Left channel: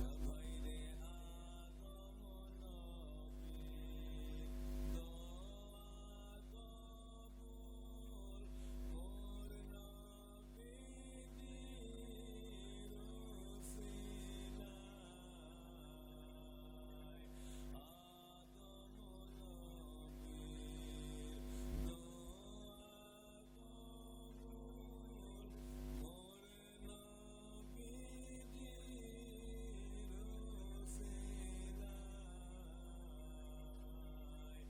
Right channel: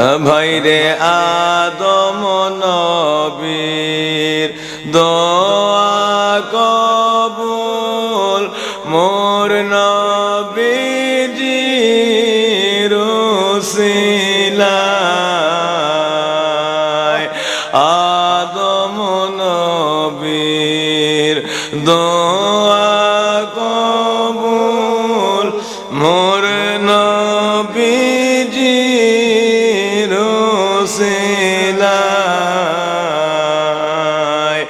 ভাইরে আদম নবীর দোয়া কবুল মোর নবীজির উসিলায় আদম নবীর দোয়া কবুল মোর নবীজির উসিলায়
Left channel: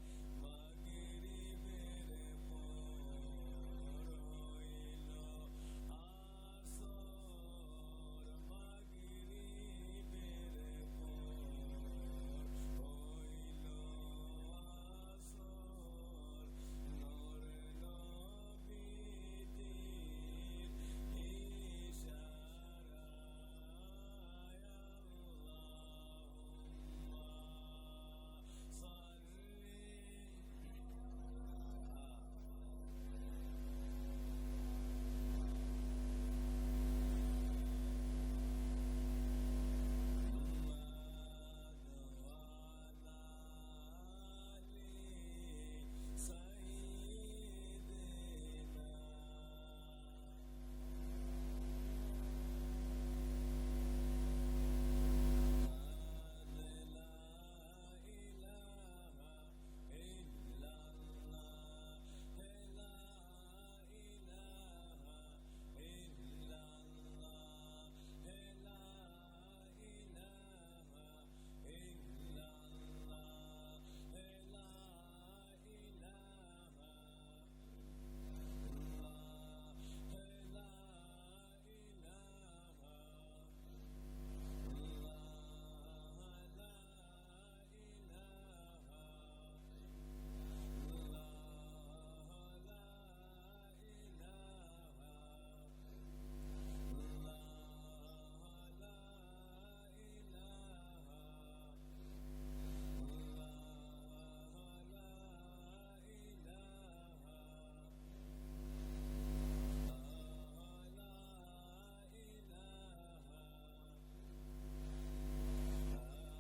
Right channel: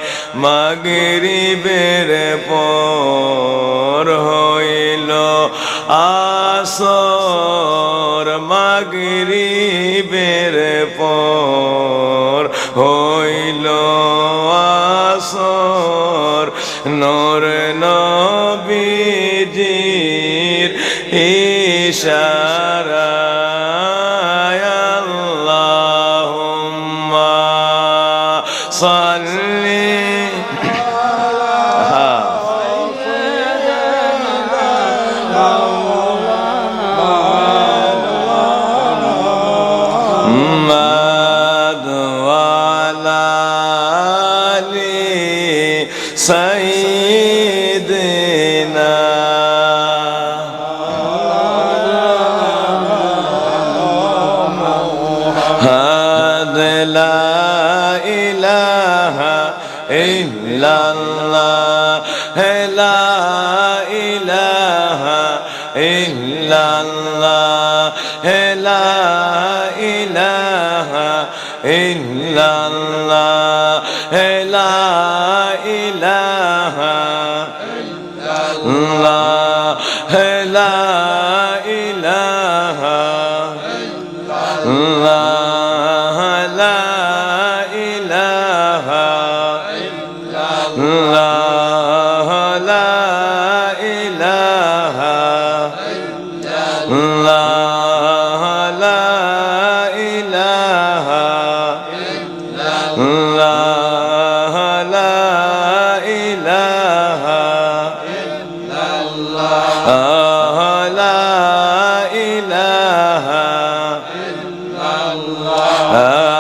মাগরিবের পর হইল আসর মাগরিবের পর হইল আসর নূর নবীজির ইশারায় আল্লাহুম্মা সাল্লি সাইয়্যিদিনা লা ইলাহা ইল্লাল্লাহ লা ইলাহা ইল্লাল্লাহ লা ইলাহা ইল্লাল্লাহ লা ইলাহা ইল্লাল্লাহ লা ইলাহা ইল্লাল্লাহ লা ইলাহা ইল্লাল্লাহ লা ইলাহা ইল্লাল্লাহ লা ইলাহা ইল্লাল্লাহ লা ইলাহা ইল্লাল্লাহ লা ইলাহা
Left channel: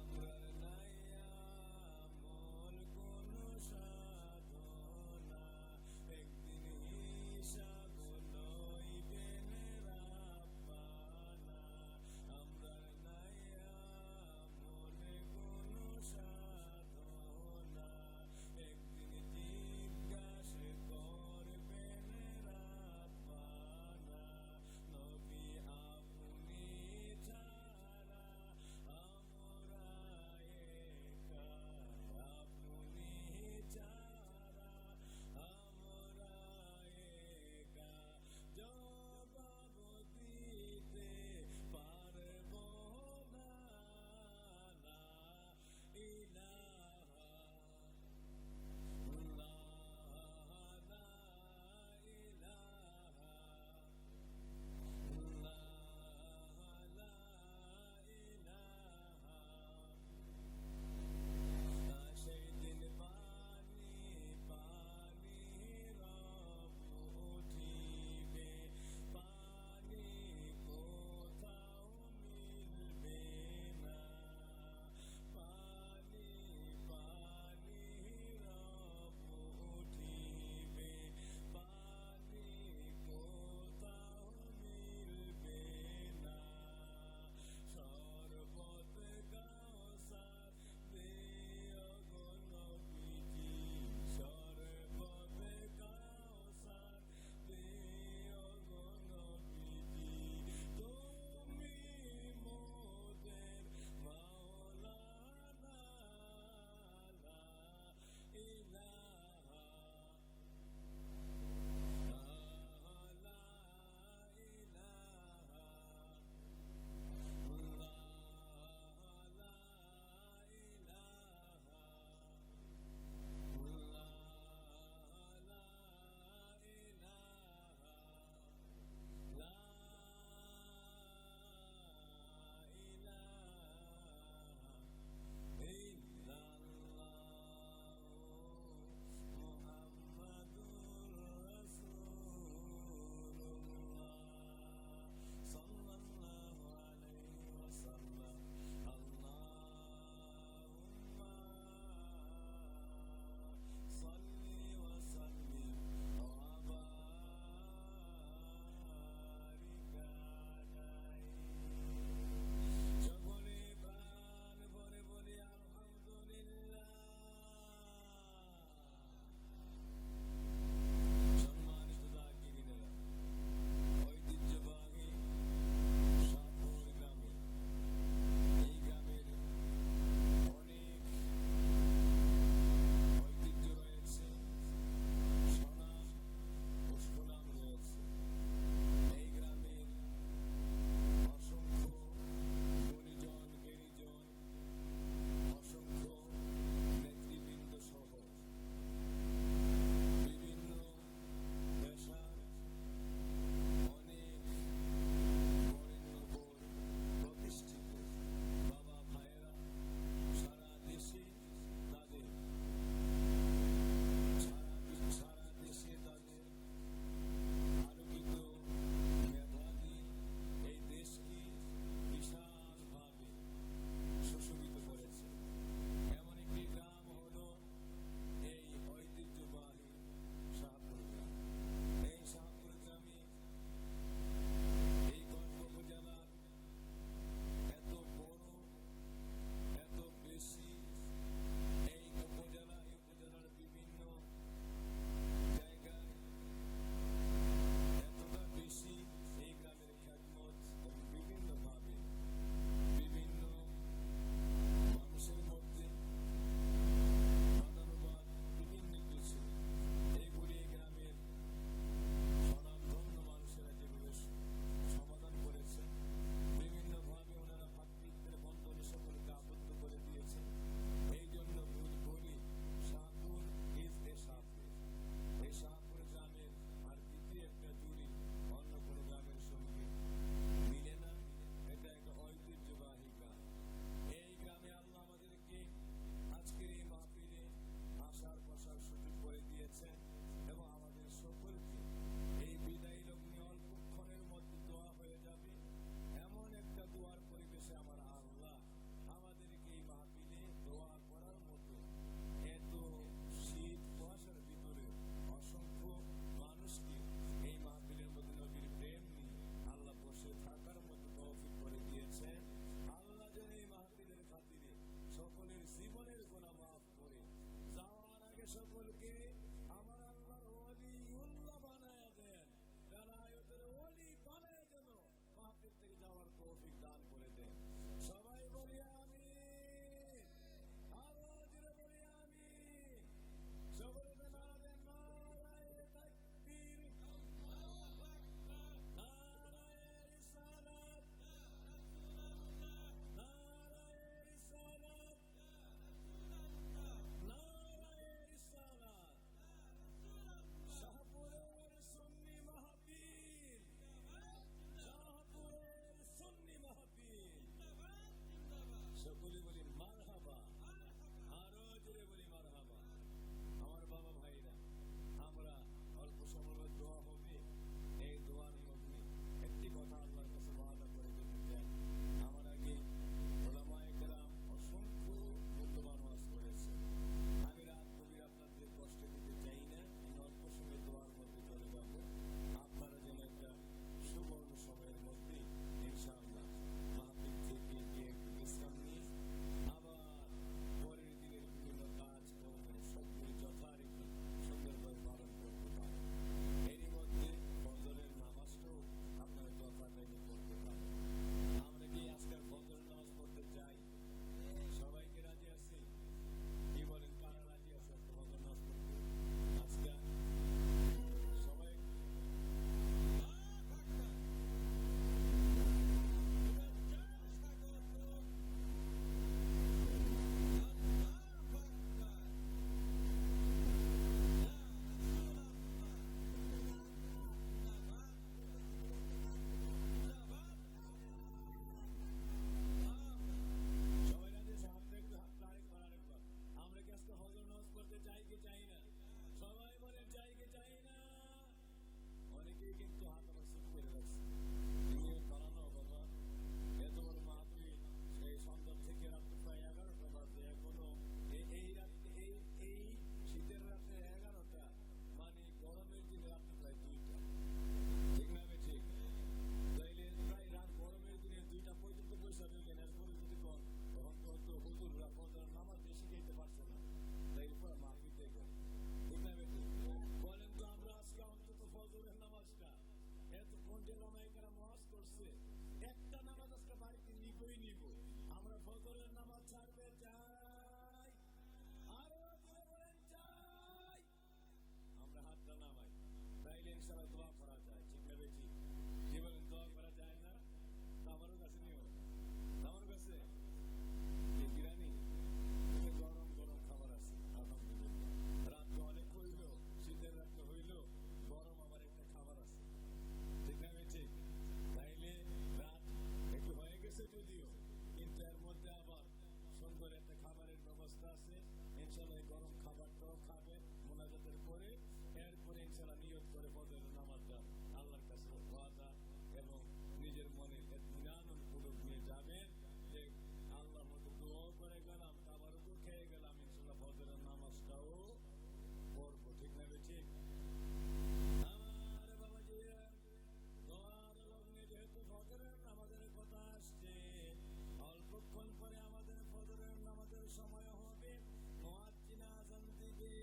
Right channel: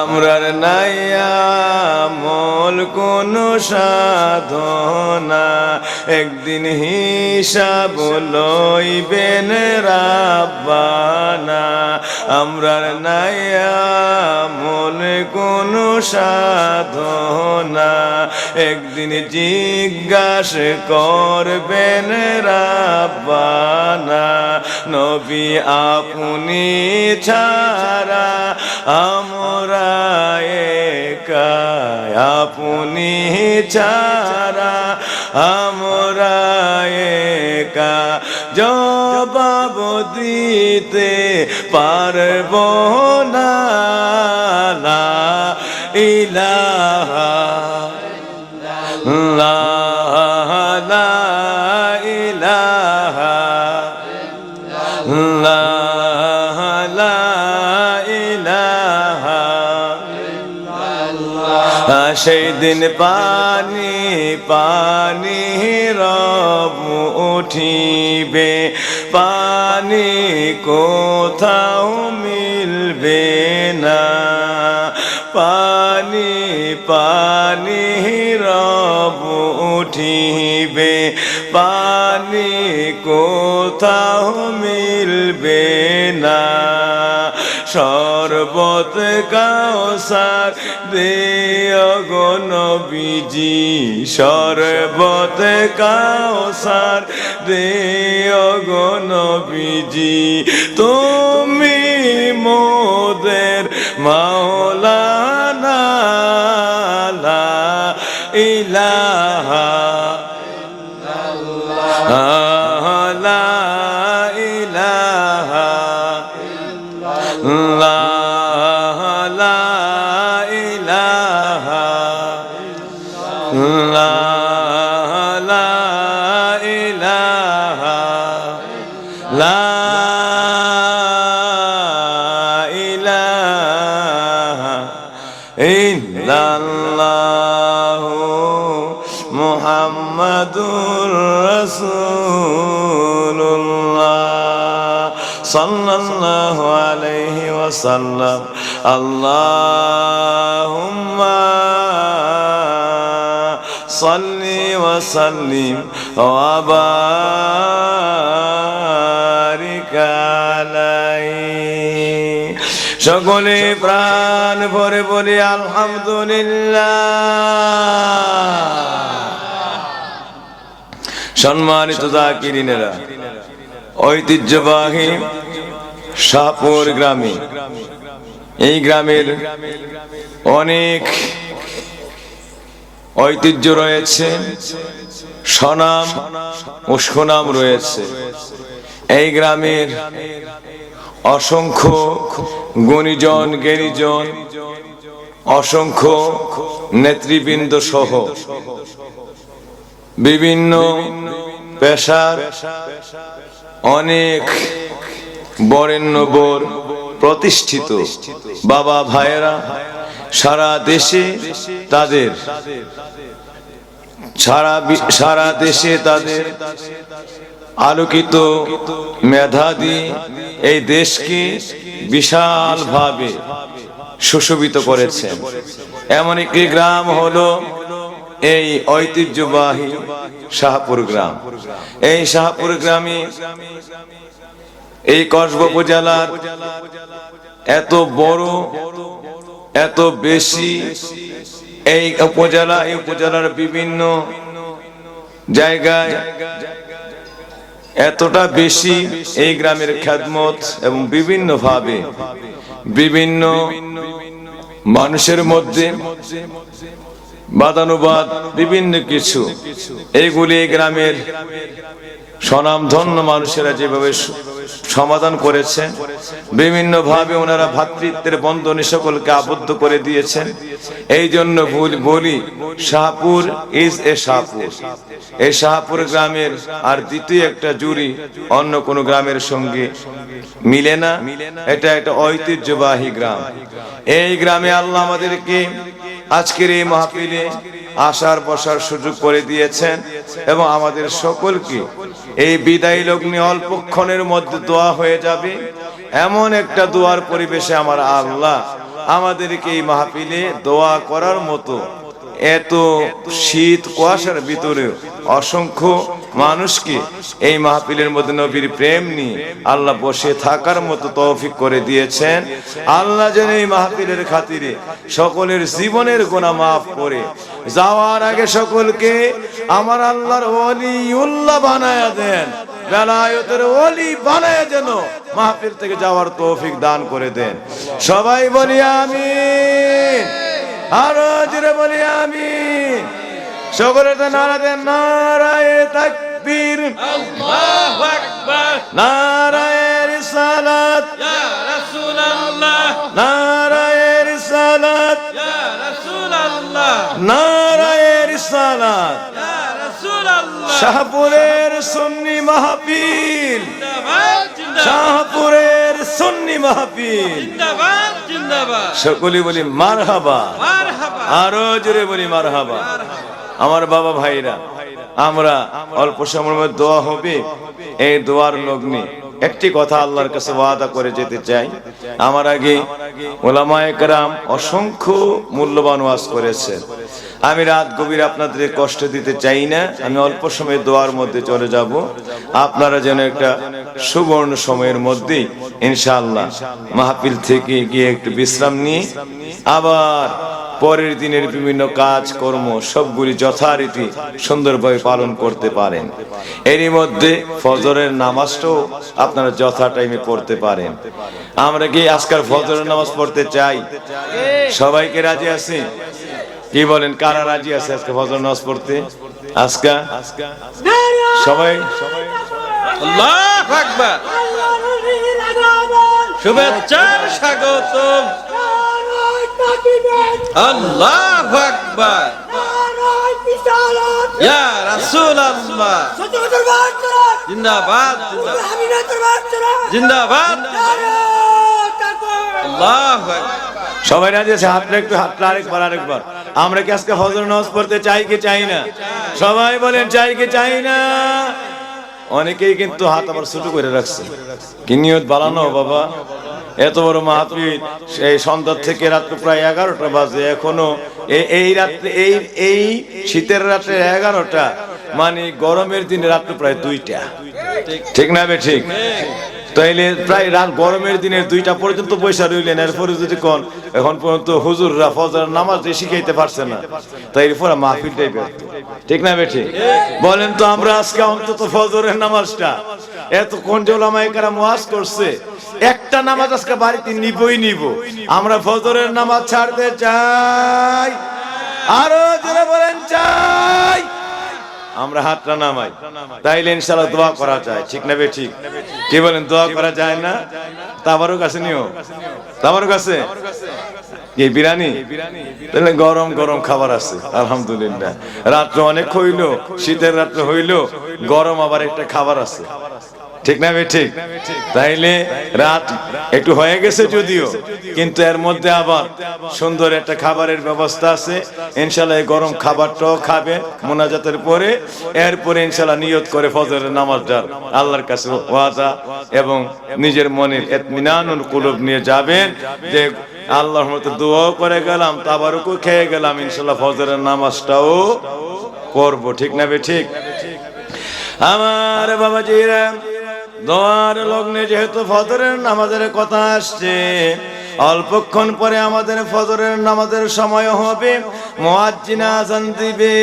আমরার নাই আমল কোন সাধনা একদিন হিসাব লইবেন রাব্বানা আমরার নাই আমল কোন সাধনা একদিন জিজ্ঞাসা করবেন রাব্বানা নবী আপনি ছাড়া আমরা একা আপনি ছাড়া আমরা একা জবাব দিতে পারব না লা ইলাহা ইল্লাল্লাহ লা ইলাহা ইল্লাল্লাহ লা ইলাহা সেই দিন পানি পানি রব উঠিবে পানি কোথাও মিলবে না পানি পানি রব উঠিবে পানি কোথাও মিলবে না শরবত কাউসার দিও গো নবীজি শরবত কাউসার দিও গো নবীজি তুমি মোদের মাওলানা লা ইলাহা ইল্লাল্লাহ লা ইলাহা ইল্লাল্লাহ লা ইলাহা ইল্লাল্লাহ লা ইলাহা লা ইলাহা ইল্লাল্লাহ মুহাম্মাদুর রাসূলুল্লাহ সাল্লাল্লাহু আলাইহি ওয়া وسلم اللهم صل وسلم وبارك عليه সকলে প্রাণ ভরে বলি আলহামদুলিল্লাহ। সম্মানিত যাকিরিনেরা, ঐতিহ্যবাহী শাহপুর গ্রামে, এই গ্রামের অনেক ঐতিহ্য রয়েছে, স্বনাম ও সুনাম রয়েছে। এই গ্রামের অসংখ্য গুণীজন জ্ঞানীজন, অসংখ্য নেতৃবৃন্দ সহ বিভিন্ন পেশার অনেক বরেণ্য বর প্রতিষ্ঠিত বাবা ভাইয়েরা সারা দেশে তাদের আলোকিত মেধা দিয়ে এই দেশকে বিশালভাবে সুশোভিত করেছেন। এমন একটি গ্রাম হলো এই ঐতিহ্যবাহী শাহপুর গ্রাম। এই শাহপুর গ্রামে এই কসবা উপজেলার এত বড়, এত বেশি, এই উপজেলার বিভিন্ন জায়গায় এতটা বেশি এই গ্রামের খেদমত এবং বিভিন্ন ভাবে বিভিন্ন মানুষের মধ্যে বাদানুবাদ বিভিন্ন কিছু, এইগুলি গ্রামের স্বনামধন্য মানুষেরা যেভাবে সমাধান করেছেন, বিভিন্ন ভাবে ওনারা ভ্রাতৃত্বের বন্ধনে সকলকে আবদ্ধ করে দিয়েছেন। এই জন্য বলি শাহপুর ইজ এ শাহপুর। এই শাহপুর গ্রামের আর দ্বিতীয় একটা জুড়ি অন্য কোন গ্রামের সঙ্গে মিলে না। এটা একটা ঐতিহ্যবাহী গ্রাম। এই গ্রামে আল্লাহ আমাদেরকে আজকের এই মাহফিলে আসার বসার সুযোগ করে দিয়েছেন এবং আমাদের সকলকে এই বিদায় লগ্নে অল্পক্ষণের মধ্যে দোয়া হয়ে যাবে এমন একটা দোয়ার পরিবেশে আমার আল্লাহ আমাদেরকে এই মাহফিলে দোয়া করার মতো, এত শীত কুয়াশার ভিতরে অসংখ্য মানুষকে এই মাহফিলের মধ্যে নবীর প্রেম নিয়ে আল্লাহ বসে থাকার মতো তৌফিক করে দিয়েছেন। আল্লাহ যেন এই মাহফিলের খাতিরে সকলের জীবনের গুনাহ মাফ করে যাওয়ার আগে সকলকে আমার আল্লাহর ওলিউল্লাহ বানায়া দেন, বেলায়েতের ওলি বানায়া যেন মাহফিল থেকে যাওয়ার তৌফিক দান করে দেন। সবাই বলি আমিন, আরো জোরে বলি আমিন। সকলে তো নারা দেন, নারায়ে তাকবীর, আল্লাহু আকবার, নারায়ে রিসালাত, ইয়া রাসূলুল্লাহ, নারায়ে রিসালাত, ইয়া রাসূলুল্লাহ, নারায়ে রিসালাত, ইয়া রাসূলুল্লাহ। শাহপুরের সুন্নি মাহফিল জিন্দাবাদ, জিন্দাবাদ। শাহপুরের সুন্নি মাহফিল জিন্দাবাদ, জিন্দাবাদ। সকলে বলি মারহাবা, মারহাবা, আরো জোরে বলি মারহাবা। আমার বাবা ভাইরা, আমরা অল্প সময়ের মধ্যে দোয়া হবে। এই দোয়ার লগ্নে একটি কথা আল্লাহর কাছে ওয়াদা করে যেতে চাই। আমার আগে ওলামায়ে কেরাম অসংখ্য মূল্যবান ওয়াজ করেছেন। আমি রাত গভীর আপনাদের কষ্ট দিতে চাই না। আমি অল্প সময় দোয়ার মধ্যে চলে যাব। আপনারা যেন একটা সুবর্ণ সময়ের মধ্যেই ইনশাআল্লাহ মাহফিল থেকে গিয়ে একটু বিশ্রাম নিয়ে আবার পরের দিনের বিভিন্ন কাজ কর্ম সবগুলি যথারীতি সুন্দরভাবে পালন করতে পারেন। এরই মধ্যে ফজরের নামাজটাও আপনারা যথা টাইমে পড়তে পারেন। আমরা কি আজকাল ফজরের নামাজ পড়তে চাই? সবাইকে রাজি আছি? কি বলেন, কারা রাজি আছে আজকে ফজর নামাজ পড়তে? আজকে সবাই আল্লাহু আকবার, শুভেচ্ছার স্বাগতম, আল্লাহু আকবার, ইয়া রাসূলুল্লাহ, জিন্দাবাদ, জিন্দাবাদ, আল্লাহু আকবার। সবাই রাজি আছে? হাতটা একটু, হাতটা আরেকবার। আমরা কি আজকে ফজর নামাজ পড়তে চাই কি চাই না? সবাই বলেন চাই কি চাই না? অনেকেই কিন্তু হাত আবার ছোট করে রাখছে। কি নিয়ত বানানো বাবা? এত বড় মাহফিল, সেই সন্ধ্যা থেকে রাত্রে প্রায় 11টা বাজে, এখনো এই রাত্রে এই শীতের রাত্রে 11টা, মানে গরমের দিনে রাত্রে প্রায় 2টা, ঠিক না বে ঠিক? তাইলে প্রায় রাত গরমের দিনে 2টা পর্যন্ত পয়সা রইলেন, এরপরে যদি কোন এখন পর্যন্ত হুজুররা ফজর নামাজ শিখাইতে পারছে না, তাই পুরো মাহফিলটাই ব্যর্থ, ঠিক না বে ঠিক? বলেন তো আমরা আজকে অন্তত ফজরের নামাজটা, এতক্ষণ যে ওলামায়ে কেরাম ওয়াজ করছে, একটা নামাজ আজকে বাড়িতে নিব। আমরা ফজরের নামাজ ছাড়তে চাই, আরো জোরে বলেন চাই। আমরা হাতটা নামাই, তাইলে ইনশাআল্লাহ দোয়া করা যায়, ঠিক না বে ঠিক? কি বলেন, দোয়া করা যায় না? তাবারও কাছে নিও, তাবারও কাছে কি বিরিয়ানি, তাহলে গরম গরম খাবার আছে আলহামদুলিল্লাহ। রাত্র অনেক হইলো, শীতের রাত্র হইলো, গরম আবার একটা খাবার আছে, ঠিক না বে ঠিক? তাইলে রাত একটু হয়ে গেছে যদিও, কিন্তু এর মধ্যে আবার সুন্দর একটা খাবারের ব্যবস্থা আছে। ইনশাআল্লাহ এই গরম খাবারটাও খাবে মোনাজাতের পরে, এরপরে ইনশাআল্লাহ নিয়ত করে ফজরের নামাজটার আল্লাহর কাছে ওয়াদা এবং নিজের মনের ইতমিনানুল কুলুব নিয়ে যাবেন যে আল্লাহর মতো দোয়াও করে গেলাম, তাবারুকও খেয়ে গেলাম, ইনশাআল্লাহ ফজরের নামাজটাও করব, ঠিক না বে ঠিক? আমার বাবাজিরা, দোয়ার লগ্নে যেহেতু ফজরের নামাজের কথা আসছে, অল্পক্ষণ পরে আমাদের ফজরের নামাজের সময় হবে, মুয়াজ্জিন আযান দিবে।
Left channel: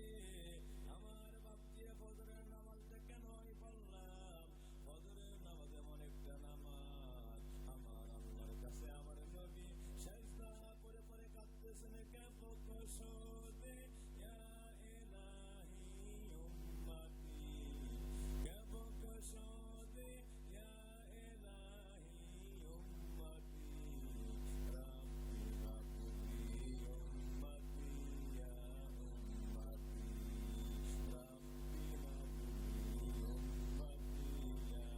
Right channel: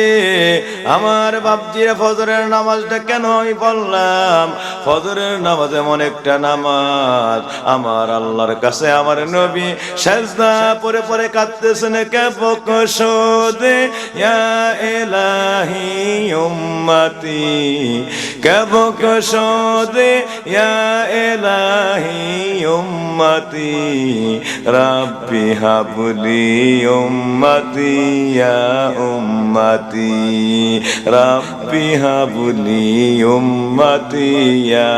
আমার বাপজিরা, ফজরের নামাজটা কেন আমি বললাম? ফজরের নামাজ এমন একটা নামাজ, আমার আল্লাহর কাছে আমার নবী সিজদা পরে পরে কাঁদতেছেন, কে বকশদে ইয়া ইলাহি উম্মতি, কে বকশদে ইয়া ইলাহি উম্মতি, রাব্বি হাবলি উম্মতি ইয়া উম্মতি, রাব্বি হাবলি উম্মতি ইয়া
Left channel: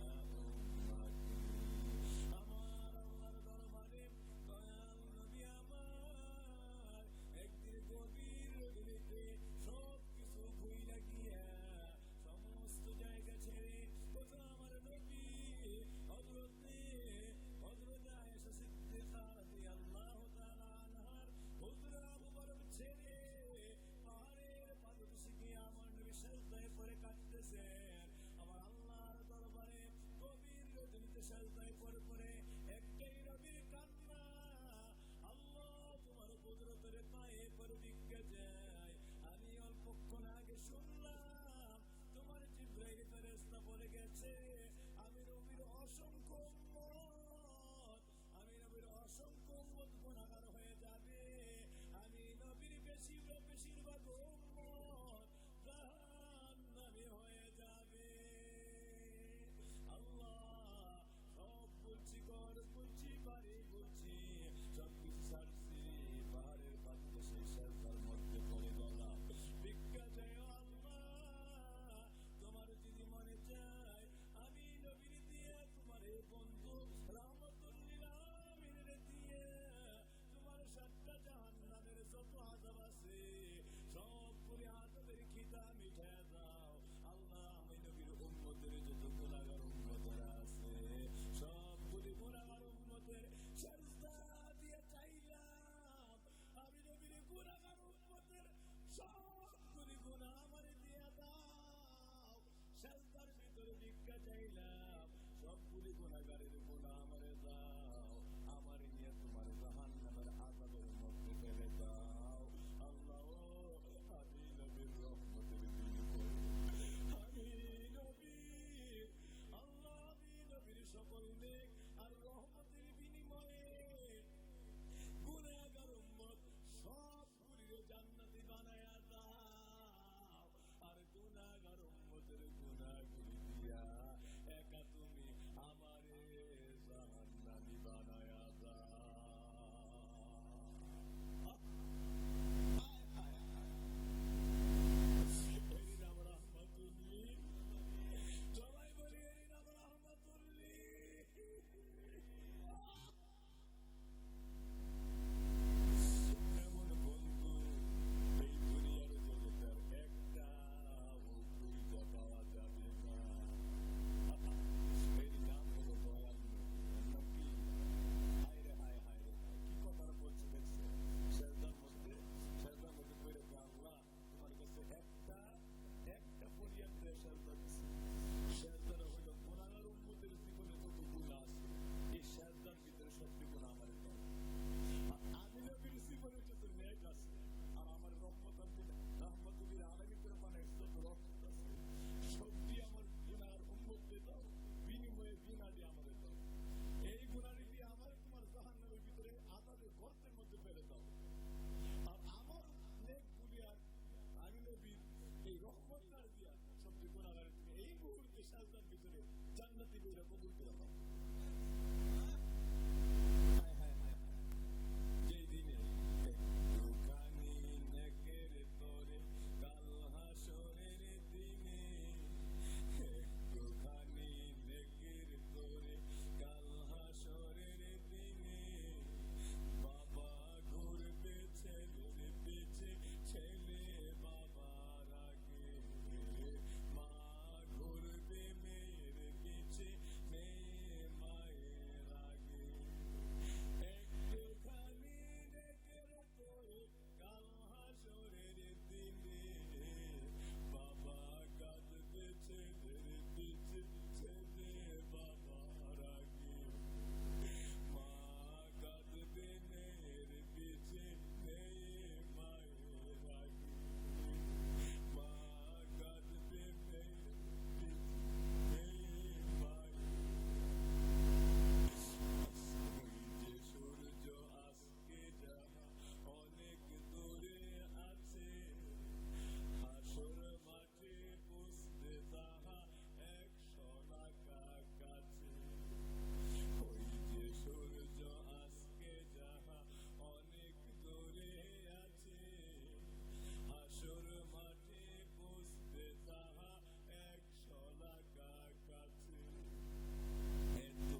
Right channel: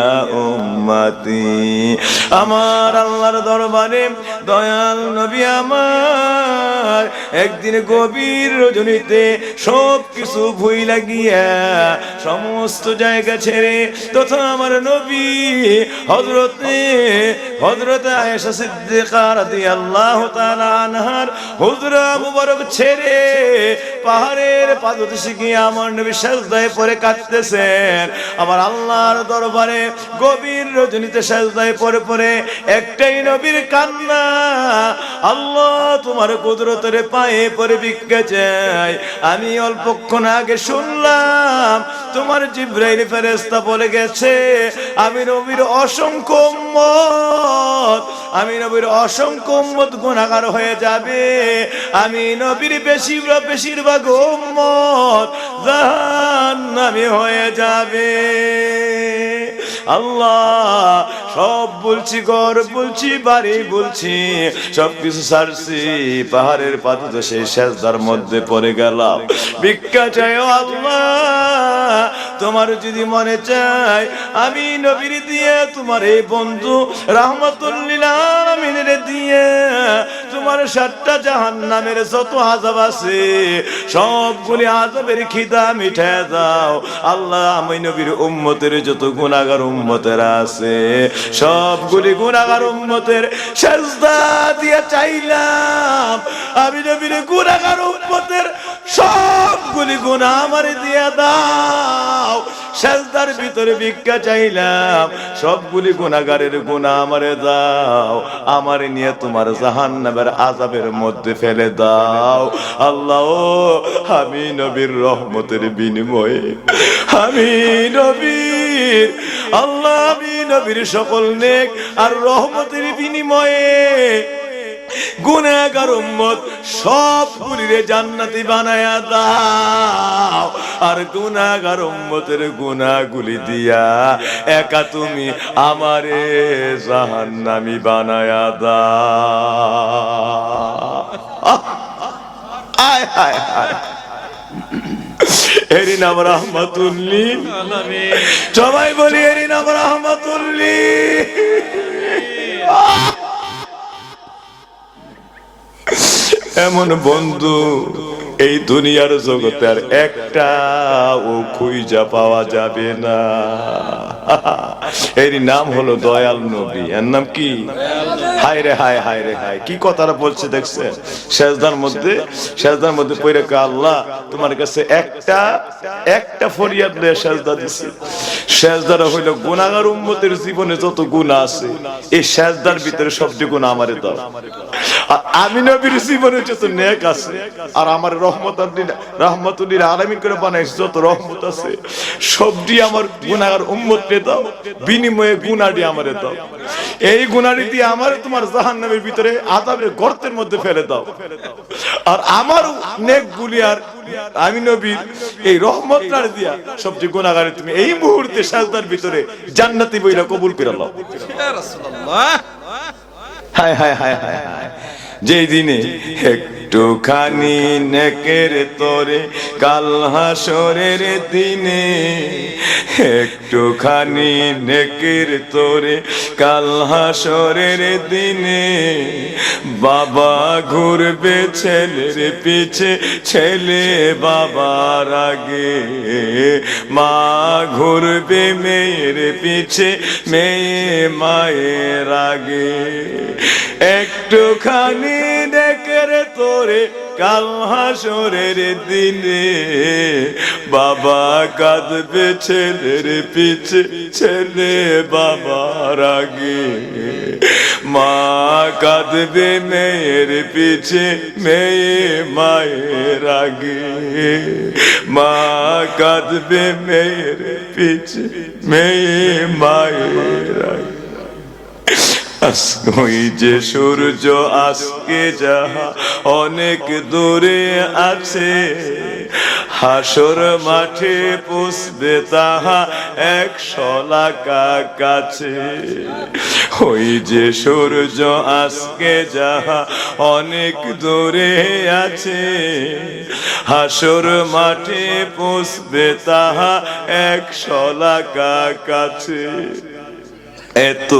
উম্মতি। আমার আল্লাহর দরবারে দয়াল নবী আমার একদিন গভীর রজনীতে সব কিছু ভুইলা গিয়া সমস্ত জায়গা ছেড়ে, তথা আমার নবী হযরতে আয়েশা সিদ্দিকা রাদিয়াল্লাহু তাআলা আনহার হুজরা মুবারক ছেড়ে পাহাড়ের পাদদেশে গিয়ে আমার নবী সিজদায় পড়ে কাঁদতেছেন। আমার আল্লাহর দরবারে গভীর রজনীতে সিজদায় পড়ে পড়ে একটাই নবীর কান্না, আল্লাহ তোমার কুদরতের পায়ে পড়ে ভিক্ষা চাই। আমি অল্পক্ষণ আগে শুনলাম তোমার জিবরাইল ফেরেশতা বলে গেছে, আমি নবীর অসংখ্য উম্মত, আমি নবীর অসংখ্য উম্মত গুনাহগার হয়ে যাবে, আমি নবীর বেশিরভাগ উম্মত জাহান্নামী হয়ে যাবে। আল্লাহ সব বলছি, ঘর বলছি, বাড়ি বলছি, সবকিছু ছাড়ছি, পাহাড়ের পাদদেশে সিজদার মধ্যে পড়ে গেলাম, ভিক্ষা চাই আল্লাহ। তোমার যদি মনে চায় আমি নবীর দিয়ে, তোমার এই বন্ধু রাহমাতুল লিল আলামিনের দিয়ে তোমার 7টা জাহান্নামের যত আযাব আছে সবগুলি আযাবের খিদা মিটায় দাও আল্লাহ। আমি নবীর উম্মতের যত গুনাহগার উম্মতেরা আছে সবগুলি গুনাহগার উম্মতের সিজদা দিয়ে চাইলাম, আমি নবীর গুনাহগার উম্মতের সবগুলি গুনাহ আমারে দিয়ে দাও। সিজদার ভিতরে ভিক্ষা চাইলাম, সবগুলি গুনাহগারের গুনাহ আমারে দাও, আমারে নিয়ে তোমার জাহান্নামের আযাবের মধ্যে ফেলে দাও আল্লাহ। আমি নবীর রহমতের বিনিময়ে, আমি নবীর আল্লাহ, আমি নবীর সকল নেক আর রহমতের বিনিময়ে গুনাহগার উম্মত সবগুলিরে জান্নাতি বানায়া দাও, আর গুনাহগার উম্মতের গুনাহগুলি দিয়া একা তুমি আমারে জাহান্নামী বানায়া দাও। আয় হায় হায়, এরই নাম রাহমাতুল লিল আলামিন। সবাই বলি এরই নাম রাহমাতুল লিল। এমন বন্ধু এই দুনিয়ার জগতে আর একটা ও খুঁজা পাওয়া যাবে না। এর নাম হলো দয়াল নবী। এর নাম কি? হায় রে হায়, হায় রে হায়, কি কথাটা বলছে দেখছেন? সেজদার মধ্যে পড়ে কয়, আল্লাহ তোমার কাছে একটা ফরিয়াদ নিয়ে সেজদা দিছি। সেজদাটা হইলো গুনাহগার উম্মতের জীবনে যত গুনাহ আছে এই সেজদার ভিতরে সবটি গুনাহ আমারে দাও। আর আমি নবীর জীবনে যত নেক আছে আর আমার রহমতুল্লিল আলামিন করে বানাইছে যত রহমত আছে সবটি আমার গুনাহগার উম্মতকে দাও, বিনিময়ে গুনাহটি আমারে দাও। এই গুনাহটি দিয়ে আমারে তোমার জাহান্নামের ভিতরে আযাবের গর্তের মধ্যে ফেলে দাও। আর আমার নেকগুলি আর আমি নবীর এই রহমতটা দিয়া সবটি গুনাহগারে তুমি এই মুহূর্তে সাজদার ভিতরে জান্নাতি বইরা কবুল করে নাও। ইয়া রাসূলুল্লাহ, হায় হায় হায় হায় হায়, যেই দিনে একটুখানি নেকের তোরে কাল হাসরের দিনে, একটুখানি নেকের তোরে কাল হাসরের দিনে, বাবা ঘুরবে ছেলের পিছে, ছেলে বাবার আগে, মা ঘুরবে মেয়ের পিছে, মেয়ে মায়ের আগে। একটুখানি নেকের তোরে কাল হাসরের দিনে, বাবা কাঁদবে ছেলের পিছে, ছেলে বাবার আগে, মা কাঁদবে মেয়ের পিছে, মেয়ে মায়ের আগে, মা কাঁদবে মেয়ের পিছে, মেয়ে মায়ের আগে। ওই যে সূর্য আজকে যাহা অনেক দূরে আছে, হাসর মাঠে পুষবে তাহা 100 লাখা কাছে। ওই যে সূর্য আজকে যাহা অনেক দূরে আছে, হাসর মাঠে পুষবে তাহা 100 লাখা কাছে। এত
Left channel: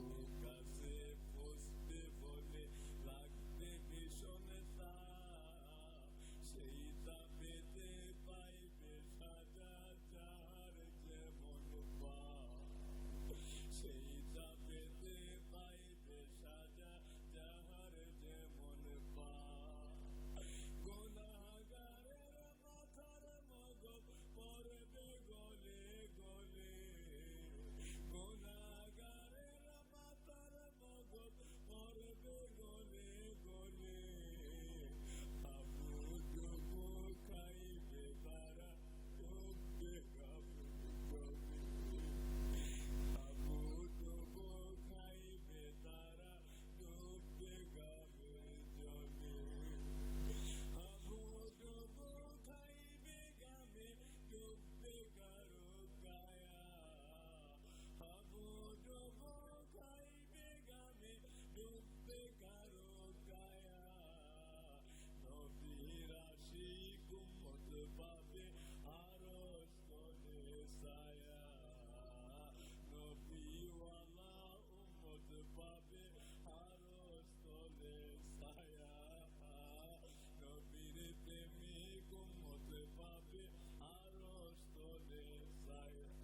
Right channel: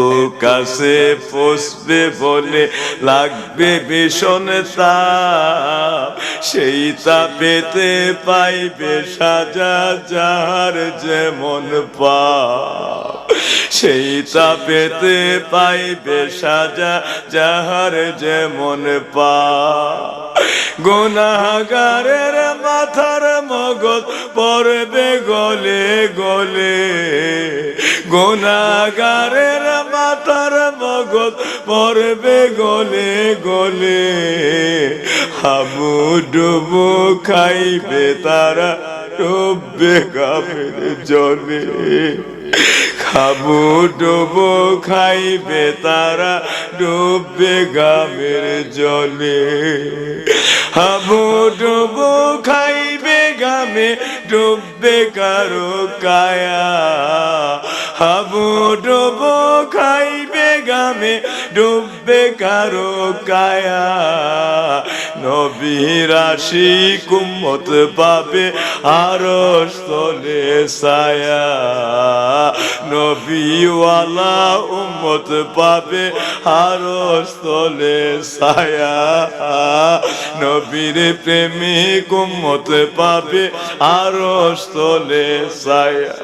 কাছে পৌঁছবে বলে লাগবে ভীষণ তাপ, সেই তাপেতে পাইবে সাজা যাহার যেমন পাপ, সেই তাপেতে পাইবে সাজা যাহার যেমন পাপ। গুনাহগারের মাথার মগজ পড়বে গলে গলে, গুনাহগারের মাথার মগজ পড়বে গলে গলে, হাবু ডুবু খাইবে তারা ডুববে গামের জলে, হাবু ডুবু খাইবে তারা ডুববে গামের জলে, হাবু ডুবু খাইবে গামে ডুববে কারো কায়া, হাবু ডুবু খাইবে গামে ডুববে কারো কায়া। নবীর আশিক উম্মত পাবে আরশ তলে ছায়া, নবীওয়ালা উম্মত পাবে আরশ তলে ছায়া, নবীর প্রেমিক উম্মত পাবে আরশ তলে ছায়া।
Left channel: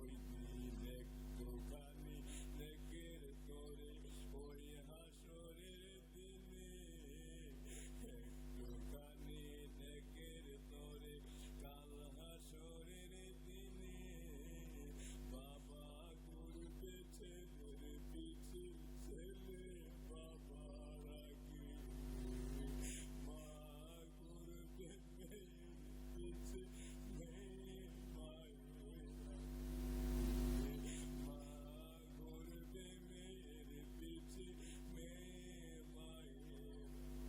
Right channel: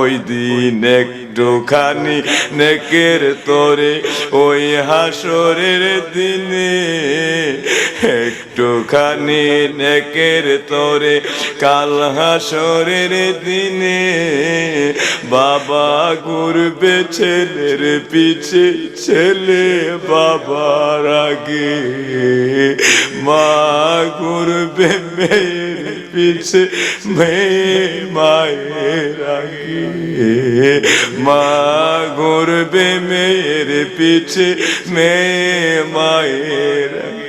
ওই দিন একটুখানি নেকের তোরে ওই হাসরের দিনে, একটুখানি নেকের তোরে কাল হাসরের দিনে, বাবা ঘুরবে ছেলের পিছে, ছেলে বাবার আগে, মা ঘুরবে মেয়ের পিছে, মেয়ে মায়ের আগে, মা ঘুরবে মেয়ের পিছে, মেয়ে মায়ের আগে।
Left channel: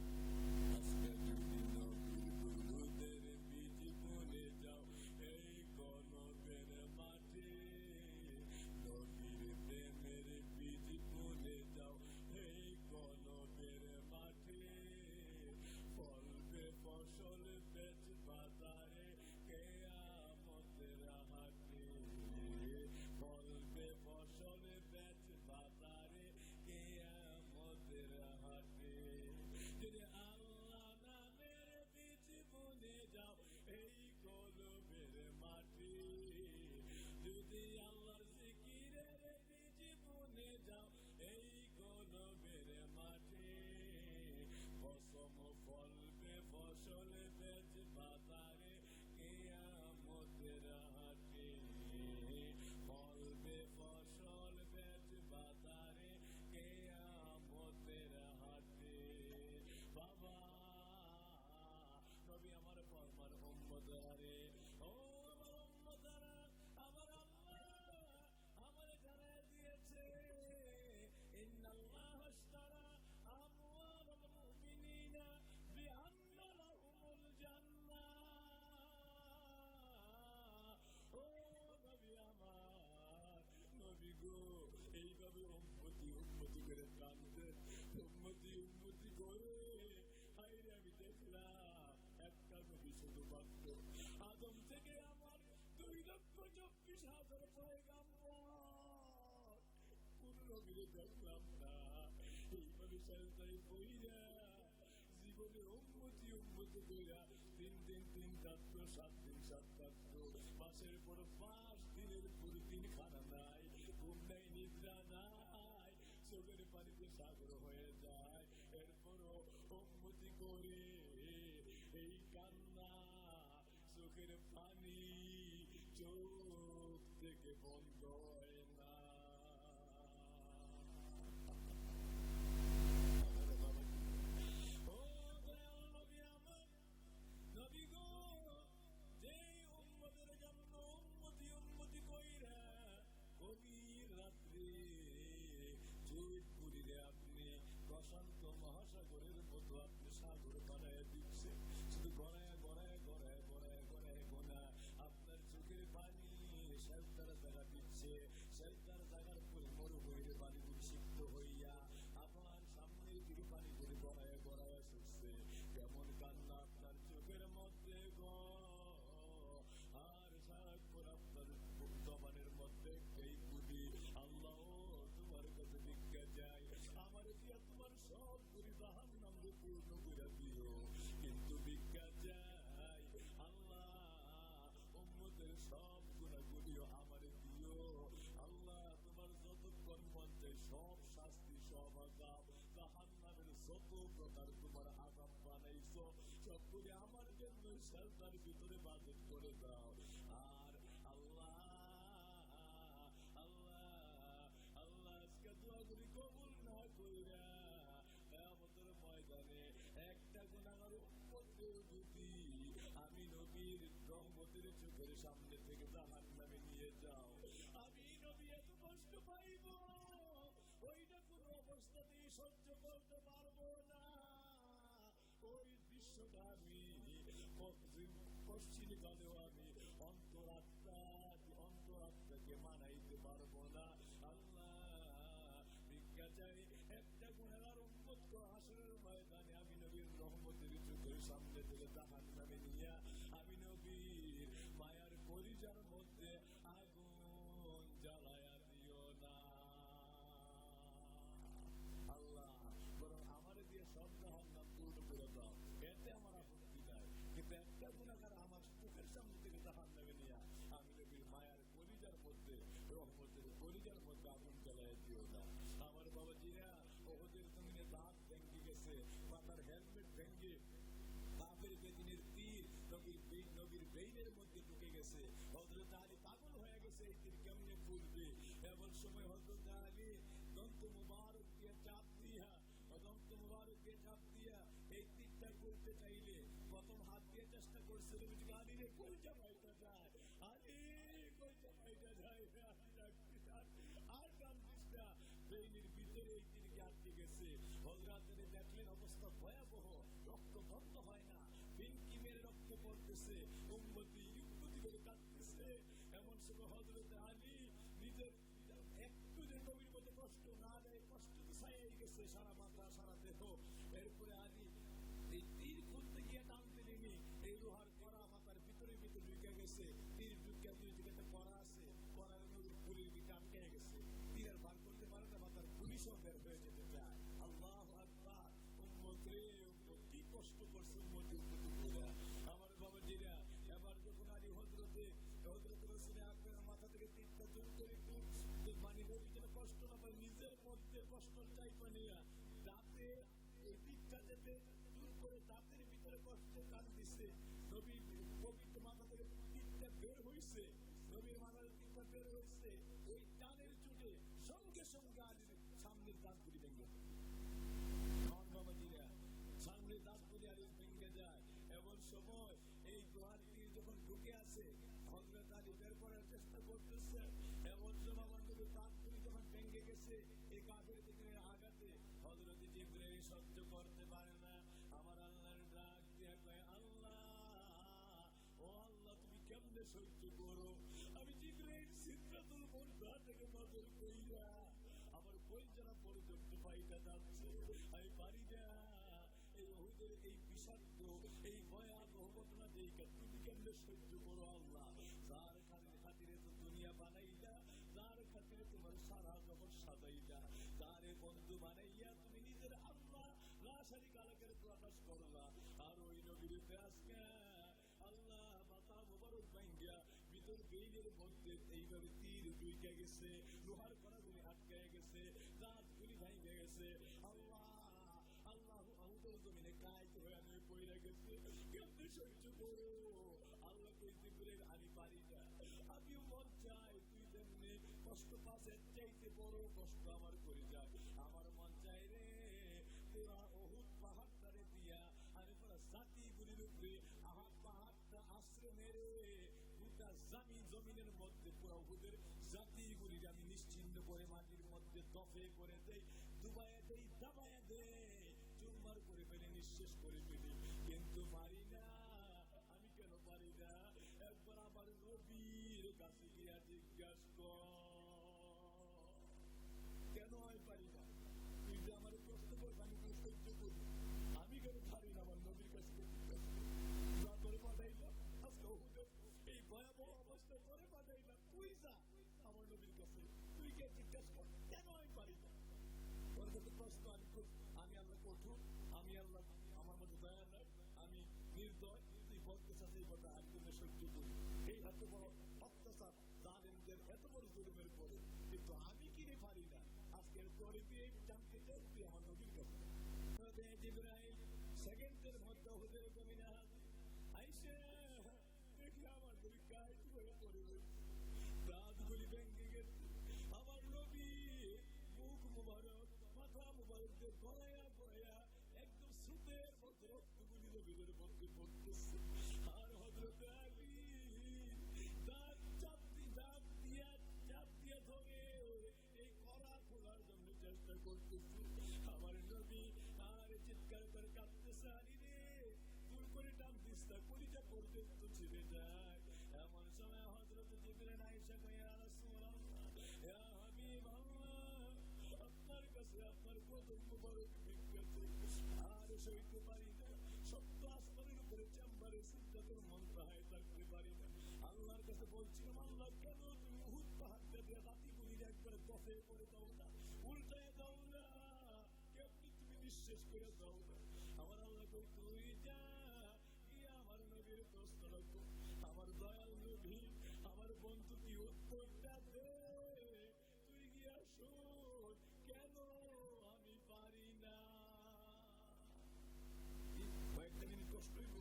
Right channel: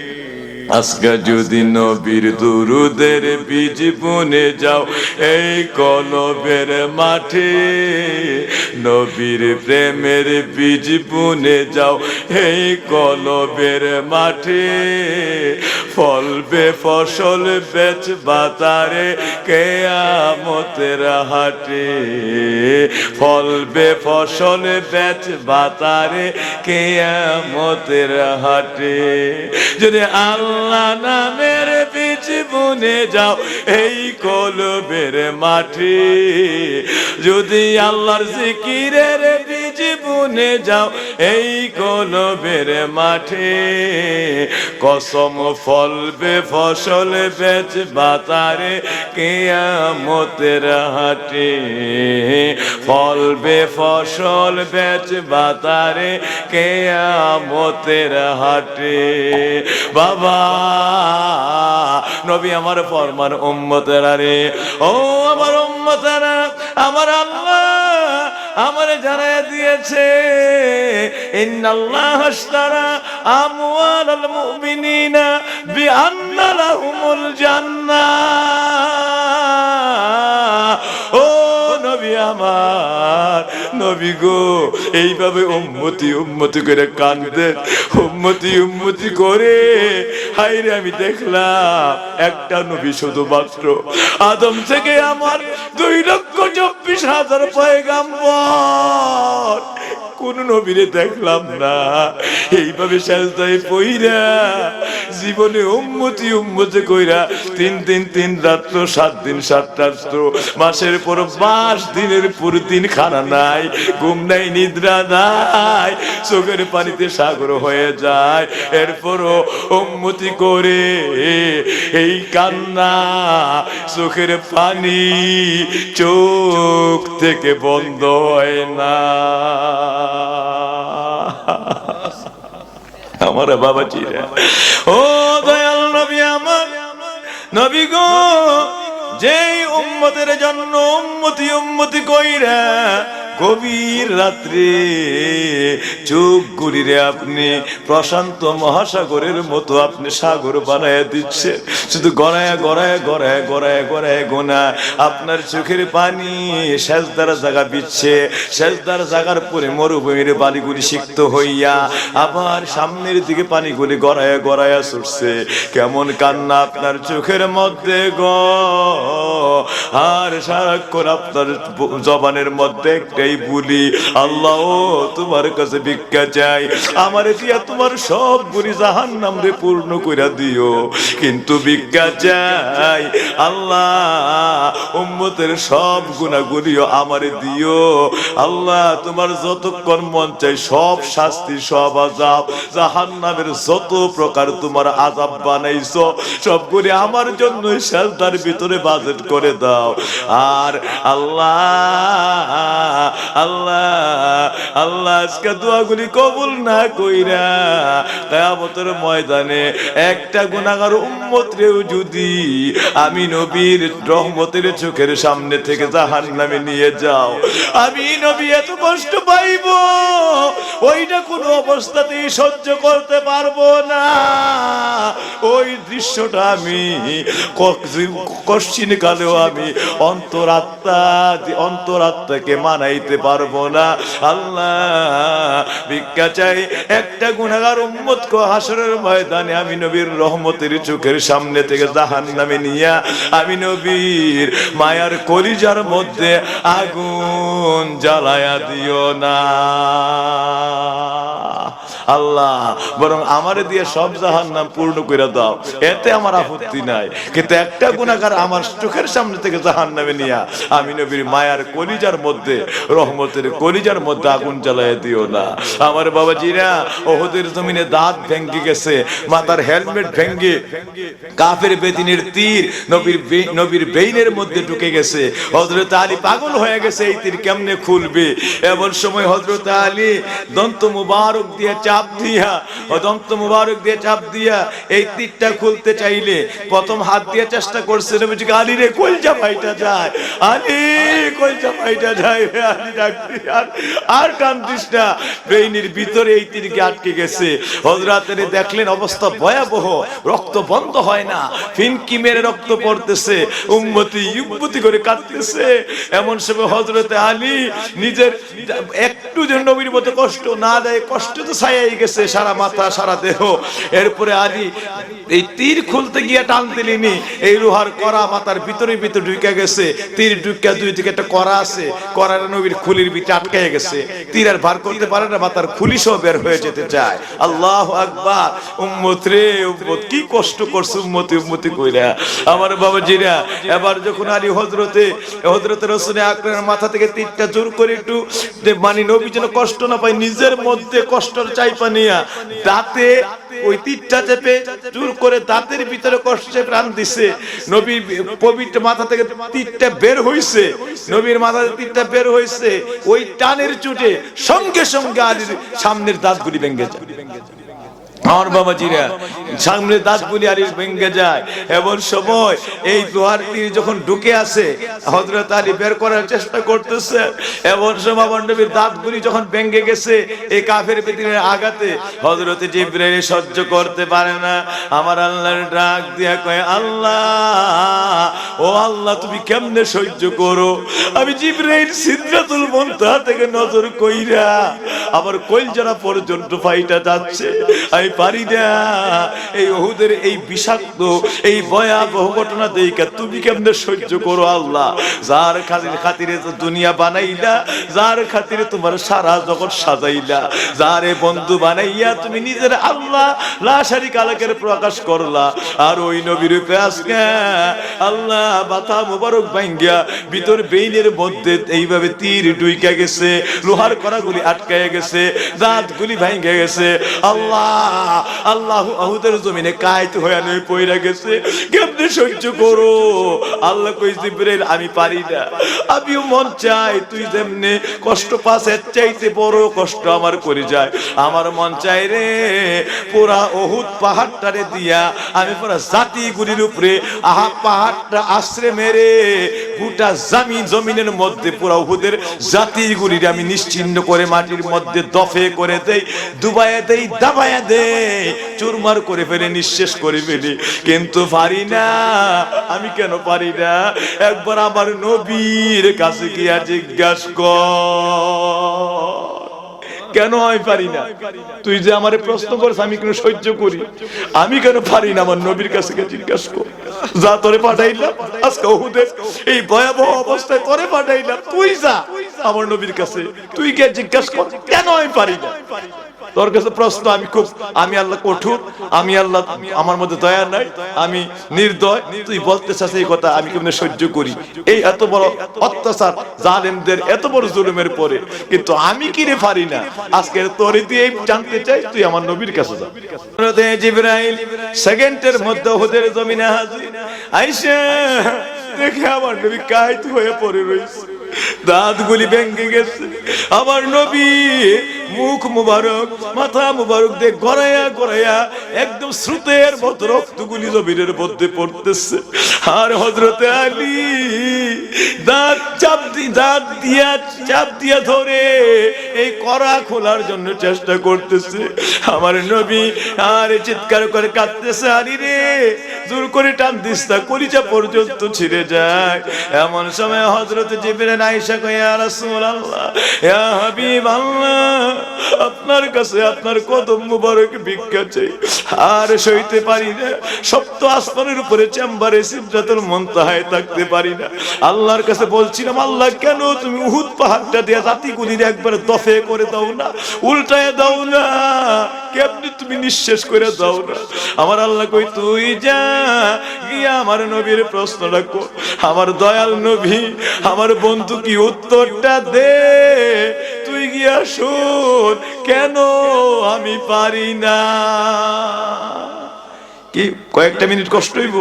আজকে যদি নবীর দুরুদের বীজ বুনে যাও এই কলবের মাঠে, নবীর প্রেমের বীজ বুনে যাও এই কলবের মাঠে, ফলবে ফসল বেচবা তারে কিয়ামতের হাটে, ফলবে ফসল বেচবা তারে কিয়ামতের হাটে। যদি আল্লাহ নামের বীজ বুনে যাও এই কলবের মাঠে, যদি আল্লাহর জিকির জিকিরের বীজ বুনে যাও এই কলবের মাঠে, কসম ফলবে ফসল বেচবা তারে কিয়ামতের হাটে, ফলবে ফসল বেচবা তারে কিয়ামতের হাটে। বাবা নবী আমার ফরমান উম্মতেরা রে, ও আমার উম্মতেরা, আমার আল্লাহ আমারে জানায় দিয়েছে ইন্নাল্লাহ আশতারা আমওয়ালাল মুমিনিনা বিআন্না লাহুমুল জান্নাহ। ও নবী আমার, নবী গো এইভাবে উম্মতি উম্মতি করে কাঁদতেন, উম্মতি উম্মতি করে। হায়রে আমি দেখলাম একটা নবী শুধুমাত্র আদম থেকে আমার 2,24,000 পয়গাম্বর, কোন নবীরে দেখলাম না এইভাবে সাজদায় পইরা জীবনে উম্মতি উম্মতি কইরা 3 রাত্র 7 দিন 7 রাত্র, মাসের পর মাস, দিনের পর দিন খানা নাই, ঘুম নাই, নিদ্রা নাই, চোখের পানিতে সাগর হয়ে যায়, এরপরও উম্মতি করে এই কান্না, চোখের পানি চোখ থেকে বন্ধ হয় না। আমার বাবাজিরা, ও দয়াল নবী আমার, নবী গো যেই উম্মতের জন্য উম্মতি উম্মতি কইরা গভীর রাত্রে চোখ গুলিরে আপনি প্রশান্ত মহাসাগরের মতো আপনি সাগর বানায় দিচ্ছে, শুধু গড়ায় গড়ায় গড়ায় গড়ায় গড়ায় গোনা আপনার চোখের পানি সেজদার জায়গা বিচ্ছে, সেজদার জায়গার পরে মরুভূমির বালিগুলি সিক্ত হইয়া আবার সামনের দিকে পানিগুলি গড়ায় গড়ায় ছুটছে। কেমন কান্না আপনার চোখের মধ্যে গো, আর সারাক্ষণ আপনার জবানের মধ্যে একটাই বলি, আল্লাহ তোমার কাছে ভিক্ষা চাই, আমার দিয়া তোমার সব গুলি জাহান্নাম রে পূর্ণ কইরা দিও, কিন্তু ভিক্ষা চাই আল্লাহ উম্মতের সব গুনাহগুলিও আমারে দিও। আল্লাহ তোমার যতক্ষণ মন চাই সব শাস্তি, সব আযাব, জাহান্নামের যত প্রকার তোমার আযাব বানাইছো সবগুলি আমার জন্য সেজদার ভিতরে বাজেট করে দাও। আর আল্লাহ আল্লাহ আল্লাহ আজকে দোয়াগুলি কবুল না কইরা কিয়ামতের ময়দানে একটা গুনাহগার উম্মতরেও যদি আমি নবীর রহমতের চোখের সামনে থেকে জাহান্নামে নিয়ে যাও, আমি নবী এত কষ্ট পাইব ওইটা কোনো অবস্থাতেই সহ্য করতে পারবো না। ওই দৃশ্যটা আমি কশ্চিন কালেও আমি অন্তরাত্মাকে মানাইতে পারবো না। আল্লাহ ভিক্ষা চাই একটা গুনাহগার উম্মতকে হাসরের ময়দানে আমি নবীর রহমতের চোখের সামনে থেকে জাহান্নামে নিয়া আমি নবীর মায়ার কলিজার মধ্যে আগুন জ্বালায়া দিও না আল্লাহ, বরং আমারে দিয়ে সব জাহান্নাম পূর্ণ করে দাও, এতে আমার আপত্তি নাই, কিন্তু একটা গুনাহগার আমার চোখের সামনে থেকে জাহান্নামে নিয়া আমি নবীর মায়ার কলিজার মধ্যে, রহমতের কলিজার মধ্যে আগুন জ্বালায় দিও না। আমার বাবাজিরা, ওহদের জমিনে দাঁত ভেঙে গেছে, মাথার হেলমেট ভেঙে কাফের বেদিনের তীর নবীর বেইনের মধ্যে ঢুকে গেছে। হযরত আলী পাগল হয়ে গেছে এই তীর কেমনে খুলবে। এমন সময় হযরত আলী দন্ত মুবারক দিয়ে চাপ দিয়া এই তীরটা খুলতে চাইলে প্রথম হাত দিয়ে চেষ্টা করছে, নবীজি আলী রে কলজা ফাইটা যায়, আলী কলজা ফাইটা যায়, আলী ডাকতে আর টানতিস না, বেইনের ভিতরে এই তীরকে আটকে গেছে। হযরত আলী দেখলেন অবস্থা ভয়াবহ, রক্ত বন্ধ হয় না, ফিনকি মেরে রক্ত পড়তেছে, উম্মতি উম্মতি করে কাঁদতেছে। এমন সময় হযরত আলী নিজের একটু যেন নবীর মতো কষ্ট না দেয়, কষ্ট তো ছায়াই ছাইয়ে গেছে সারা মাথা সারা দেহ। এরপরে আলী এই তীর খুলতে গিয়ে টান দিলিনি, এই লোহার করা মাথার ভিতরে ভিতরে ঢুকে গেছে। তীর ঢুকে দুই দিকে একটা করা আছে, করার নবীর খুলির ভিতরে আটকে গেছে। তীর আর ভার করতে পারে না, মাথার খুলি সহ বের হয়ে যেতে চায়। আল্লাহু আকবার। উম্মত রে উম্মত, কি কষ্ট করছে উম্মতি উম্মতি কইরা আমার বাবাজিরা। এবার যখন আলী হযরতে রাসূল আকরামের মাথা থেকে তীরটা জোর করে একটু মানে নবী যেন কষ্ট না পায়, নিজের মধ্যে কষ্টর চাইপা নিয়া দাঁতে ওই তীরটা চেপে জোর করে দাঁতের ভিতরে কষ্টে প্রাণ দিছে। নবীর পবিত্র মাথা থেকে তীরটা বের হইছে, নবীর মাথা থেকে তীরটা বের হইছে। ওই টানের চোটে সঙ্গে সঙ্গে আলীর সামনের দাঁতগুলি ভেঙে যায়। আমার বাবাজিরা, সামনে দাঁতগুলি আলীর ভেঙে যায়। এমন সময় এই লোহার তীর যখন ঢুকে আসে, হযরত আলী বের করার চেষ্টা করতেছে। এমন সময় আমার নবীর দাঁতগুলি যখন ভেঙে গেছে এই কাফের বেদিনের আঘাতে, হযরত জিবরাইল সহ্য করতে পারে না। আমার আল্লাহর ডাক দিয়া কয়, আল্লাহ ও আল্লাহ, তুমি কেমনে সহ্য করো? আমি জিবরাইল সিদরাতুল মুনতাহা থেকে নজর কইরা আমার কলজারা পর্যন্ত ফাইটা যাচ্ছে, আমি পারি না। এই উহুদের এই বিষাক্ত এই ভয়াবহ ঘটনা দেখে তুমি কেমনে সহ্য করো? আল্লাহ, যার খাতিরে তো দুনিয়া বানাইলা, যার খাতিরে তোমার সারা জগৎ সাজাইলা, যারে বন্ধু বানাইয়া তুমি নিজের আল্লাহ লা শারীকা লাহুর প্রকাশ করলা, আর ওই নবীর রূপে আজকে আল্লাহ মাথা মোবারক ভাঙ্গিয়া ভিতর বেইনের মধ্যে এইভাবে তীর ঢুইকা গেছে, লোহার কড়াগুলি আটকায় গেছে, দাঁতগুলি ভাঙ্গা গেছে। আল্লাহ আল্লাহ উহুদের জমিনে কায়েত হয়ে নই পইরা গেছে, কেমনে সহ্য করো? আল্লাহ কই, জিবরাইল আমি পারি না, আমিও মন চাই তুই যেমনে কষ্ট পাস এর চাইতে বড় কষ্ট আমার করে যায়। আমার মন চাই রে পুরা উহুদ পাহাড়টারে দিয়া আমি পুরা জাতিগুলির উপরে পাহাড়টা আশ্রে মেরে গোটা জমিনের মধ্যে পুরা উহুদের জাতিগুলির আমি নিশ্চিহ্ন করে মাটির মধ্যে দফে করে দেই, ডুবাইয়া দেই, দাবাইয়া দেই, চুরমার করে ফেলে, নিঃশেষ করে ফেলি। কিন্তু পারি না। আমি কেন পারি না? একবার আমার নবীর কাছে গিয়া জিজ্ঞাসা কর, কেন আমি পারি না? তুই যে আমারে প্রশ্ন করিস আমি কেন সহ্য করি, আমি কেন পারি না? আমার নবীর কাছে গিয়ে জিজ্ঞাসা কর। যা তোরে পাঠাইলাম আজকে উহুদের এই ভয়াবহ অবস্থায়, তোরে পাঠাইলাম, তুই যা আমার নবীর কাছে, তুই গিয়ে জিজ্ঞাসা কর কেন আমি পারি না। তোর কাছে প্রশ্ন, আমি আল্লাহ কঠোর, আমি আল্লাহ, আমার মধ্যে দয়া নাই, আমি নির্দয়, তুই বলতে চাস এই কথা আমি কেমনে সহ্য করি? এই এত বড় অত্যাচার, জালেমদের এত বড় জুলুমের পরে, কিন্তু আমি কিরে পারি না। আজকে তোরে তুই জানতে চাই, তুই আমার নবীর কাছে যা। হযরত জিবরাইল সেকেন্ডের মধ্যে উহুদের জমিনে হাজির। আয়েশা দেখে আমার নবী কায়েত হয়ে পড়ে রইছে, দাঁতগুলি ভেঙে গেছে। আমার নবী মুখ মুবারক, মাথা মুবারক দিয়ে গড়াইয়া গড়াইয়া একদম স্রোতের মতো রক্তগুলি জমিনের মধ্যে পড়তেছে। আর হযরতে আলী দাঁত চাপ দিয়া ধরে এই কড়া খোলার জন্য চেষ্টা করতেছে। আমার নবী আর চিৎকার করে কাঁদতেছে, আলী রে জোর করে টান দিস না, কলিজা পর্যন্ত ছিঁড়ে যায়। এমন সময় হযরত জিবরাইল আয়েশা কয়, ইয়া রাসূলুল্লাহ, ইয়া হাবিবাল্লাহ, আপনার কাছে আপনার কদম মুবারক ভিক্ষা চাই, আর সইতে পারি না। সপ্ত আসমানের উপরে চেম্বারে সিদরাতুল মুনতাহায় থাকতে পারি না। আল্লাহর কাছে বলছিলাম, আল্লাহ কেন তুমি উহুদ পাহাড়টা দিয়ে জাতিগুলির একবার দফে করে দাও না, উল্টায় দাও না, কেমনি তুমি নিঃশেষ করে দাও না। আমার আল্লাহ কই, তুই যা গিয়া আমার নবীর প্রশ্নটা কর। আমার দয়াল নবী, আমার বন্ধু কি উত্তরটা দে, তুই গিয়া শোন কেন আমি পারি না। কি কয়েকটা মিনিট কষ্ট হইব?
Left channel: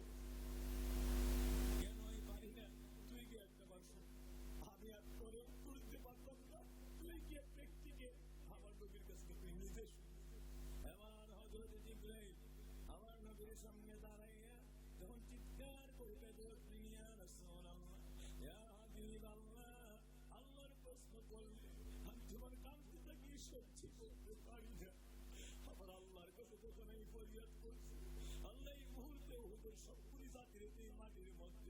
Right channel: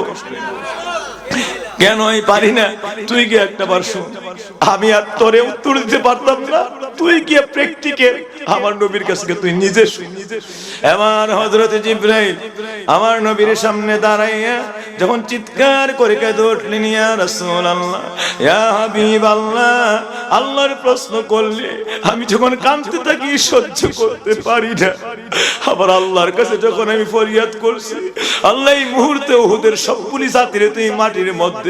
কেন আমি পারি না তুই গিয়ে একটা বার শুন। আমি আর তোরে উত্তর দিতে পারতাম না, তুই গিয়ে প্র্যাকটিক্যাল আমার নবীর কাছে তুই নিজে শুন। এবার হযরত জিবরাইল আমার নবীর সামনে দাঁড়াইয়া যখন চিৎকার করে কেঁদে উঠলেন, ইয়া রাসূলুল্লাহ, ইয়া হাবিবাল্লাহ, আল্লাহর প্রশ্ন করলে আমি যখন কাঁদতে থাকি সহ্য করতে পারি না। আবার আল্লাহর কাছে যখন আমি ফরিয়াদ করছি, আল্লাহ এই মুহূর্তে উহুদের সবগুলি জাতির তুই মাটির মধ্যে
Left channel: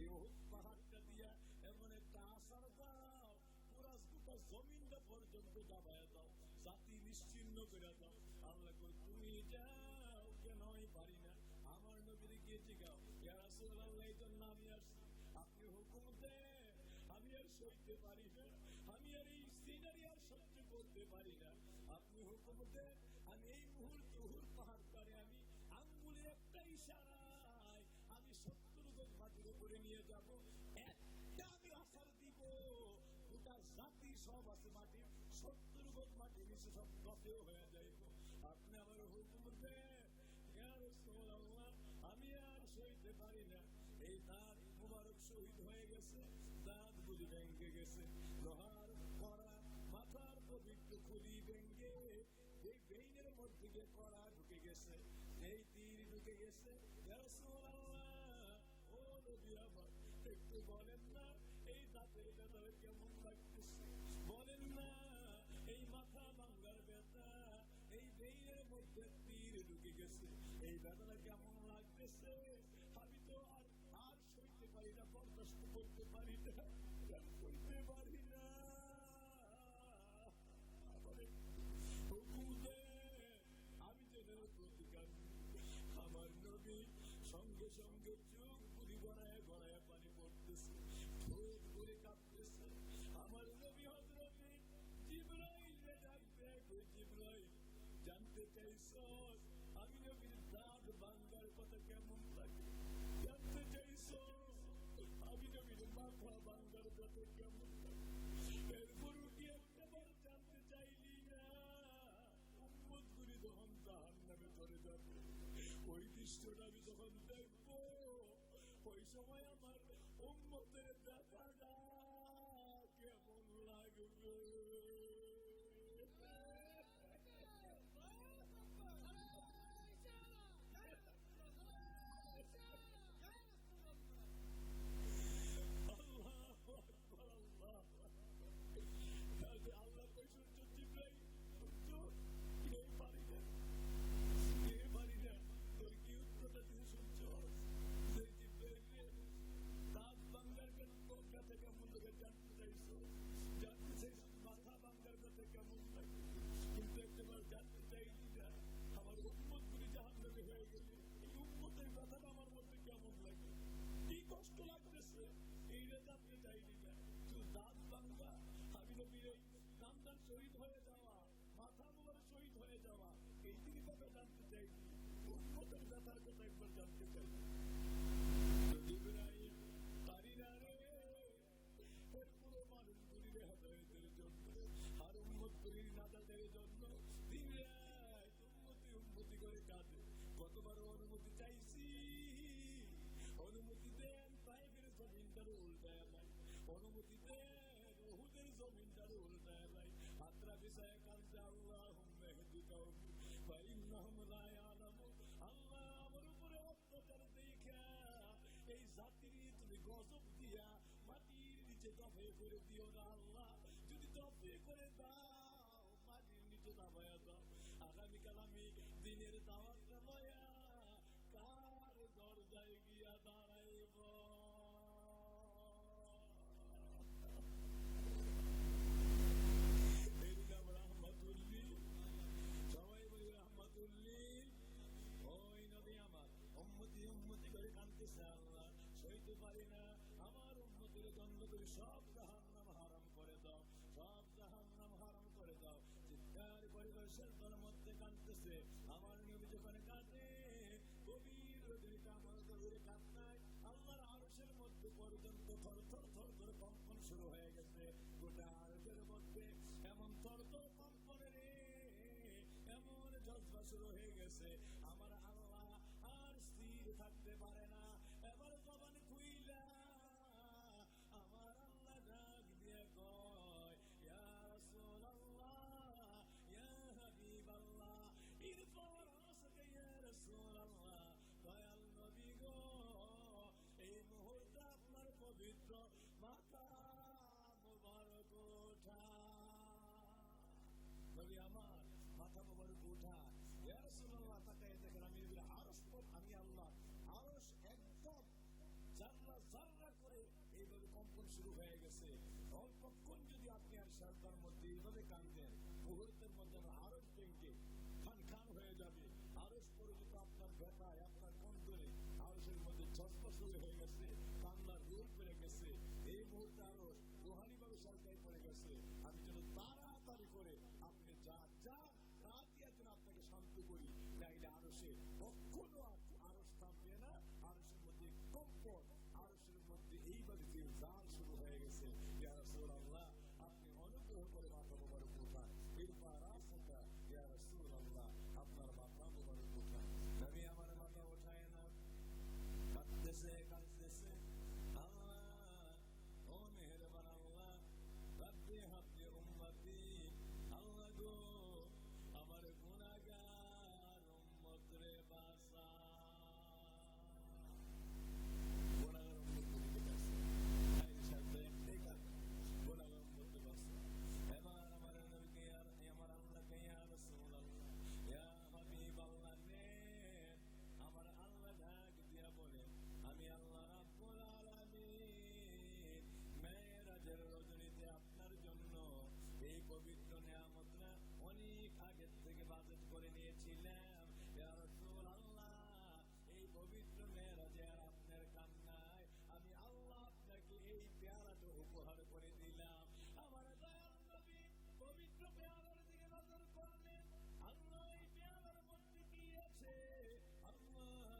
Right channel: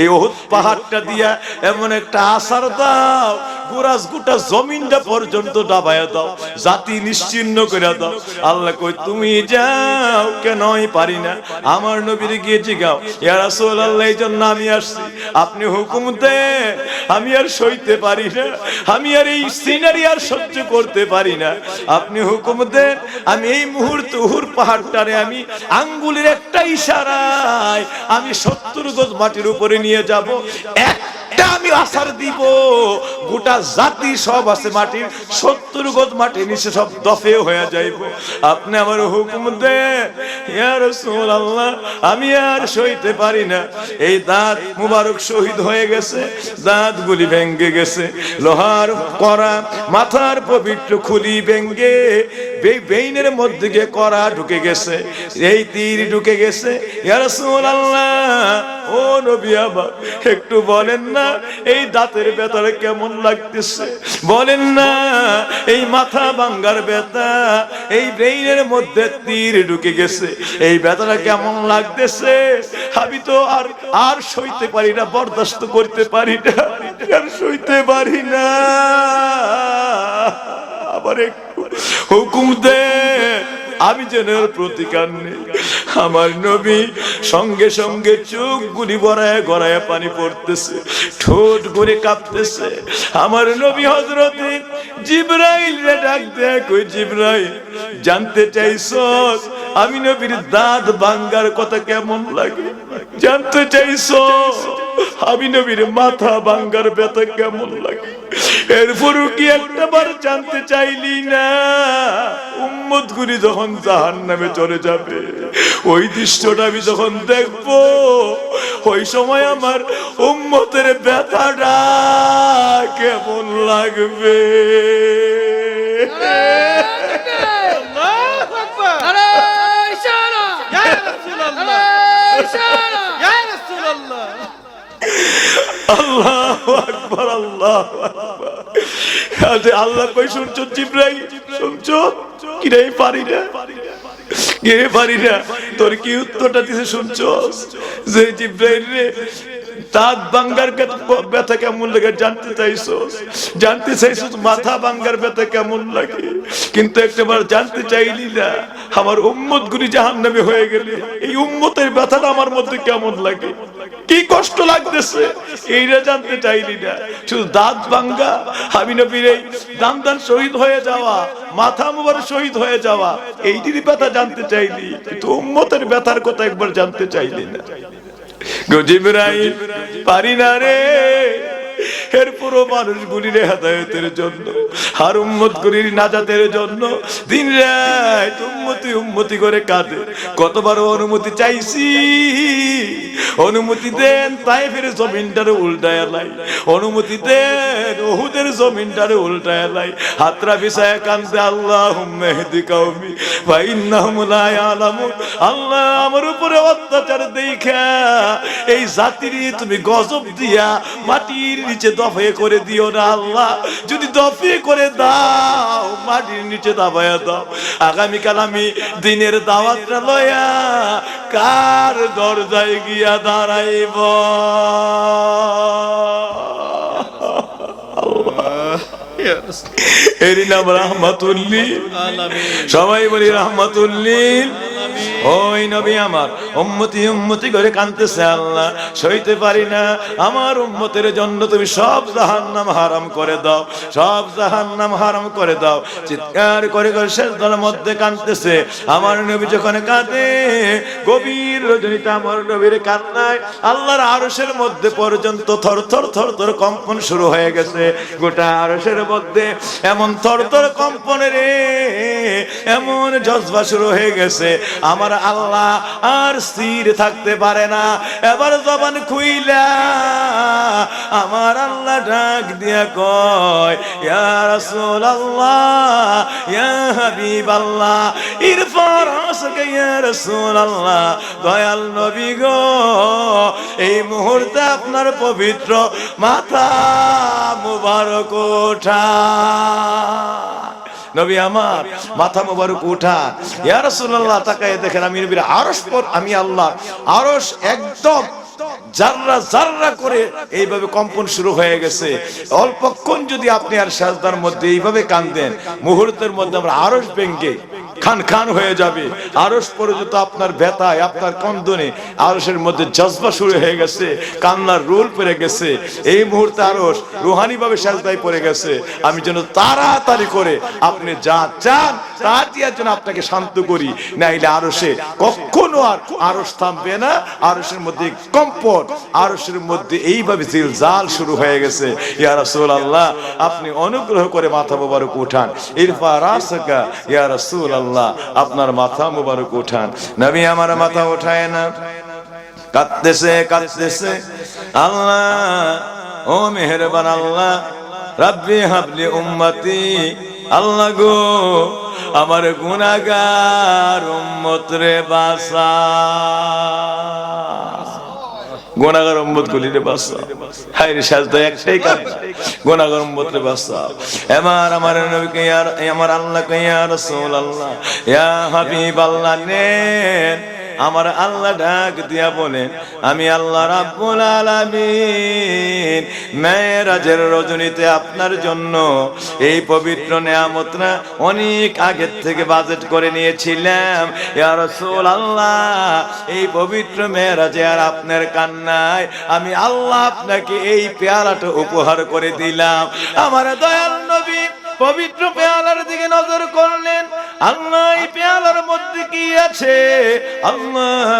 এই উহুদ পাহাড়টা দিয়া এমন একটা আসার দাও গোরাজ গোটা জমিনটা পর্যন্ত ডাবায়া দাও, জাতি নিশ্চিহ্ন করে দাও। আল্লাহ কই তুমি যাও, কেন আমি পারি না? আমার নবীর গিয়ে জিগাও, ইয়া রাসূলুল্লাহ এই জন্য আমি আসছি, আপনি হুকুম দেন, আমি আর সইতে পারি না, আমি আর এই সিনারি আর সহ্য করতে পারি না, আপনি হুকুম দেন, আমি এই মুহূর্তে উহুর পাহাড়টারে আমি আঙ্গুলের একটা ইশারায় আমি 70 গজ মাটির উপরে নিয়ে যাব, একটা আমি আসার দিব, গোটা জাতি সব আছে মাটির 70 গজ মাটির নিচে সব দফে হয়ে যাইব, আপনি আমার হুকুম দেন ইয়া রাসূলুল্লাহ, আমি আর সইতে পারি না। এই দাঁত মুবারক শহীদ হয়ে গেছে, দাঁত গুলি ভেঙে গেছে, লোহার করা মাথার পবিত্র খুলি ভেঙে বেইনের মধ্যে গিয়ে করা ঢুকে গেছে, এই তীর ঢুকে গেছে। ইয়া রাসূলুল্লাহ, ও নবী আমার একটু বলেন না এই দাঁতের ব্যথাটা কেমন লাগতেছে, বলেন না এই মাথা ভাঙার ব্যথা, এই ব্রেইনের মধ্যে তীর ঢুকে গেছে, এই ব্যথাটা কেমন লাগতেছে? আমি তো আর সইতে পারি না, বরদাস্ত করতে পারি না, আর সইতে পারি না, আবার একটু হুকুম দে আমি যেন প্রতিকার নেই। আমার নবী সঙ্গে সঙ্গে চোখ গুলি গড়ায় গড়ায় পানি পড়তেছে, ঠোঁট গুলি কাঁপতেছে। আমার নবী হযরতে জিবরাইল রে ডাক দেয়, কই জিবরাইল জানতে চাইছস আমি নবীর দাঁত ভাঙার কথা কেমন লাগে? জানতে চাইছস আমি নবীর মাথা ভাঙার ব্যথা কেমন লাগে? এরপরও কি একটাবার জানতে চাইলি না? উম্মত গুলি যখন জাহান্নামে চলে যাবে, ওই দৃশ্যটা আমি যখন দেখবো, ওই সময় আমার উম্মতের ব্যথাটা কেমন লাগবে? আল্লাহু আকবার, আল্লাহু আকবার। আল্লাহ কই শুনছো জিবরাইল, শুনছো? কি রে পারি না, কে পারি না, তোর কি উত্তরটা দিছে শুনছো? যে জিবরাইল রে দাঁত ভাঙার ব্যথা কেমন লাগে জানতে চাইছস, জানতে চাইছস মাথা ভাঙার ব্যথা কেমন লাগে, কিন্তু একটাবার জানতে চাইলি না আমার উম্মত গুলি জাহান্নামে হয়ে গেলে এই উম্মতের ব্যথাটা আমার মধ্যে কেমন লাগে, কি কষ্ট লাগতেছে, এইটা জানতে চাইলি না। শুধু দাঁত ভাঙ্গা, আমি নবীর এই দান শহীদ হয়ে যাওয়া, মাথা মুবারক শহীদ হয়ে যাওয়া, এইটির ব্যথা জানতে চাইলি, কিন্তু উম্মতের ব্যথার কথা একবার জানতে চাইলি না। জিবরাইল পারি না রে। এরপরও মানুষগুলির হেদায়েতের জন্য আর উম্মতগুলির নাজাতের জন্য দিন রাত উম্মতি করে কাঁদে। কতবার অনুমতি চাইছি, অনুমতি দেন তায়েফের জমিনটারে উল্টায় লাই, অনুমতি দেন উহুদের জমিনটারে উল্টায় লাই, হাতরা বিছায় কাঁদে, আল্লাহুম্মা ইহদি কওমি ফা ইন্নাহুম লা ইয়ালামুন। আল্লাহ আমার উপরে অত্যাচার দেখা এই জাতির তুমি গজব দিয়া মাটির নিচে দফে করে দিও না আল্লাহ, যদি দফে করে দাও মাটির নিচে দাবায়া দাও, আগামীকাল আমি দিনের দাওয়াতটা লয়া কার দরজায় গিয়া দাঁড়াইব? এরই নাম রাহমাতুল্লিল আলামিন, সবাই বলি রাহমাতুল্লিল। ওই নবী আমার উম্মতি করে কাঁদতেছে, আল্লাহ সইতে পারি না, আমার উম্মতের জন্য তুমি সব জাহান্নাম হারাম করে দাও, সব জাহান্নাম হারাম করে দাও। চিৎকার করে করে সিজদার মধ্যে কাঁদতেছে। আমার নবী যখন কাঁদে, গভীর রজনীতে আমার নবীর কান্নায় আল্লাহর আরশের মধ্যে পর্যন্ত থরথর থরথর কম্পন শুরু হয়ে গেছে। গোটা আরশের মধ্যে এমন থরথর কম্পনে রে, এমন জজবা শুরু হয়ে গেছে, আমার আল্লাহ আর স্থির থাকতে পারে না। এবার জবান খুইলা আমার আল্লাহ ডাক দিয়া কয়, ইয়া রাসূলুল্লাহ, ইয়া হাবিবাল্লাহ, ইরফা রাসাকা ইয়া রাসূলুল্লাহ, দয়াল নবী গো, এই মুহূর্তে আপনার পবিত্র মাথা মুবারক ওঠা। নবী আমার মাথা মুবারক উঠান। ইয়া রাসূলুল্লাহ তাকায় দেখেন আমি নবীর আরশ পর, আমি আল্লাহ আরশ একদম জাররা জাররা করে এইভাবে কম্পন শুরু হয়ে গেছে। অল্পক্ষণ যদি আপনি আর সাজদার মধ্যে এইভাবে কাঁদেন, মুহূর্তের মধ্যে আমরা আরশ ভেঙে খান খান হয়ে যাবে। আরশ পর্যন্ত আপনার ব্যথায়, আপনার কন্দনে আরশের মধ্যে জজবা শুরু হয়ে গেছে, কান্নার রোল পড়ে গেছে। এই মুহূর্তে আরশ রুহানি ভাবে সাজদায় পড়ে গেছে। আমি যেন তাড়াতাড়ি করে আপনি যা চান তা দেওয়ার জন্য আপনাকে শান্ত করি, নাইলে আরশে কখনো আর আরশ থামবে না। আরশের মধ্যে কম্পন, আরশের মধ্যে এইভাবে জিলজাল শুরু হয়ে গেছে। ইয়া রাসূলুল্লাহ, আপনি অনুগ্রহ করে মাথা মোবারক উঠান। ইরফা রাসাকা ইয়া রাসূলুল্লাহ, আপনার মাথা মোবারক উঠান। নবী আমার মাথা উঠায় না, কাঁদতেছে কাঁদতেছে। আল্লাহ, ও মেহেরবান আল্লাহ, রাব্বি হাবলি উম্মতি, আল্লাহ গো আমার গুনাহগার উম্মত রে বাঁচা, গুনাহগার উম্মত গুলি রে বাঁচা। হায় রে, সাজদা একটাই কান্না, গুনাহগার উম্মত রে বাঁচা। আমার নবীকে আমার আল্লাহকে ইয়া রাসূলুল্লাহ, ইয়া হাবিবাল্লাহ নেন। আমার আল্লাহ ডাক দিয়া বলেন, আমি আল্লাহ রাব্বুল আলামিন মেরাজের রজনীতে আপনার জন্য এই পবিত্র নিয়ামতটা অনেক আগের থেকে বাজেট করে নিয়েছিলাম। ইয়া রাসূলুল্লাহ, এই পবিত্র মেরাজে আর আপনার কান্নায় আমি আল্লাহ আপনাকে এই পেয়ালাটা উপহার করে দিলাম। আমার দয়াল নবী পবিত্র পেয়ালার দিকে নজর করলেন। আল্লাহ, এই পেয়ালার মধ্যে কি আছে? আল্লাহ,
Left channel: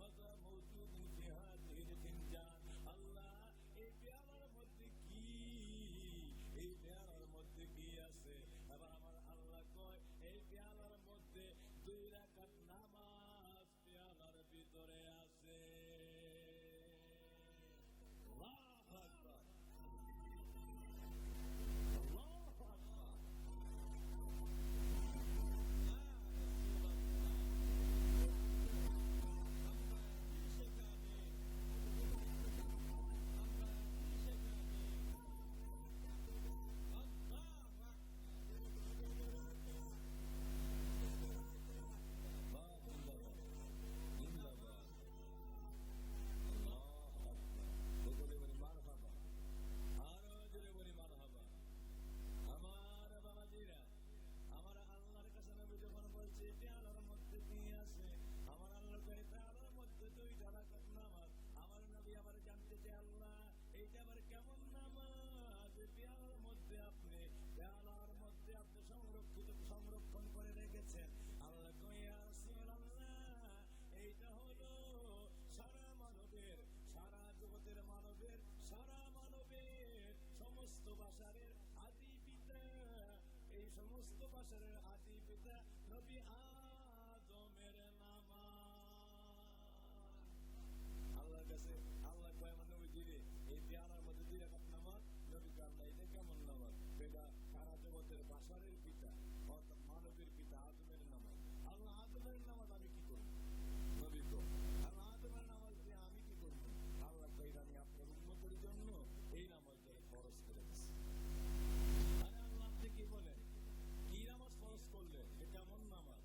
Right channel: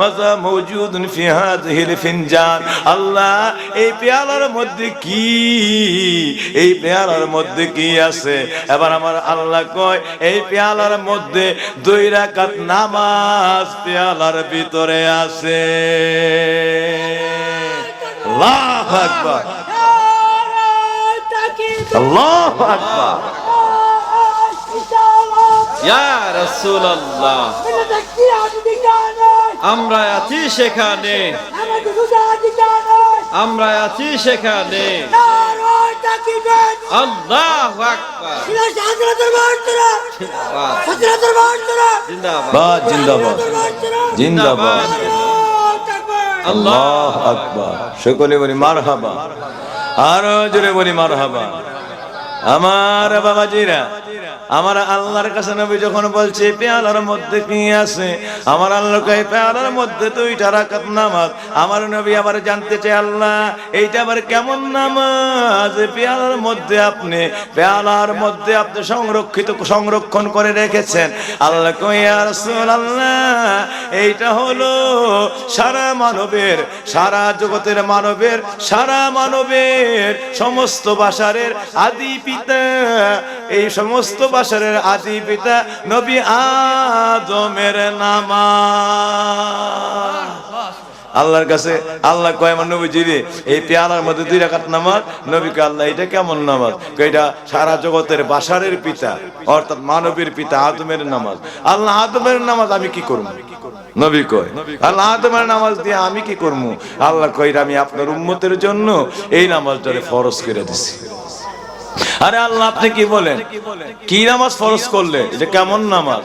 মাজা মওজুদুন ফি হাযিহিল ফিনজান। আল্লাহ, এই পেয়ালার মধ্যে কি, এই পেয়ালার মধ্যে কি আছে? এবার আমার আল্লাহ কয়, এই পেয়ালার মধ্যে 2 রাকাত নামাজ পেয়ালার ভিতরে আছে। আল্লাহু আকবার, আল্লাহু আকবার। ইয়া রাসূলুল্লাহ, আমরা আছি সেখানে, আমরা আছি সেখানে। আল্লাহু আকবার, জিন্দাবাদ জিন্দাবাদ জিন্দাবাদ, আল্লাহু আকবার। সকলে বলি মারহাবা, আরো জোরে বলি মারহাবা। আমার বাবাজিরা, আমার আল্লাহর কাছে নবী যখন বলছে পেয়ালার মধ্যে কি আছে, আমার আল্লাহ কয় পেয়ালার মধ্যে 2 রাকাত নামাজ। আমার নবী আবার জানতে চায়, আল্লাহ এইটা আবার কেমন নামাজ? পেয়ালার মধ্যে আপনি সংরক্ষণ করে রেখেছেন। আল্লাহ কয়, ইয়া রাসূলুল্লাহ, এইটা হলো সারা মানবের, সারা জগতের মানবের, সারা মানবের সমস্ত বাশারের আদি পিতা, এই সমস্ত বাশারের আদি পিতা নবী আদমের নামাজ। আল্লাহর কাছে আল্লাহ কয়, আমার নবীজি রে, এই পেয়ালার মধ্যে 2 রাকাত নামাজ। নবীকে আল্লাহ, এটা কেমন নামাজ? এটা সারা জগতের বাশারের পিতা অর্থাৎ মানবের পিতা আদমের নামাজ। আল্লাহ, আদমের নামাজ আমি কি করব? নবী কয়, আল্লাহ আদমের নামাজ দিয়ে আমি কি করব? আল্লাহ কয়, আমি আপনার উম্মতের জন্য এই নামাজটারে ফরজ করে দিছি। আরে আল্লাহ, আপনি কি বলেন? কি নামাজ ফরজ করলে? এটা কেমন নামাজ?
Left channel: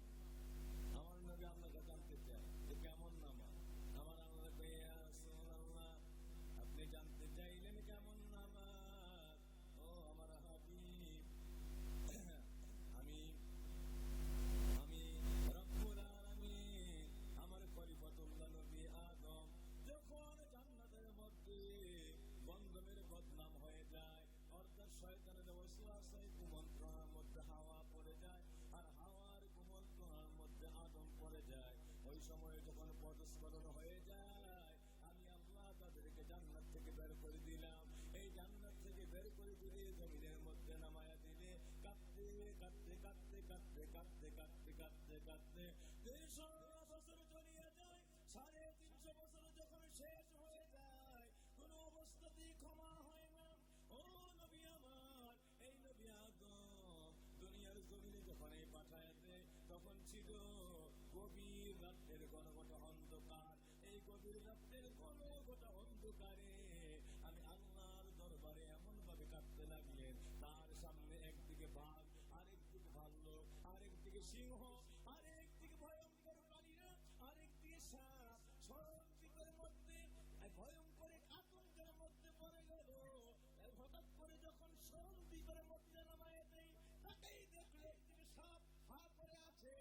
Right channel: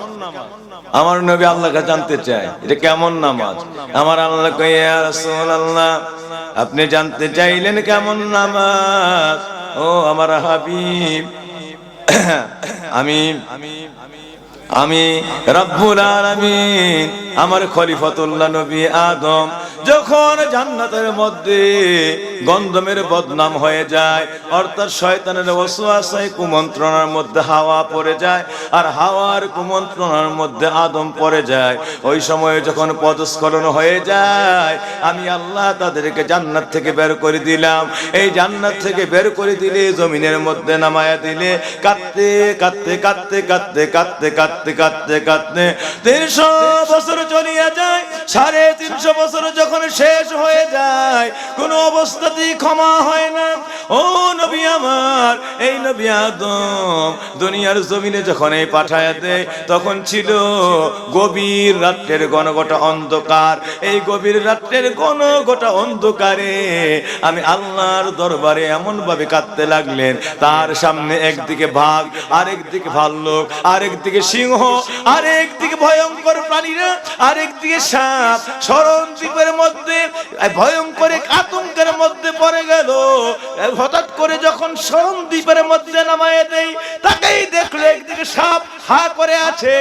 আমার নবী আল্লাহকে জানতে চায়, এটা কেমন নামাজ? আমার আল্লাহ কয়, ইয়া রাসূলুল্লাহ, আপনি জানতে চাইলেন কেমন নামাজ? ও আমার হাবিব, আমি রব্বুল আলামিন, আমার খলিফাতুল্লাহ নবী আদম যখন জান্নাতের মধ্যে গন্ধমের বদনাম হয়ে যায়, অর্থাৎ শয়তানের ওয়াসওয়াসায় কুমন্ত্রণার মধ্যে হাওয়া পড়ে যায়, আর হাওয়ার কুমন্ত্রণার মধ্যে আদম পড়ে যায়। ওই সময়ে যখন পদস্খলন হয়ে যায়, আমি আল্লাহ তাদেরকে জান্নাত থেকে বের করে দিলাম। এই জান্নাত থেকে বের করে দিলে, জমিনের মধ্যে নামায়া দিলে, কাঁদতে কাঁদতে কাঁদতে কাঁদতে কাঁদতে কাঁদতে কাঁদতে কাঁদতে 300 বছর চলিয়া যায়। 350 বছর যখন শেষ হয়ে যায়, কোন অবস্থাতেই ক্ষমা হয় না। ও নবী আমার, এই নবী আদম দুনিয়ার জমিনে যখন এই পাঠায়া দেয়, তখন ছিল গভীর রাত্রের ঘনঘটা অন্ধকার। এই গভীর রাত্রের ঘনঘটা অন্ধকারে আমি আল্লাহর দরবারে এমন ভাবে কাঁদতে লাগলেন, তার সামনে একদিকে বাঘ, আরেকদিকে ভাল্লুক, আরেকদিকে সিংহ, আরেকদিকে ভয়ঙ্কর প্রাণীরা, আরেকদিকে সাপ, সরণ দ্বীপের মধ্যে ভয়ঙ্কর এক আতঙ্কের মধ্যে পড়ে গেল। হঠাৎ করে যখন সরণ মধ্যে নামায় দেই, তাকেই দেখলো একদিকে সাপ হা করে আছে,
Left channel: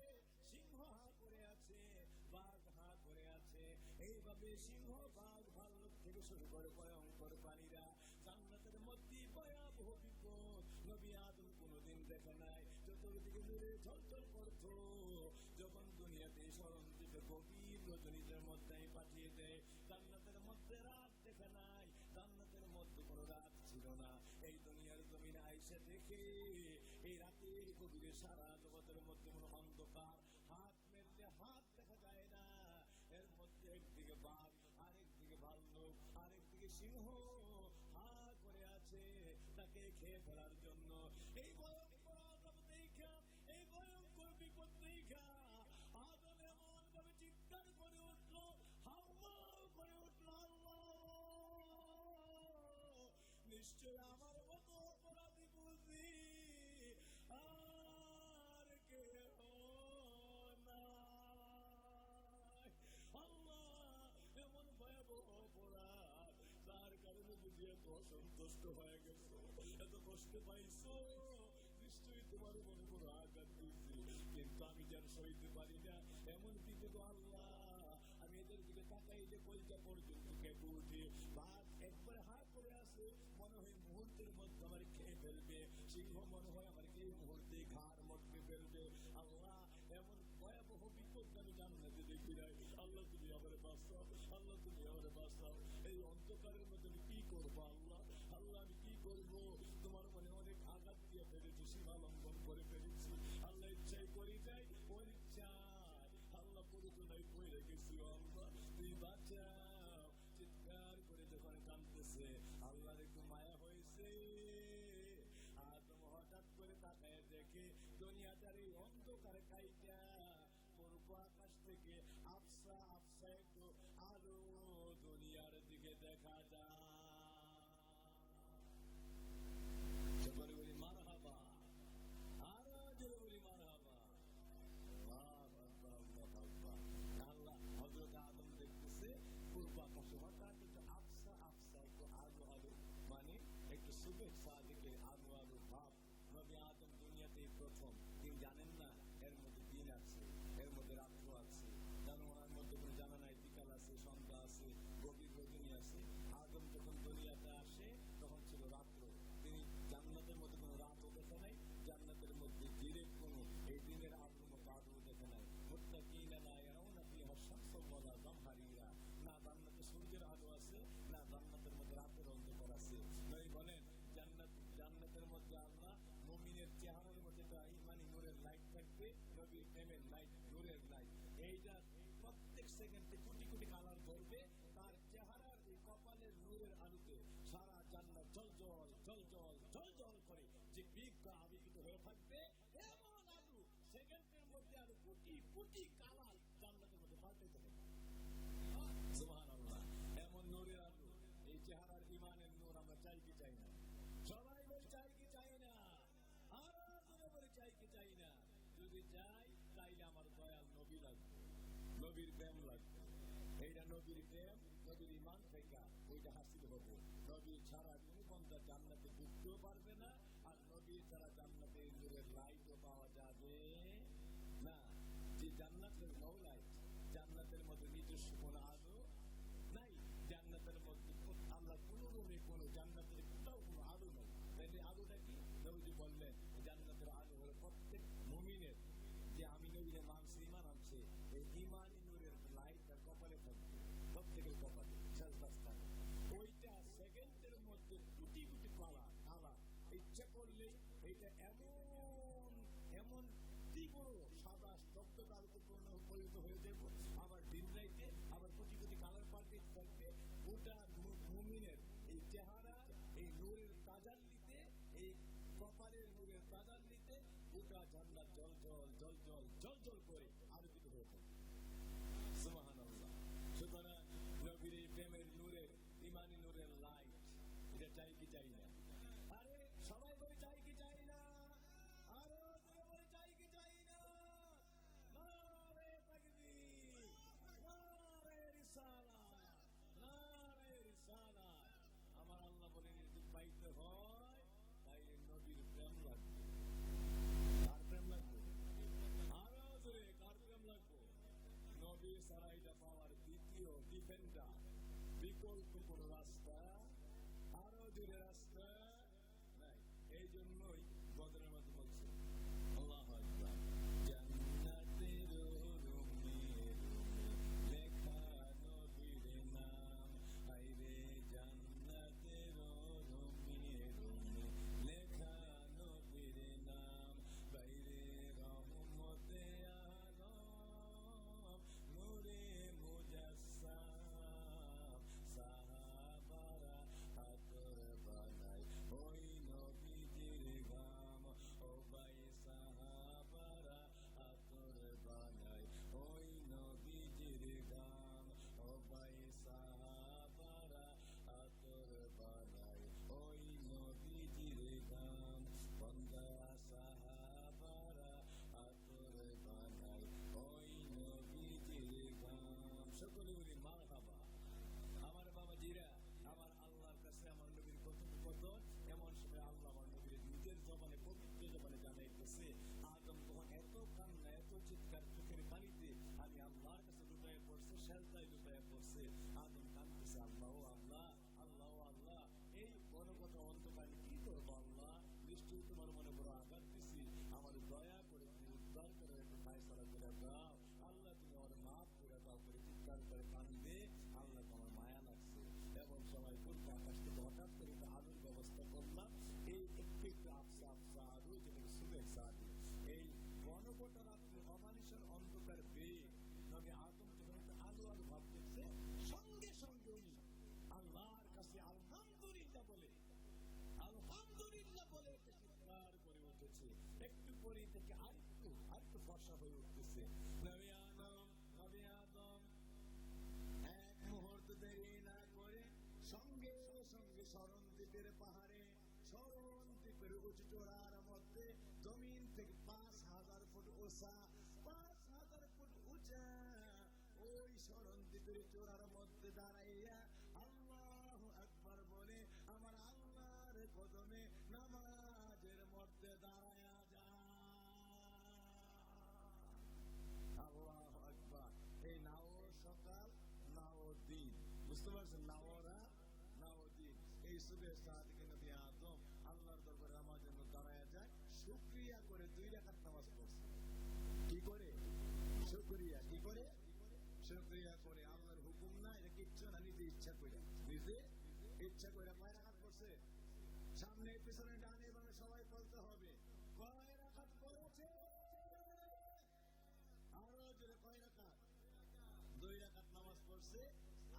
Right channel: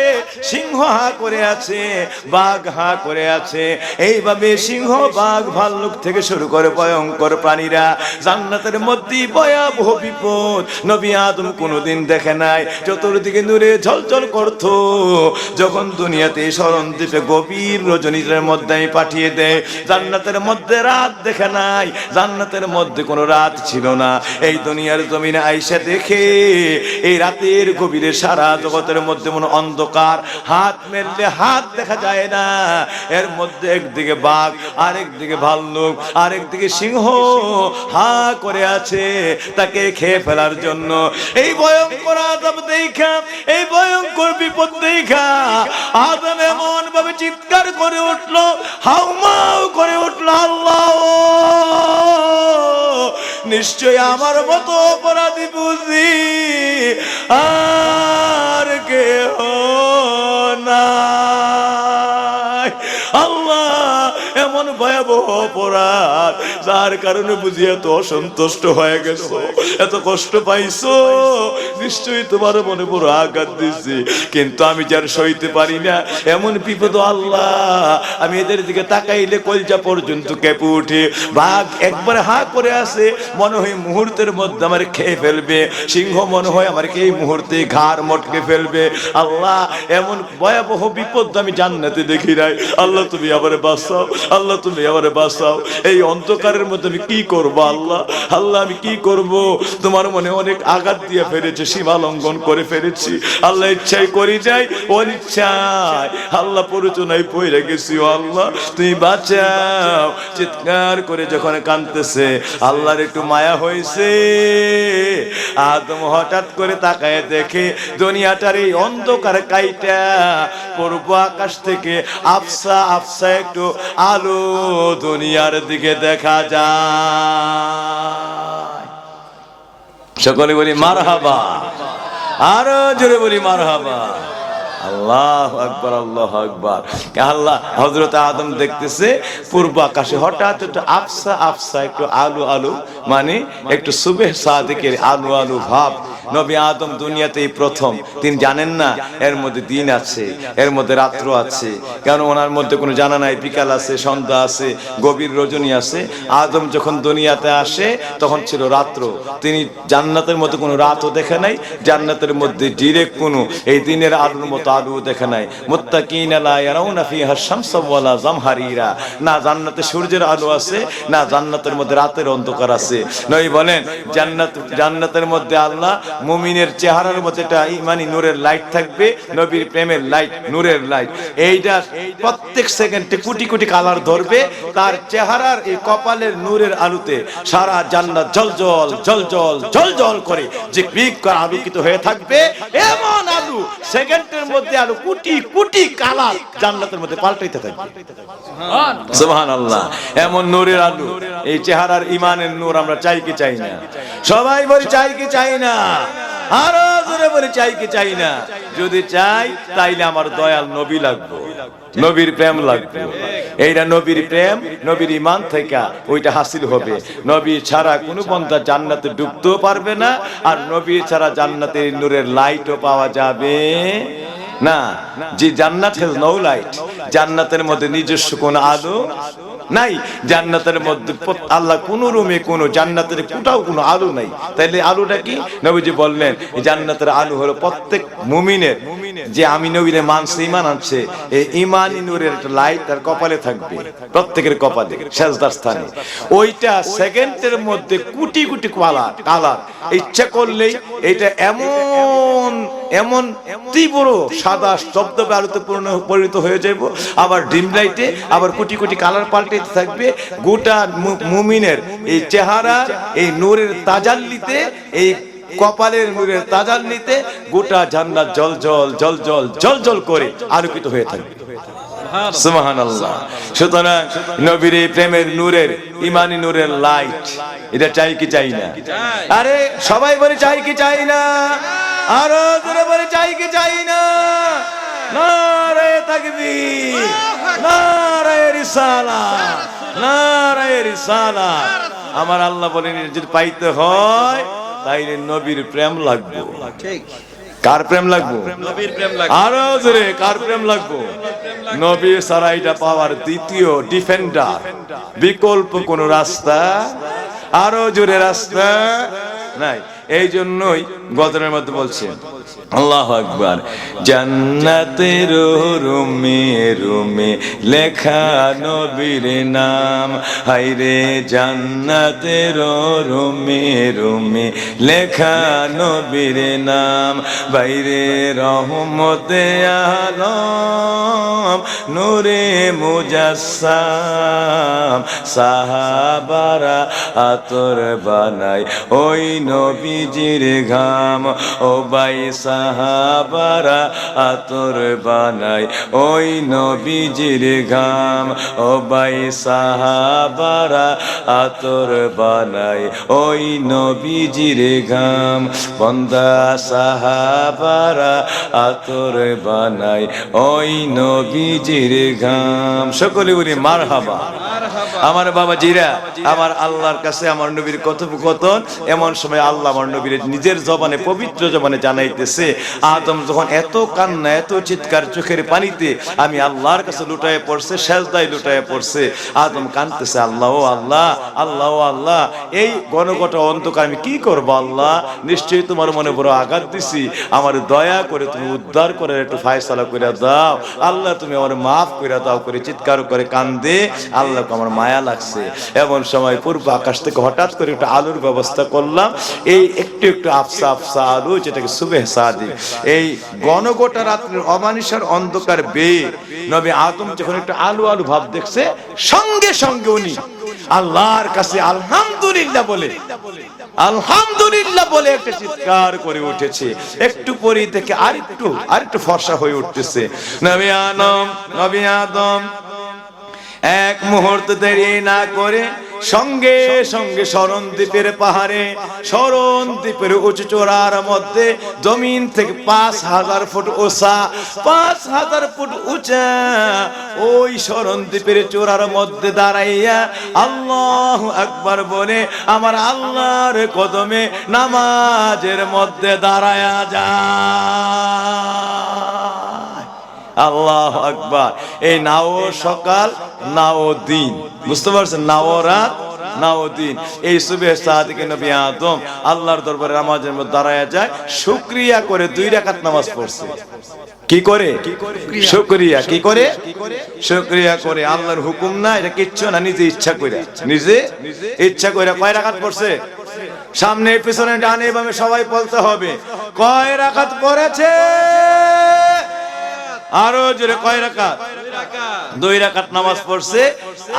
সিংহ হা করে আছে, বাঘ হা করে আছে। এইভাবে সিংহ, বাঘ, ভাল্লুক থেকে শুরু করে ভয়ঙ্কর প্রাণীরা জান্নাতের মধ্যে ভয়াবহ বিপদ নবী আদম কোনোদিন দেখে নাই। চতুর্দিকে নূরে ঝলঝল করত। যখন দুনিয়াতে স্মরণ দ্বীপে গভীর রজনীর মধ্যে আমি পাঠিয়ে দেয়, জান্নাতের মধ্যে রাত দেখে নাই, জান্নাতের মধ্যে কোনো রাত ছিল না। এই দুনিয়ার জমিনে আইসা দেখে এই রাতের গভীরে সারা জগতের মধ্যে মনে অন্ধকার, হাত মেললে হাত দেখা যায় না। এর মধ্যে একদিকে বাঘ, আরেকদিকে ভাল্লুক, আরেকদিকে সিংহ হা করে আছে তাকে খেয়ে ফেলার জন্য। এই ভয়ঙ্কর আযাব দেখা, এই ভয়ঙ্কর বিপদ দেখা আদম এমন ভাবে চিৎকার করে উঠলো, হাউমাউ করে উঠলো, আল্লাহ নিশ্চয় আমার মতো অপরাধী বুঝি আর কেহ নাই। আল্লাহ এমন ভয়াবহ অপরাধ যার কারণে বুঝি এত অসন্তুষ্ট হয়ে গেছো, এত কষ্ট পাইছো, নিশ্চয়ই তোমার মনে বড় আঘাত দিচ্ছি, কিন্তু আমি যার সইতে পারি না এমন বিপদ আল্লাহ। আমি এদের দিকে তাকাইলে কলজা পর্যন্ত কেঁপে উঠে। বাঘ একবার হা করে আসে, মনে হয় মুহূর্তের মধ্যে আমার খেয়ে ফেলবে। সিংহ মনে হয় আমাকে এই মুহূর্তে ঘাড় মটকে ফেলবে। আল্লাহ এমন ভয়াবহ বিপদ আমি জান্নাতে দেখি নাই। আল্লাহ তুমি আবার বাঁচাও, আল্লাহ তুমি আবার বাঁচাও। এই অন্ধকারের মধ্যে আমি কি করব আল্লাহ? আল্লাহ আমি কি করব? তোমার মনে অনেক আঘাত দিয়ে ফেলেছে, সীমা লঙ্ঘন করে ফেলেছি। আল্লাহ ইচ্ছাই করি যাই, অনিচ্ছায় আল্লাহ প্ররোচনায় পড়ে গেছি। ও আল্লাহ তুমি বাঁচাও। চিৎকার করে যখন কাঁদতেছে, আল্লাহর একটু মায়া হয়েছে। আদম হঠাৎ করে তাকায় দেখে দুনিয়াটার এই অন্ধকার কাইটা পূর্ব আকাশ থেকে আফসা আফসা একটু আলো দুনিয়ার দিকে দেখা যায়। সকলে বলি মারহাবা, আরো জোরে বলি মারহাবা। আল্লাহু আকবার, আল্লাহু আকবার। আল্লাহ হযরত আদম দেখতেছে পূর্ব আকাশে হঠাৎ একটু আফসা আফসা একটু আলো আলো, মানে একটু সুবহ সাদিকের আলো আলো ভাব। নবী আদম দুনিয়াতেই প্রথম, তিনি জানেন না এর মধ্যে দিন আছে, এর মধ্যে রাত্র আছে, কারণ ওনার মধ্যে কোনো জানা নাই বিকাল আছে, সন্ধ্যা আছে, গভীর রজনী আছে। আদম যখন দুনিয়াতে আসে তখন ছিল রাত্র। তিনি জান্নাতের মধ্যে কোনো রাতও দেখে নাই, জান্নাতের মধ্যে ডিরেক্ট কোনো এই দিনের আলোর মতো আলো দেখে নাই। মুত্তাকিনা লা ইয়ারাউনা ফিহা শামসা ওয়ালা জামহারিরা, না জান্নাতে সূর্যের আলো আছে, না জান্নাতের মধ্যে রাতের অন্ধকার আছে। নবী বলেন জান্নাতের মধ্যে আল্লাহ মুমিনের চেহারার মধ্যে একটা ইমানি নূরের লাইট থাকবে, নবীর প্রেমের লাইট, নূরের লাইট। এইটা প্রত্যেক সেকেন্ডে কোটি কোটি কালার ধরবে। তার চেহারার এই কপালের নূরের আলোতে সারা জান্নাত জলজল জলজল জলজল করে ঝিকমিক করে আলোকিত হয়ে থাকবে। এমন আলো সেকেন্ডের মধ্যে আলো কোটি কোটি কালার জান্নাতের মধ্যে পাল্টাইতে থাকবে। সুবহানাল্লাহ। এমন নূরের আলো, এই চেহারার ইমানের নূর আমরা চাই কি চাই না? সবাই বলি চাই কি চাই না? আরো জোরে বলি চাই কি চাই না? যদি চাই তাইলে আমার দয়াল নবী লাগবে, নবীর প্রেম লাগবে। এইটা নবীর প্রেম, নবীর ঈমান থেকে ওইটা হাসিল হবে। নবী ছাড়া কোনো বান্দা জান্নাতে ঢুকতেও পারবে না, আর নবী ছাড়া জান্নাতের নূরের লাইটও পাওয়া যাবে না। যে জান্নাত হ্যাজ নো লাইট, জান্নাতের মধ্যে নিজস্ব কোন আলো নাই। জান্নাতের মধ্যে আল্লাহ কোন রুমে কোন জান্নাতের কোথাও কোনো আলো নাই। তাইলে আলোটা কি? নবীজি বললেন জান্নাতের আলো হলো প্রত্যেক মুমিনের, যে আমি নবীরে মানছে, ঈমান আনছে, এই ঈমানি নূরের একটা লাইট তার কপালে থাকবে, প্রত্যেকের কপালে সেজদার স্থানে। ওইটা সেকেন্ডের মধ্যে কোটি কোটি কালার ইচ্ছা করলেই এটা এমন এমন তীব্র সাদা শব্দে আলোতে পরিণত হয়ে যাব। আবার ডিম লাইটে আবার কোটি কোটি কালার পাল্টে থাকবে। গোটা মুমিনের এই চেহারা এই নূরের তাজাল্লিতে, এই কপালের নূরের তাজাল্লিতে গোটা জান্নাত জল জল জল জল জল জল করে আলোকিত হয়ে থাকবে। সুবহানাল্লাহ। সুতরাং নবীর এই প্রেমের নূরের, ঈমানি নূরের লাইট, এটা চাই কি চাই না? আরে সবাই বলে চাই কি চাই না? আরো জোরে বলে চাই কি চাই না? নারে তাকবীর, নারে রিসালাত, নারায়ে রিসালাত। আমার আল্লাহ বলেন যদি পাইতে হয় তাইলে নবীর প্রেম লাগবে। ঠিক। কার প্রেম লাগবে? নবীর প্রেম লাগবে। আরো জোরে কার প্রেম লাগবে? নবী ছাড়া এটা পাওয়ার দ্বিতীয় ডিফেন্ডার, বিকল্প কোন রাস্তা, আরো জোরে রাস্তা নাই। এই জন্যই গজলের মধ্যে বলছেন আল্লাহু আকবার, জান্নাতের রুমে রুমে লেখা নবীর নাম, হায়রে জান্নাতের রুমে রুমে লেখা নবীর নাম, বাইরে রহমতে আলম নূরে মুজাসসাম, সাহাবারা আতর বানায় ওই নবীজির ঘাম, ও ভাই সাহাবারা আতর বানায় ওই নবীজির ঘাম, ও ভাই সাহাবারা আতর বানায় ওই নবীজির ঘাম, বন্দা সাহাবারা আতর বানায় ওই নবীজির ঘাম। সকলে বলি মারহাবা। আমার বাবা জিরা আমার আল্লাহর কাছে আমার নবীর কথোপকথন, এমন সময় আল্লাহ আমার নবীর নিজের জবানে পবিত্র জবানে জানাইতেছে, আদম যখন এত কান্না এত চিৎকার চোখের পানিতে আমি আল্লাহর কাছে লুটায়ে পড়ছে, সেজদায় লুটায়ে পড়ছে, আদম কাঁদতেছে, আল্লাহ ও আল্লাহ, আল্লাহ ও আল্লাহ, এই গণগটা অন্ধকার আমি কি করব আল্লাহ, নিশ্চয়ই তোমার মনে বড় আঘাত দিছি, আমার দয়া করে তুমি উদ্ধার করে একটু ফায়সালা করে দাও আল্লাহ, তুমি আমার মাফ করে দাও করে চিৎকার করে কান্দে। আল্লাহকে আমার মায়া লাগছে। এমন সময় পূর্ব আকাশ থেকে হঠাৎ করে একটা আলুর ব্যবস্থা করলাম, এই একটু একটু আফসা আফসা আলু, যেটাকে সুবেহ সাদিক, এই গণগোটা রাত্রির অমানিসার অন্ধকার বেয়ে নবী আদম যখন একটা আলু আলু ভাব দেখছে, সঙ্গে সঙ্গে উনি আল্লাহর কাছে আলহামদুলিল্লাহ বলে, আলহামদুলিল্লাহ বলে একটা চিৎকার করে উঠেছে। একটু পরেই থেকে আরেকটু ফর্সা হয়ে উঠতেছে। নবী আদম এক মুহূর্ত দেরি না করে সঙ্গে সঙ্গে শরণদ্বীপের পাহাড়ে, শরণদ্বীপের উঁচু চূড়ার মধ্যে জমিন থেকে 5000 ফুট উঁচা, 5000 ফুট উঁচা ওই শরণদ্বীপের চূড়ার মধ্যে দাঁড়াইয়া আল্লাহু আকবার বলে আমার আল্লাহর কদমে নামাজের মধ্যে দাঁড়ায়া যায়। আল্লাহু আকবার। এই নাও সকাল নাও দিন, বুঝতে পারছেন, নাও রাত নাও দিন। এই সুবহে সাদিকে নবী আদম আল্লাহর দরবারে নামাজের মধ্যে দাঁড়ায়া যায়, শুকরিয়া করে 2 রাকাত নামাজ পড়ছে। কি করে? শুকরিয়া। কি করে? শুকরিয়া করে। আল্লাহর হুকুম না, এটা কিচ্ছু না, নিজে ইচ্ছা করে, নিজে ইচ্ছা করে কয় রাকাত পড়ছে? সামনে পিছনে ডানে বামে সবাই বলতে হবে কয় রাকাত পড়েছে। আরো জোরে কয় রাকাত? 2 রাকাত নামাজ পড়ছে।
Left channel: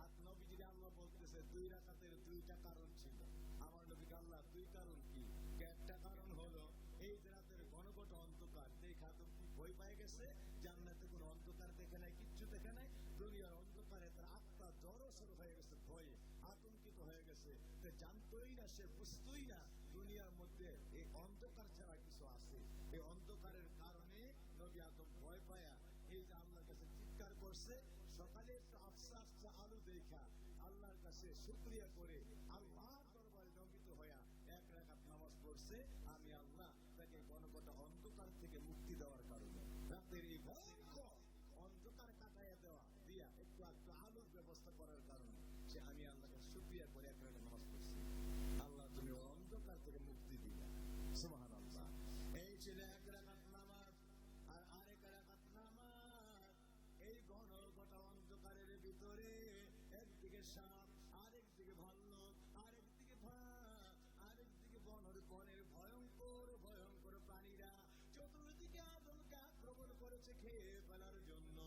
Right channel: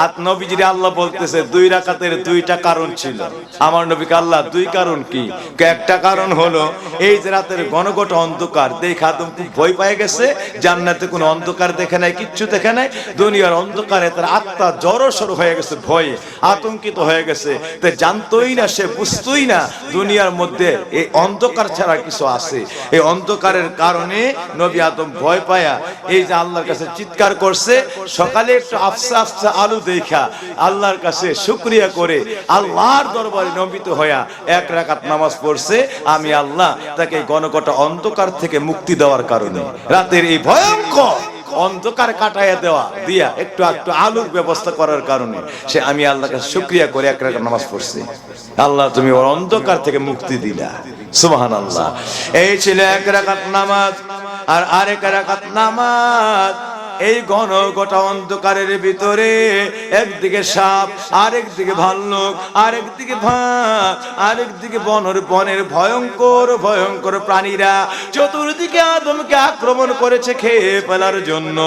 আর নবীজি আল্লাহ বলতেছে 2 রাকাতের 2টা কারণ ছিল। আমার নবীকে আল্লাহ 2 কারণ কি? একটা কারণ হলো এই যে রাতের ঘনঘট অন্ধকার দেখে আদম খুব ভয় পেয়ে গেছে, জান্নাতে কোনো অন্ধকার দেখে নাই, কিচ্ছু দেখে নাই, দুনিয়ার অন্ধকারে তার আত্মা জড়সড় হয়ে গেছে, ভয়ে আতঙ্কিত হয়ে গেছে, তাই জানতোই না, সে বুঝতোই না দুনিয়ার মধ্যে এই অন্ধকার ছাড়া কিছু আছে। এই অন্ধকারের কারণে নবী আদম ভয় পায়া এই যে আল্লাহর কাছে চিৎকার করছে। সকালে একটু আফসা আফসা আলু দেখা আল্লাহর কাছে শুকরিয়া করে আল্লাহর দরবারে নমিত হইয়া 1 রাকাত নামাজ পড়ছে। আমি আল্লাহ তাকে ঘনঘটা অন্ধকার থেকে মুক্তি দেওয়ার কারণে, রাতের এই ভয়ঙ্কর অন্ধকার কাটাইয়া দিয়া একটু আলুর ব্যবস্থা করার কারণে সে আমি আল্লাহর কাছে শুকরিয়া করে 1 রাকাত নামাজ পড়ছে। আল্লাহ তুমি ওর অন্ধকার থেকে মুক্তি দিলা, সুবহানাল্লাহ। এই ছিল 1 রাকাত নামাজ। আর আরেক রাকাত নামাজ এই ঘনঘটা অন্ধকারের ভিতরে একদিকে সাপ, আরেকদিকে ভাল্লুক, আরেকদিকে ভাগ, আরেকদিকে বনের ভয়ঙ্কর ভয়ঙ্কর প্রাণীরা চতুর্দিকে আদমকে আক্রমণ করেছে খেয়ে ফেলার জন্য।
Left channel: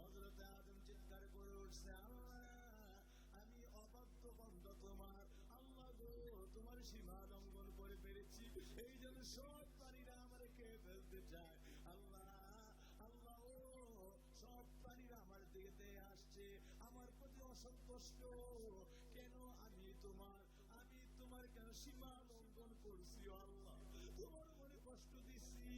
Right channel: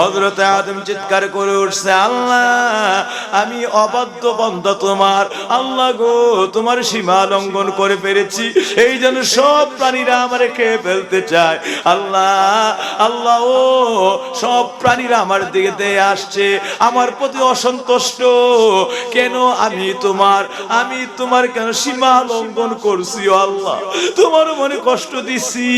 হযরত আদম চিৎকার করে উঠছে, আল্লাহ আমি অবাধ্য বান্দা তোমার, আল্লাহ গো তোমার সীমা লঙ্ঘন করে ফেলেছি, এই জন্য সব প্রাণীরা আমারে খেয়ে ফেলতে চায়। আল্লাহ আল্লাহ ও সব প্রাণীরা আমার দিকে দিয়ে আসছে, আমার প্রতি অসন্তুষ্ট। কেন আমি তোমার কেন সীমা লঙ্ঘন করছি আল্লাহ, তোমার মনে কষ্ট দিছি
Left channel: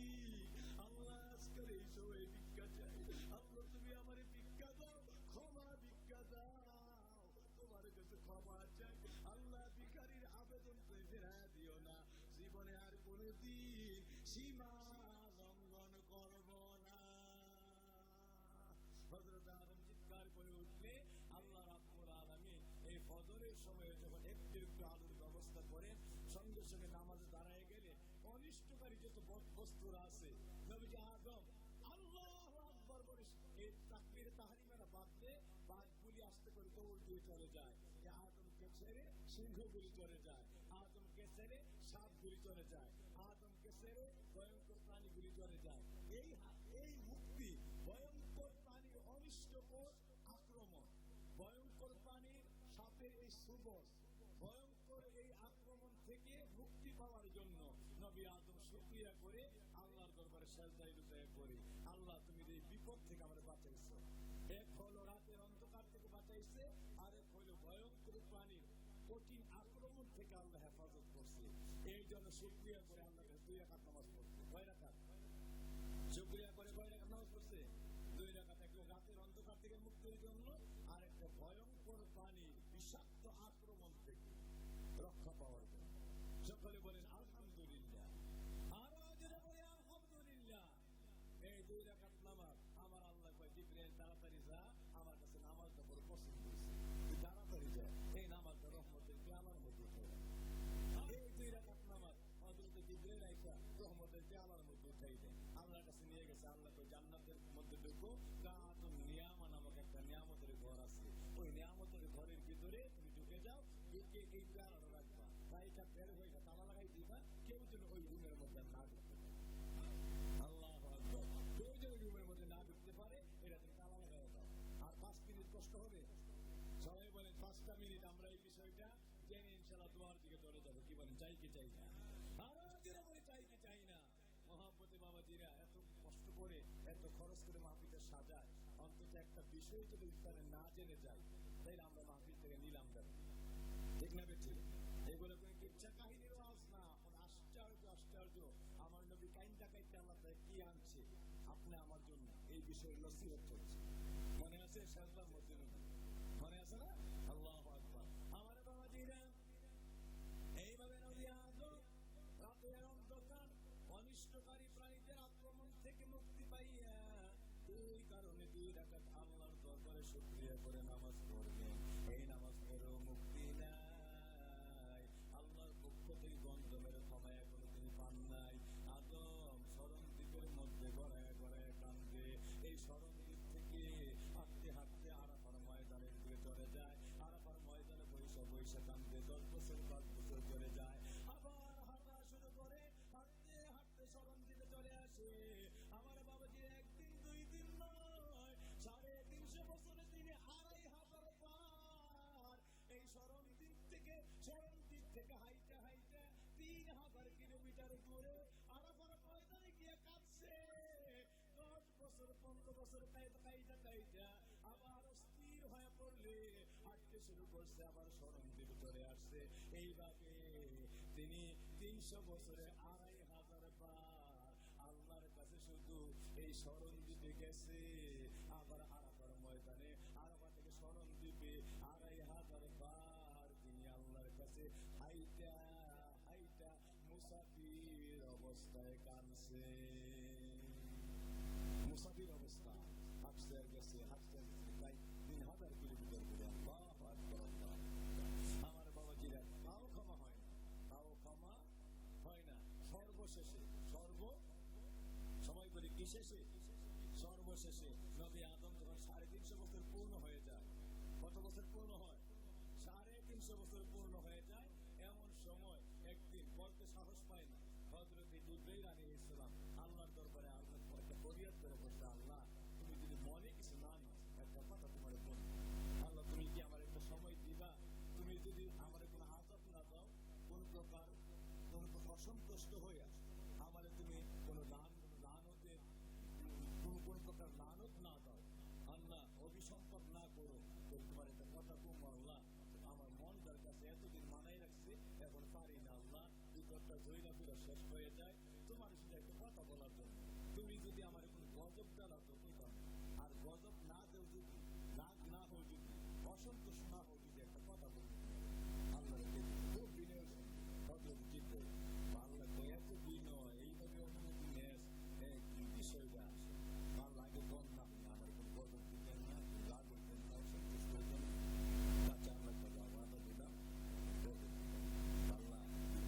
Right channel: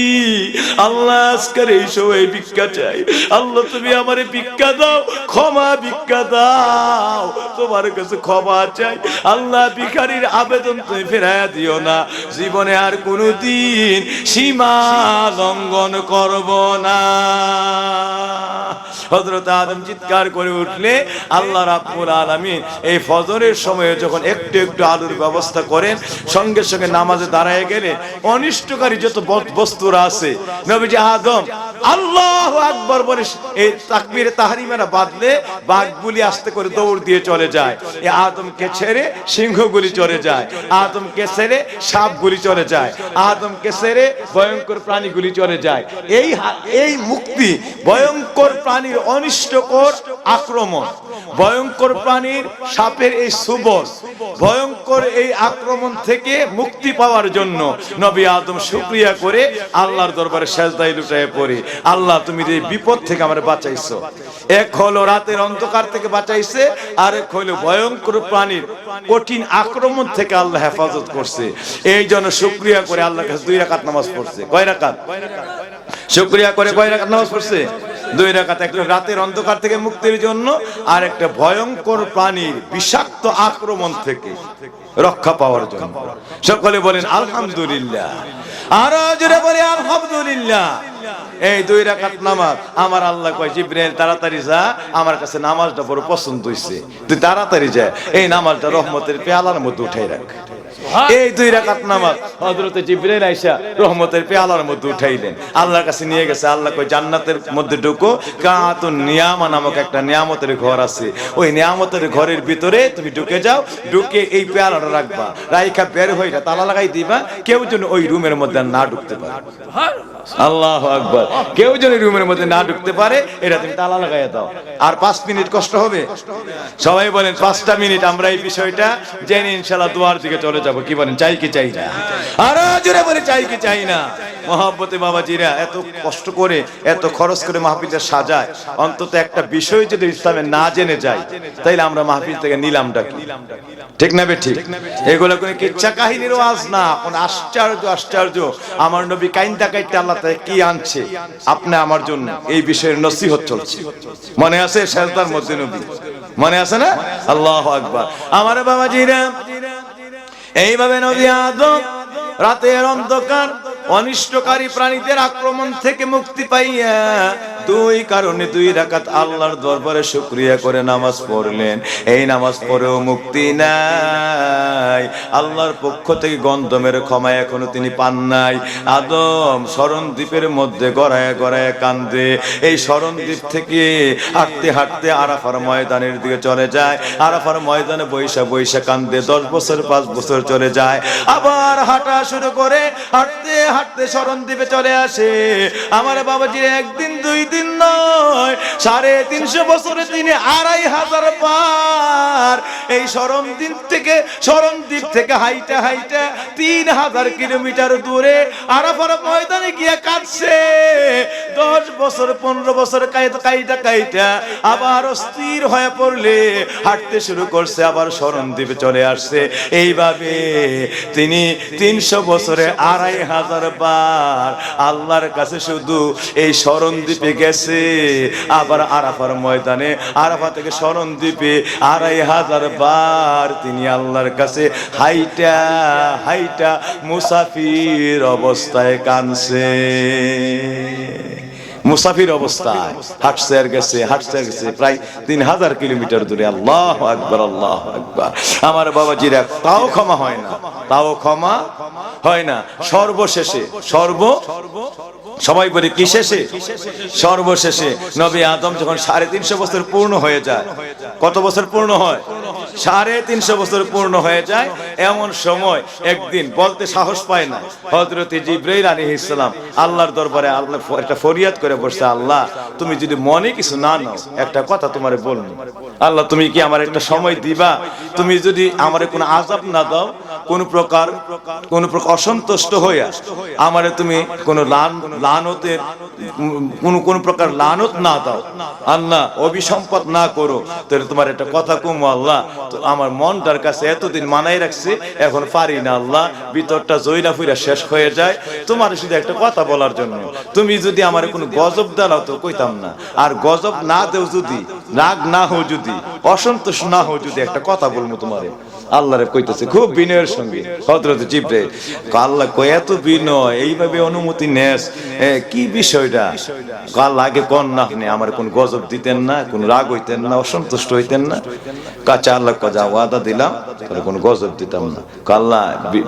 আল্লাহ। আজকের এই সময় ভিক্ষা চাই আল্লাহ, তুমি আমারে ভিক্ষা দাও, ক্ষমা ভিক্ষা দাও, তোমার কাছে ক্ষমা চাই আল্লাহ। ভিখারির আবেদন তুমি ফেরাইয়া দিও না, জীবনে আর কোনোদিন সীমা লঙ্ঘন করব না। হযরত আদম চিৎকার করে উঠলে আল্লাহ রাব্বুল আলামিন এই ফজরের সময়ে যখন একটু একটু আলোর ব্যবস্থা করেন, সঙ্গে সঙ্গে নামাজে দাঁড়ায় গেলে অনিষ্টকারী যত বস্তুরা আছে নবীজি আদম আল্লাহু আকবার বলে এই তাকবীরে তাহরিমারা বাদলে বাঘগুলি আস্তে করে দৌড় দিয়ে চলে যায়। এই আদমকে ছেড়ে সিংহগুলি চলে যায়, আদমকে ছেড়ে সাপগুলি চলে যায়, আদমকে ছেড়ে ভয়ঙ্কর প্রাণীগুলি চলে যায়। এই মুক্তি ভয়ঙ্কর প্রাণীর অনিষ্টকর আক্রমণ, ভয়ঙ্কর প্রাণীর সাপের এই সুবল, ভয়ঙ্কর এই আক্রমণ থেকে মুক্তি পাওয়ার জন্য নবী আদম শুকরিয়া করে আল্লাহর দরবারে সেজদায় লুটায়ে পড়ে, আল্লাহ তুমি এই বিপদ থেকে আমারে বাঁচাইছো। এক হলো রাতের অন্ধকার থেকে বাঁচাইছে, আর এক হলো ভয়ঙ্কর প্রাণীর কঠিন আক্রমণ থেকে আল্লাহ হেফাজত করছে। এই জন্য শুকরিয়া করে আল্লাহর কাছে 2 রাকাত নামাজ পড়ছে। কয় রাকাত? শুকরিয়া করে কয় রাকাত নামাজ পড়ছে? 2 রাকাত। একটা রাতের অন্ধকার থেকে মুক্তির জন্য, আর একটা ভয়ঙ্কর প্রাণীর বিষাক্ত আক্রমণ থেকে রক্ষা পাওয়ার জন্য। সকলে বলেন আলহামদুলিল্লাহ, আর জোরে বলে আলহামদুলিল্লাহ। এই 2 রাকাত নামাজ আমার আল্লাহ কয় জিবরাইল তাড়াতাড়ি যা, আমার কাছে নামাজটা বড় পছন্দ হইছে, তুই তাড়াতাড়ি যা এই নামাজটা রহমতের পেয়ালার মধ্যে উঠাই রাখ। এই 2 রাকাত নামাজ হযরত জিবরাইল আয়েশা রহমতের পেয়ালার মধ্যে উঠাইলেন, আল্লাহর কাছে নিয়ে গেছে। আল্লাহ কয় জান্নাতের মধ্যে ঢুকো, কাতুন নিয়ামা নামক একটা নিয়ামতের ঘর আছে, ওই নিয়ামতের ঘরের ভিতরে তুমি ঢুকে যাও, ঢুকে এই পেয়ালাটা রাখবা, রাইখা বের হইরা তালা লাগাই দিবা, কেউ যেন ওই রুমের মধ্যে না ঢুকতে পারে। আল্লাহু আকবার। কেউ যেন রুমের মধ্যে না ঢুকতে পারে এটা তুমি তালা লাগাইয়া দাও। আর 5 মিনিট কষ্ট হবে? সবাই বলেন 5টা মিনিট আমরা এই বিষয়টা জেনে ইনশাআল্লাহ দুয়ার দিকে চলে যাব। কি বলেন, চাই কি চাই না? আর জোরে বলে চাই কি চাই না? মহব্বতে বাবাজিরা এত কষ্ট করে এত খরচ করে মাহফিলটা সাজায়, অন্তত একটা বিষয় যদি ইসলামে না জেনে যায় তাইলে আমরা মাহফিল থেকে নিলামটা কি? ঠিক না বে ঠিক? এগুলো কোনো কিচ্ছা কাহিনীর ওয়াজ না, কোন আশ্চর্য আশ্চর্য আমার নবী কাইন্দা কাইতে আল্লাহ তাআলা কি আনছে আপনি আমার জন্য, এই বিষয়ের নসিহত চলছে। মনে আছে সেজদার মধ্যে নবী, মনে আছে না? আল্লাহু আকবার। আমার বাবাজিরা এইভাবে নবী আদম রাতের অন্ধকার অনিষ্টকারী প্রাণীদের আক্রমণ থেকে মুক্তি পাইয়া 2 কারণে 2 রাকাত আল্লাহর দরবারে শুকরিয়া করে নামাজ পড়লেন। এই নামাজ পড়েও মুক্তি নাই, আল্লাহর পক্ষ থেকে গন্ধমের ক্ষমা এখনো তিনি পান নাই। আদম শরণদ্বীপের মধ্যে গড়ায় গড়ায় কান্দে। এই শরণদ্বীপ থেকে হাঁটতে হাঁটতে আরাফার ময়দানের দিকে চলে যায়, আরাফার ময়দানে বৈশা বৈশা কান্দে। 10 বছর 5 বছর চলে যায়, আবার হাঁটা শুরু করে, হাঁটতে হাঁটতে শরণদ্বীপে চলে আসে। আমার বাবাজি একদিন 2 দিন নয়, 350 বছরে তিনি 2500 বার এই শরণদ্বীপ থেকে হাইটা হাইটা 3000 কিলোমিটার দূরে আরাফার ময়দানে গিয়ে কাঁদছে। 10 বছর 15 বছর কাইটা আবার অস্থির হয়ে পড়লে হাঁটতে শুরু করছে, আবার শরণদ্বীপে চলে আসছে। এইভাবে তিনি 300 বছরে 2500 বার আল্লাহর কাছে শুধু এই শরণদ্বীপে গেছে। আবার আরাফার ময়দানে আরাফা থেকে শরণদ্বীপে 2500 বার তিনি আল্লাহর কাছে হাইটা হাইটা মুসাফির অবস্থায় কাঁদছে। মুসাফির অবস্থায় হাঁটছে আর গেছে, হাঁটছে আর গেছে প্রায় 3000 কিলোমিটার দূরে। আল্লাহু আকবার, আল্লাহু আকবার। আমার বাবাজিরা তাও ক্ষমা হয় না, তাও ক্ষমা হয় না। সর্বশেষে সবাই বলে কি শেষে? সর্বশেষে নবী আদম যখন 350 বছর পূর্ণ হয়ে যায়, কত বছর পূর্ণ হয়? 350 বছর পূর্ণ হয়ে যায়। এমন সময় একদিন বলতে সাহস পায় না, হযরত জিবরাইল আলাইহিস সালাম আল্লাহর দরবারে আল্লাহ একটা ফরিয়াদ করে বসছে, আল্লাহ তুমি যদি মনে কিছু না নাও একটা কথা তোমারে বলবো। আল্লাহ তুমি কি আমার একটা সময় দিবা? তুমি যদি আমারে কোনো আযাব না দাও কোন প্রকার অসন্তুষ্ট হইয়া আমারে তুমি কোন লানতের কোন প্রকার লানত না দাও আল্লাহ, অভিসম্পদ না করো। তাহলে তোমার একটা কথা কম আল্লাহ, তো আমার মনটার কাছে এতদিন মানাই রাখছে, এখন পারি না আল্লাহ, ভিতরটা জয়লা ফুইরা শেষ হয়ে যায় তোমার শুধু একটা কথা বলার জন্য। তুমি যদি আমার কোনো গজব দাও তো কইতাম না, আর গজব না দেও যদি, রাগ না হও যদি, অসন্তোষ না হও যদি, একটা কথা বলবো তোমারে। আল্লাহ রে কইতেছে খুব বিনয়ের সঙ্গে হযরত জিবরাইল, আল্লাহ কয় এত বিনয়, এইভাবে অনুমতি নেস, কি বিষয়টা? আল্লাহ আগে কোন না আপনি আমার কোন গজব দিতেন না, কোন রাগ হইতেন না, অসন্তুষ্ট হইতেন না। কাছে আল্লাহ কজা ওয়াদা দিলাম তাহলে কোন গজব দিতাম না। আল্লাহ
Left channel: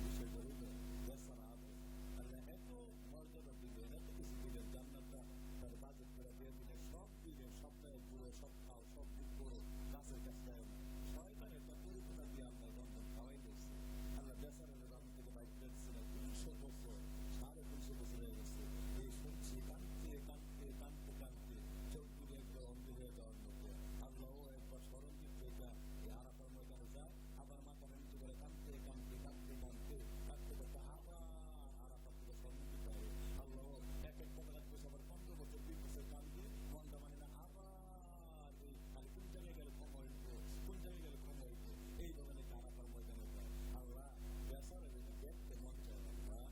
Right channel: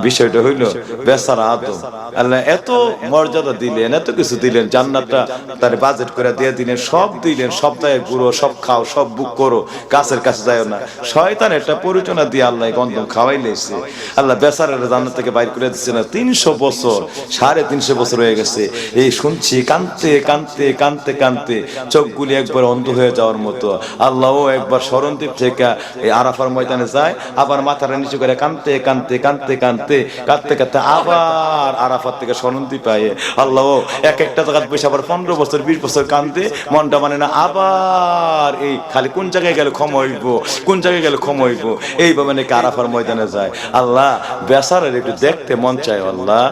বিষয়টা হইল বেচারা আদম, আল্লাহ এত মর্যাদা দিলেন, এত কিছু দিলেন, জান্নাতটা তার বাজেট করে দিয়ে দিলেন, সব দিলেন, সপ্তাহে ঘুরো, সব খাও, সব বুক করো, গাছের কাছে যাও না। শয়তান একটা পরিচনা দিয়ে আল্লাহ গন্ধম খাওয়াই লেছে। আল্লাহ বেচারার জান্নাত থেকে বাইর করে দিচ্ছে না। 300 বছর, 350 বছর হয়ে গেছে এই শুনছি, কানতে কানতে কানতে কানতে চোখগুলি একবার অন্ধ হয়ে যাওয়ার মতো। আল্লাহও একবার স্মরণদ্বীপ থেকে এই আরাফার ময়দানে যায়, আবার মাথাটা নিচু করে কানতে কানতে কানতে কানতে কাঁদতে কাঁদতে আবার আরাফার থেকে স্মরণদ্বীপ পায়। আল্লাহও এক একটা জায়গায় বসে আবার 15 বছর 20 বছর কানতে মনটা মানে না, আবার এই খালি কোন জায়গায় গেলে ক্ষমা হইব, কোন জায়গায় গেলে ক্ষমা হইব, এইভাবে নাকি আরাফার ময়দানে যায়। আল্লাহ বেচারার একটু দেখতে মন চায় আল্লাহ,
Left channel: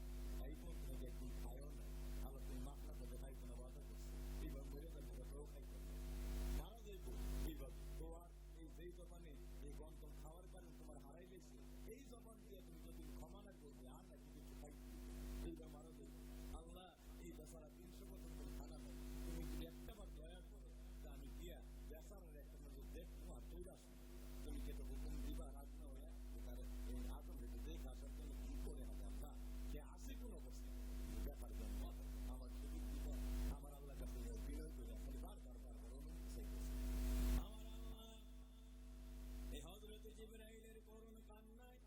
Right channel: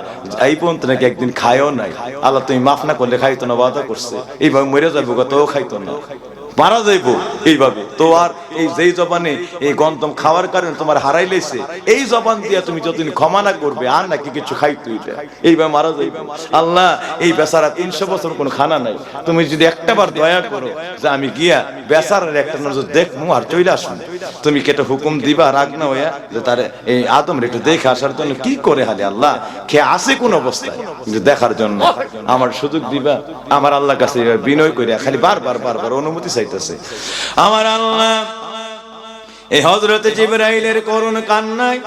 এই পর্যন্ত নাকি একদিন খায়ও নাই। আল্লাহ তুমি মাফ না করলে খাইতো না, ওয়াদা করছে এইভাবে মরে যাবো, তো খাইতো না, মারা যাইবো এইভাবে। তো আর এই যেই জবানে এই গন্তম খাওয়ার কারণে তোমার হারাই লেছে, এই জবান দিয়া তুমি যতদিন ক্ষমা না করবে আর নাকি কিছু খাইতে হইবে, এইভাবে মারা যাইবে। আল্লাহ এই বেচারা 300 বছর কোনো খানা নাই, তুমি যদি একটাবার দয়া করো যে আমি গিয়া বেচারার একটা নজর দেখবো আর চলে আসুন, তুমি কি একটা হুকুম দিবা রাগ না হইয়া যে তার এই আদম একটু দেখে আসার জন্য? কি করে হালি আল্লাহ খেয়ে আসে কোন অবস্থায় দেখার জন্য আমার সুযোগ দিবা? আমার আল্লাহর কাছে বিনয় করিয়া খালি বারবার বারবার অনুমতি চাইতেছে আমার আল্লাহ। এই হযরতে জিবরাইলের করুণ কান্নায়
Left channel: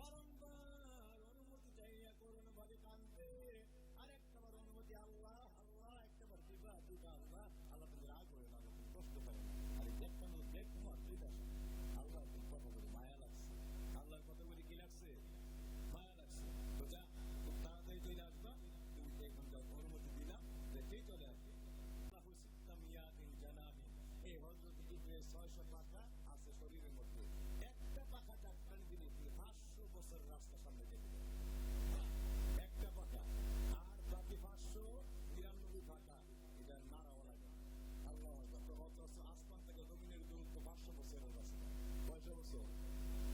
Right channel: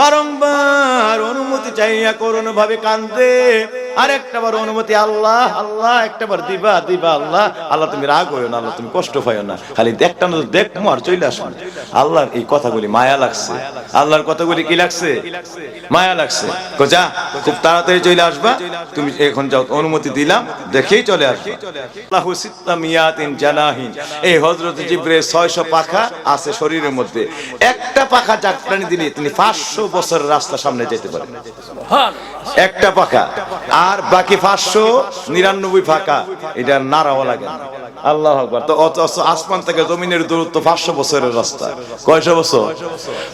বারংবার অনুমতি চাইয়া করুণ ভাবে কান্দে, আর একটাবার অনুমতি আল্লাহ আল্লাহ একটাবার দিবা দিবা আল্লাহ। আল্লাহ তুমি রাগ হইও না, আল্লাহ তুমি কষ্ট পাইও না, খালি দেখটা না দেখবো আর চলে আসুন। আল্লাহর এই কথাগুলি মায়া লাগছে, আল্লাহর কথাগুলি কি লাগছে? মায়া লাগছে। যা খুব তাড়াতাড়ি চলে আসবা, তুমি এখন যাও, অনুমতি দিলাম, দেখেই চলে আসবে। আল্লাহু সিত্তামিয়াতিন জানাহিন, এই হযরত জিবরাইল 600 পাখা আছে শরীরের মধ্যে, একটা পাখা চাকরানি দিলে তিনি 500 বছরের রাস্তা সামনে যেতে পারেন, একটা পাখা। আর বাকি 599 পাখা এটা নাড়াও লাগে না। আল্লাহু আকবার। তো আসমান থেকে জমিনের দূরত্ব 500 বছরের রাস্তা। কয়শো বছর?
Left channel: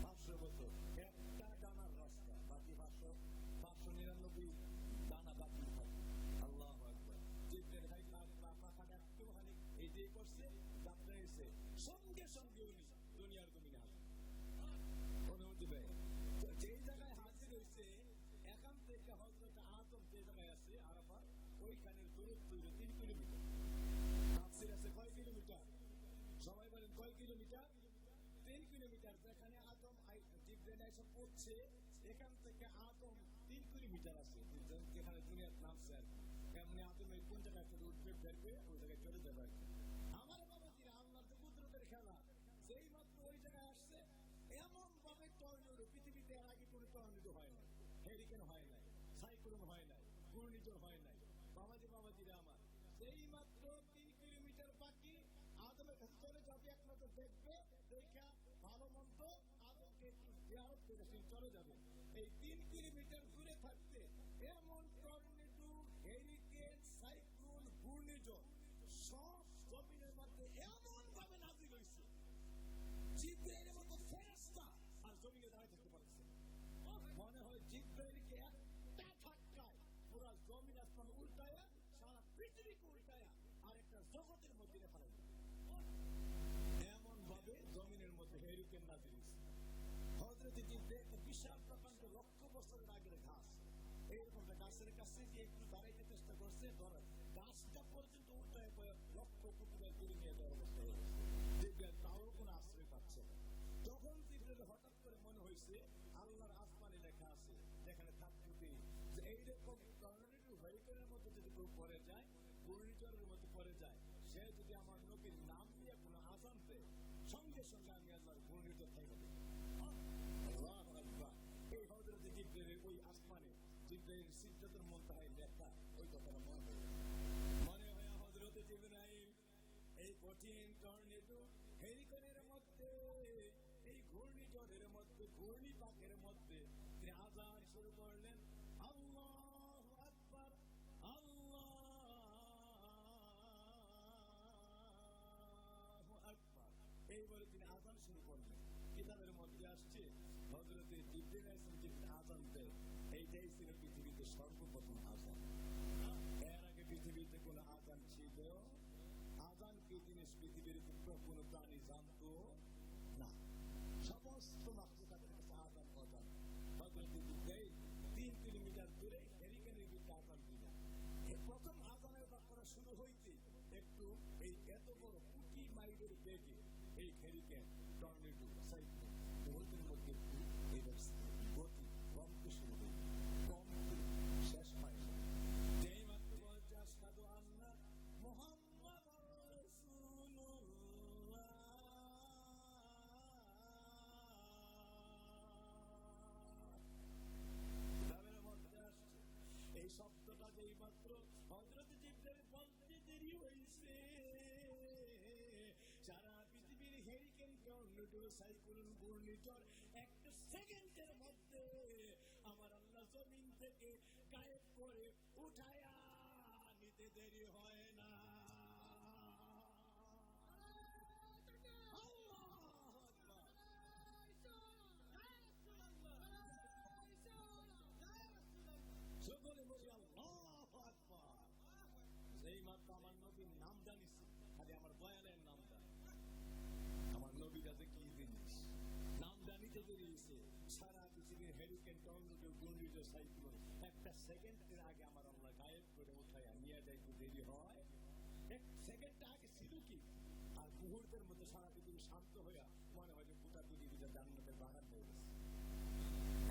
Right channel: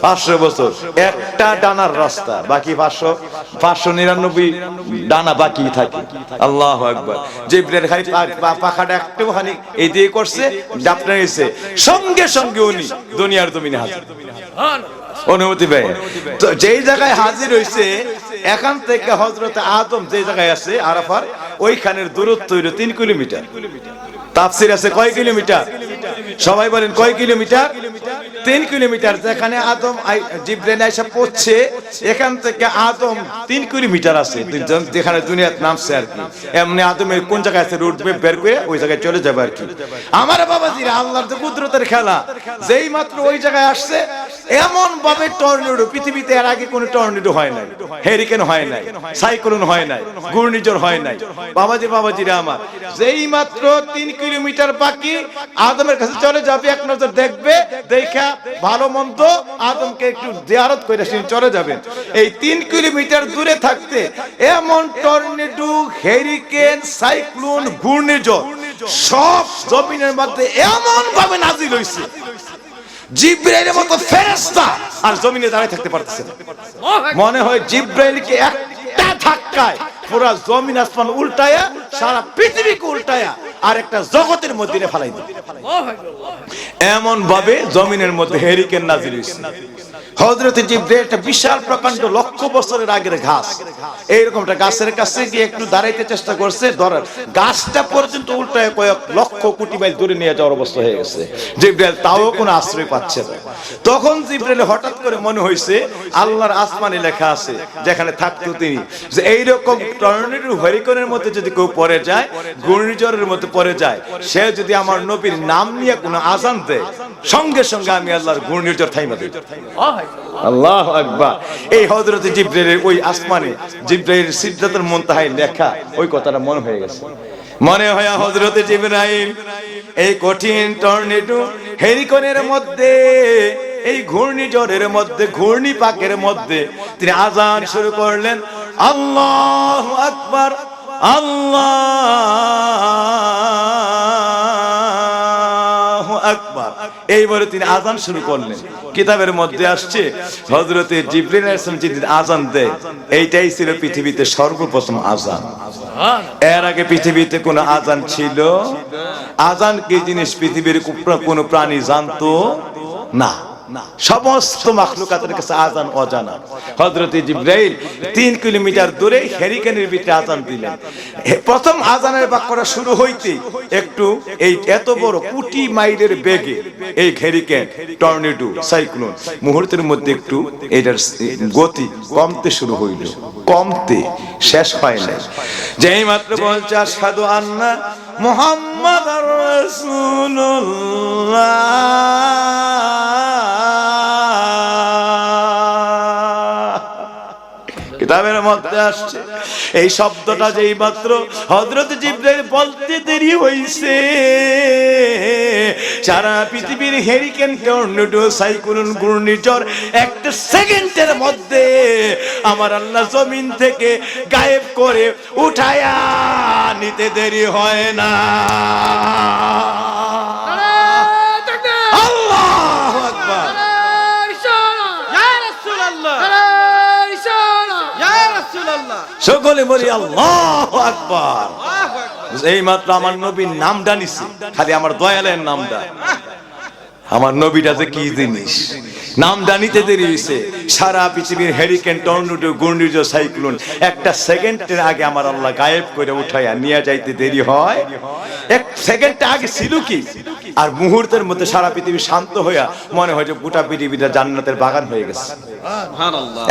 500 বছর। একটা ডানার রাস্তা, বাকি 599 ডানা বাকি থাকে। আল্লাহু আকবার। জিবরাইল খালি পাখাটা একটুখানি এই দিয়ে করছে, ডাপটা এসে সঙ্গে সঙ্গে উনি দুনিয়ার জমিনে হাজির, অনুমতি পেয়ে। তো যেই জায়গায় হাজির হইছে, এখান থেকে হযরত আদম যে জায়গায় আছে আরাফার, ওইখানের দূরত্ব হইল 3 কিলোমিটার। তাফসীর আছে কয় কিলোমিটার? সবাই বলেন কয় কিলোমিটার? 3 কিলোমিটার। যেখানে আদম জিবরাইল আয়েশা পৌঁছে, এখান থেকে আদম 3 কিলোমিটার আছে, যেখানে দুনিয়াতে নামছে আর কি। এমনি আদমের কোন জায়গায় আছে রুট ম্যাপ বের করে ওই জায়গায় চলে যাবে আর কি। আমার বাবাজিরা, আল্লাহর তো কুদরতের খেলা, যেই মাত্র ওই জায়গায় আসছে, এমন ভাবে টর্নেডো, পৃথিবীতে এর আগে কোনো টর্নেডো হয় নাই, হেরিকেন হয় নাই, সাইক্লোন হয় নাই, ঘূর্ণিঝড় হয় নাই। বাবাজিরা আমার, যেই মাত্র 3 কিলোমিটার বাকি আদমের কাছে চলে যাবে, এক নজর দেখবে, দেখা ভালো মন্দ আদমকে একটু জিয়ারত করে চলে যাবেন। এই 3 কিলোমিটার দূরে থাকতে এমন টর্নেডো, হেরিকেন, সাইক্লোন, ঘূর্ণিঝড় সব জমিনের মধ্যে এমন ভাবে নাজিল হইছে, জিবরাইলের মতো ফেরেশতা আর জমিনে দাঁড়ায় থাকতে পারতেছে না। মনে হয় জিবরাইলকে একটা ধাক্কায় পুরো জমিন আসমান উল্টায়া, সারা পৃথিবীকে উল্টায়া আর একটা জগতের মধ্যে ফেলাই দিবে, এমন ভাবে জমিনের মধ্যে হেরিকেন নাজিল হইছে। হযরত জিবরাইল একটা বিশাল প্রকাণ্ড লক্ষ বছরের আগের ঘাস, এইরকমটা গাছের কাছে গিয়ে একটু দাঁড়াইতে চেষ্টা করছে, ধরার গাছটা পর্যন্ত উল্টায় কয়েক লক্ষ কোটি মাইল দূরে নিয়ে যাওয়ার অবস্থা হয়ে গেছে। জিবরাইল তাও কোনো আশ্রয় পাচ্ছে না। তখন জিবরাইল হঠাৎ করে মনে হয়েছে আল্লাহর আসমানে লেখা আছে, যেখানে থাকতো তিনি, যে এইরকম টর্নেডো, হেরিকেনের মধ্যে যদি কেউ পড়ে যায়, ঘূর্ণিঝড়ের মধ্যে পড়ে যায়, সে যদি আমার নবীর নাম নিয়ে কোনো আজান দেয়, সঙ্গে সঙ্গে আমি আল্লাহর ঘূর্ণিঝড় থাইমা দেই। আল্লাহু আকবার। এই হযরত জিবরাইলের ওই আসমানে জিবরাইল সিদরাতুল মুনতাহায় লেখা ওই কথাটা মনে হয়ে গেছে। মনে হয় হযরত জিবরাইল এই কঠিন টর্নেডো হেরিকনের মধ্যে, এই ঘূর্ণিঝড়ের মধ্যে, ঘূর্ণিপাকের মধ্যে তিনি আজান শুরু করলেন, আল্লাহু আকবার, আল্লাহু আকবার। এইবারে তিনি আজান শুরু করলেন। কিতাবের মধ্যে আসছে হযরতে জিবরিল আলাইহিস সালাম যিনি আজান দেয়, এইটাই ছিল পৃথিবীতে সর্বপ্রথম আজান। এর আগে পৃথিবীতে কোনো আজান ছিল? আজান কি জিনিস পৃথিবীর কোনো প্রাণী জানতো না। সমস্ত মাখলুকাতের কাছে আজান অজানা। হযরত জিবরাইল 3 কিলোমিটার দূরে হেরিকেনের ভিতরে আজান দিলেন। প্রথম আজানের বাক্যটা শুরু হইতে একটু এই এত বড় কোটি মাইলের বেগে এই হেরিকেন, টর্নেডো, সাইক্লোন মুহূর্তের মধ্যে একটু এটার গতি কমতে শুরু হইল, কমতে শেষ হয় না। যেই মাত্র বলছে আশহাদু আন্না মুহাম্মাদুর রাসূলুল্লাহ, কিতাবের মধ্যে আসছে এই শব্দটা যেই মাত্র হযরত জিবরাইল বলতে দেরি হইছে, সারা পৃথিবীর হেরিকেন, টর্নেডো, সাইক্লোন, ঘূর্ণিঝড় একটা সেকেন্ডের মধ্যে আমার আল্লাহ জমিন থেকে গায়েব করে উঠায়া নিতে দেরি হয় না। আল্লাহু আকবার। সকলে বলি আল্লাহু আকবার। এই মাত্র আমার নবীর নামটা নিছি, খালি আমার দয়ালের নামটা। আমার নবীটা যে কি জিনিস, নামটা নিতে দেরি হইছে। সারা পৃথিবীর হেরিকেন, টর্নেডো, ঘূর্ণিঝড়, সাইক্লোন একটা সেকেন্ডের আগে আমার আল্লাহ গায়েব করে উঠাইয়া নিয়ে যাইতে দেরি হয়। এক সেকেন্ড আগে ছিল কি, আর মুহূর্তের মধ্যে সারা পৃথিবী শান্ত হইয়া মনে হয় যে গোটা পৃথিবীটা জান্নাতের বাগান হয়ে গেছে।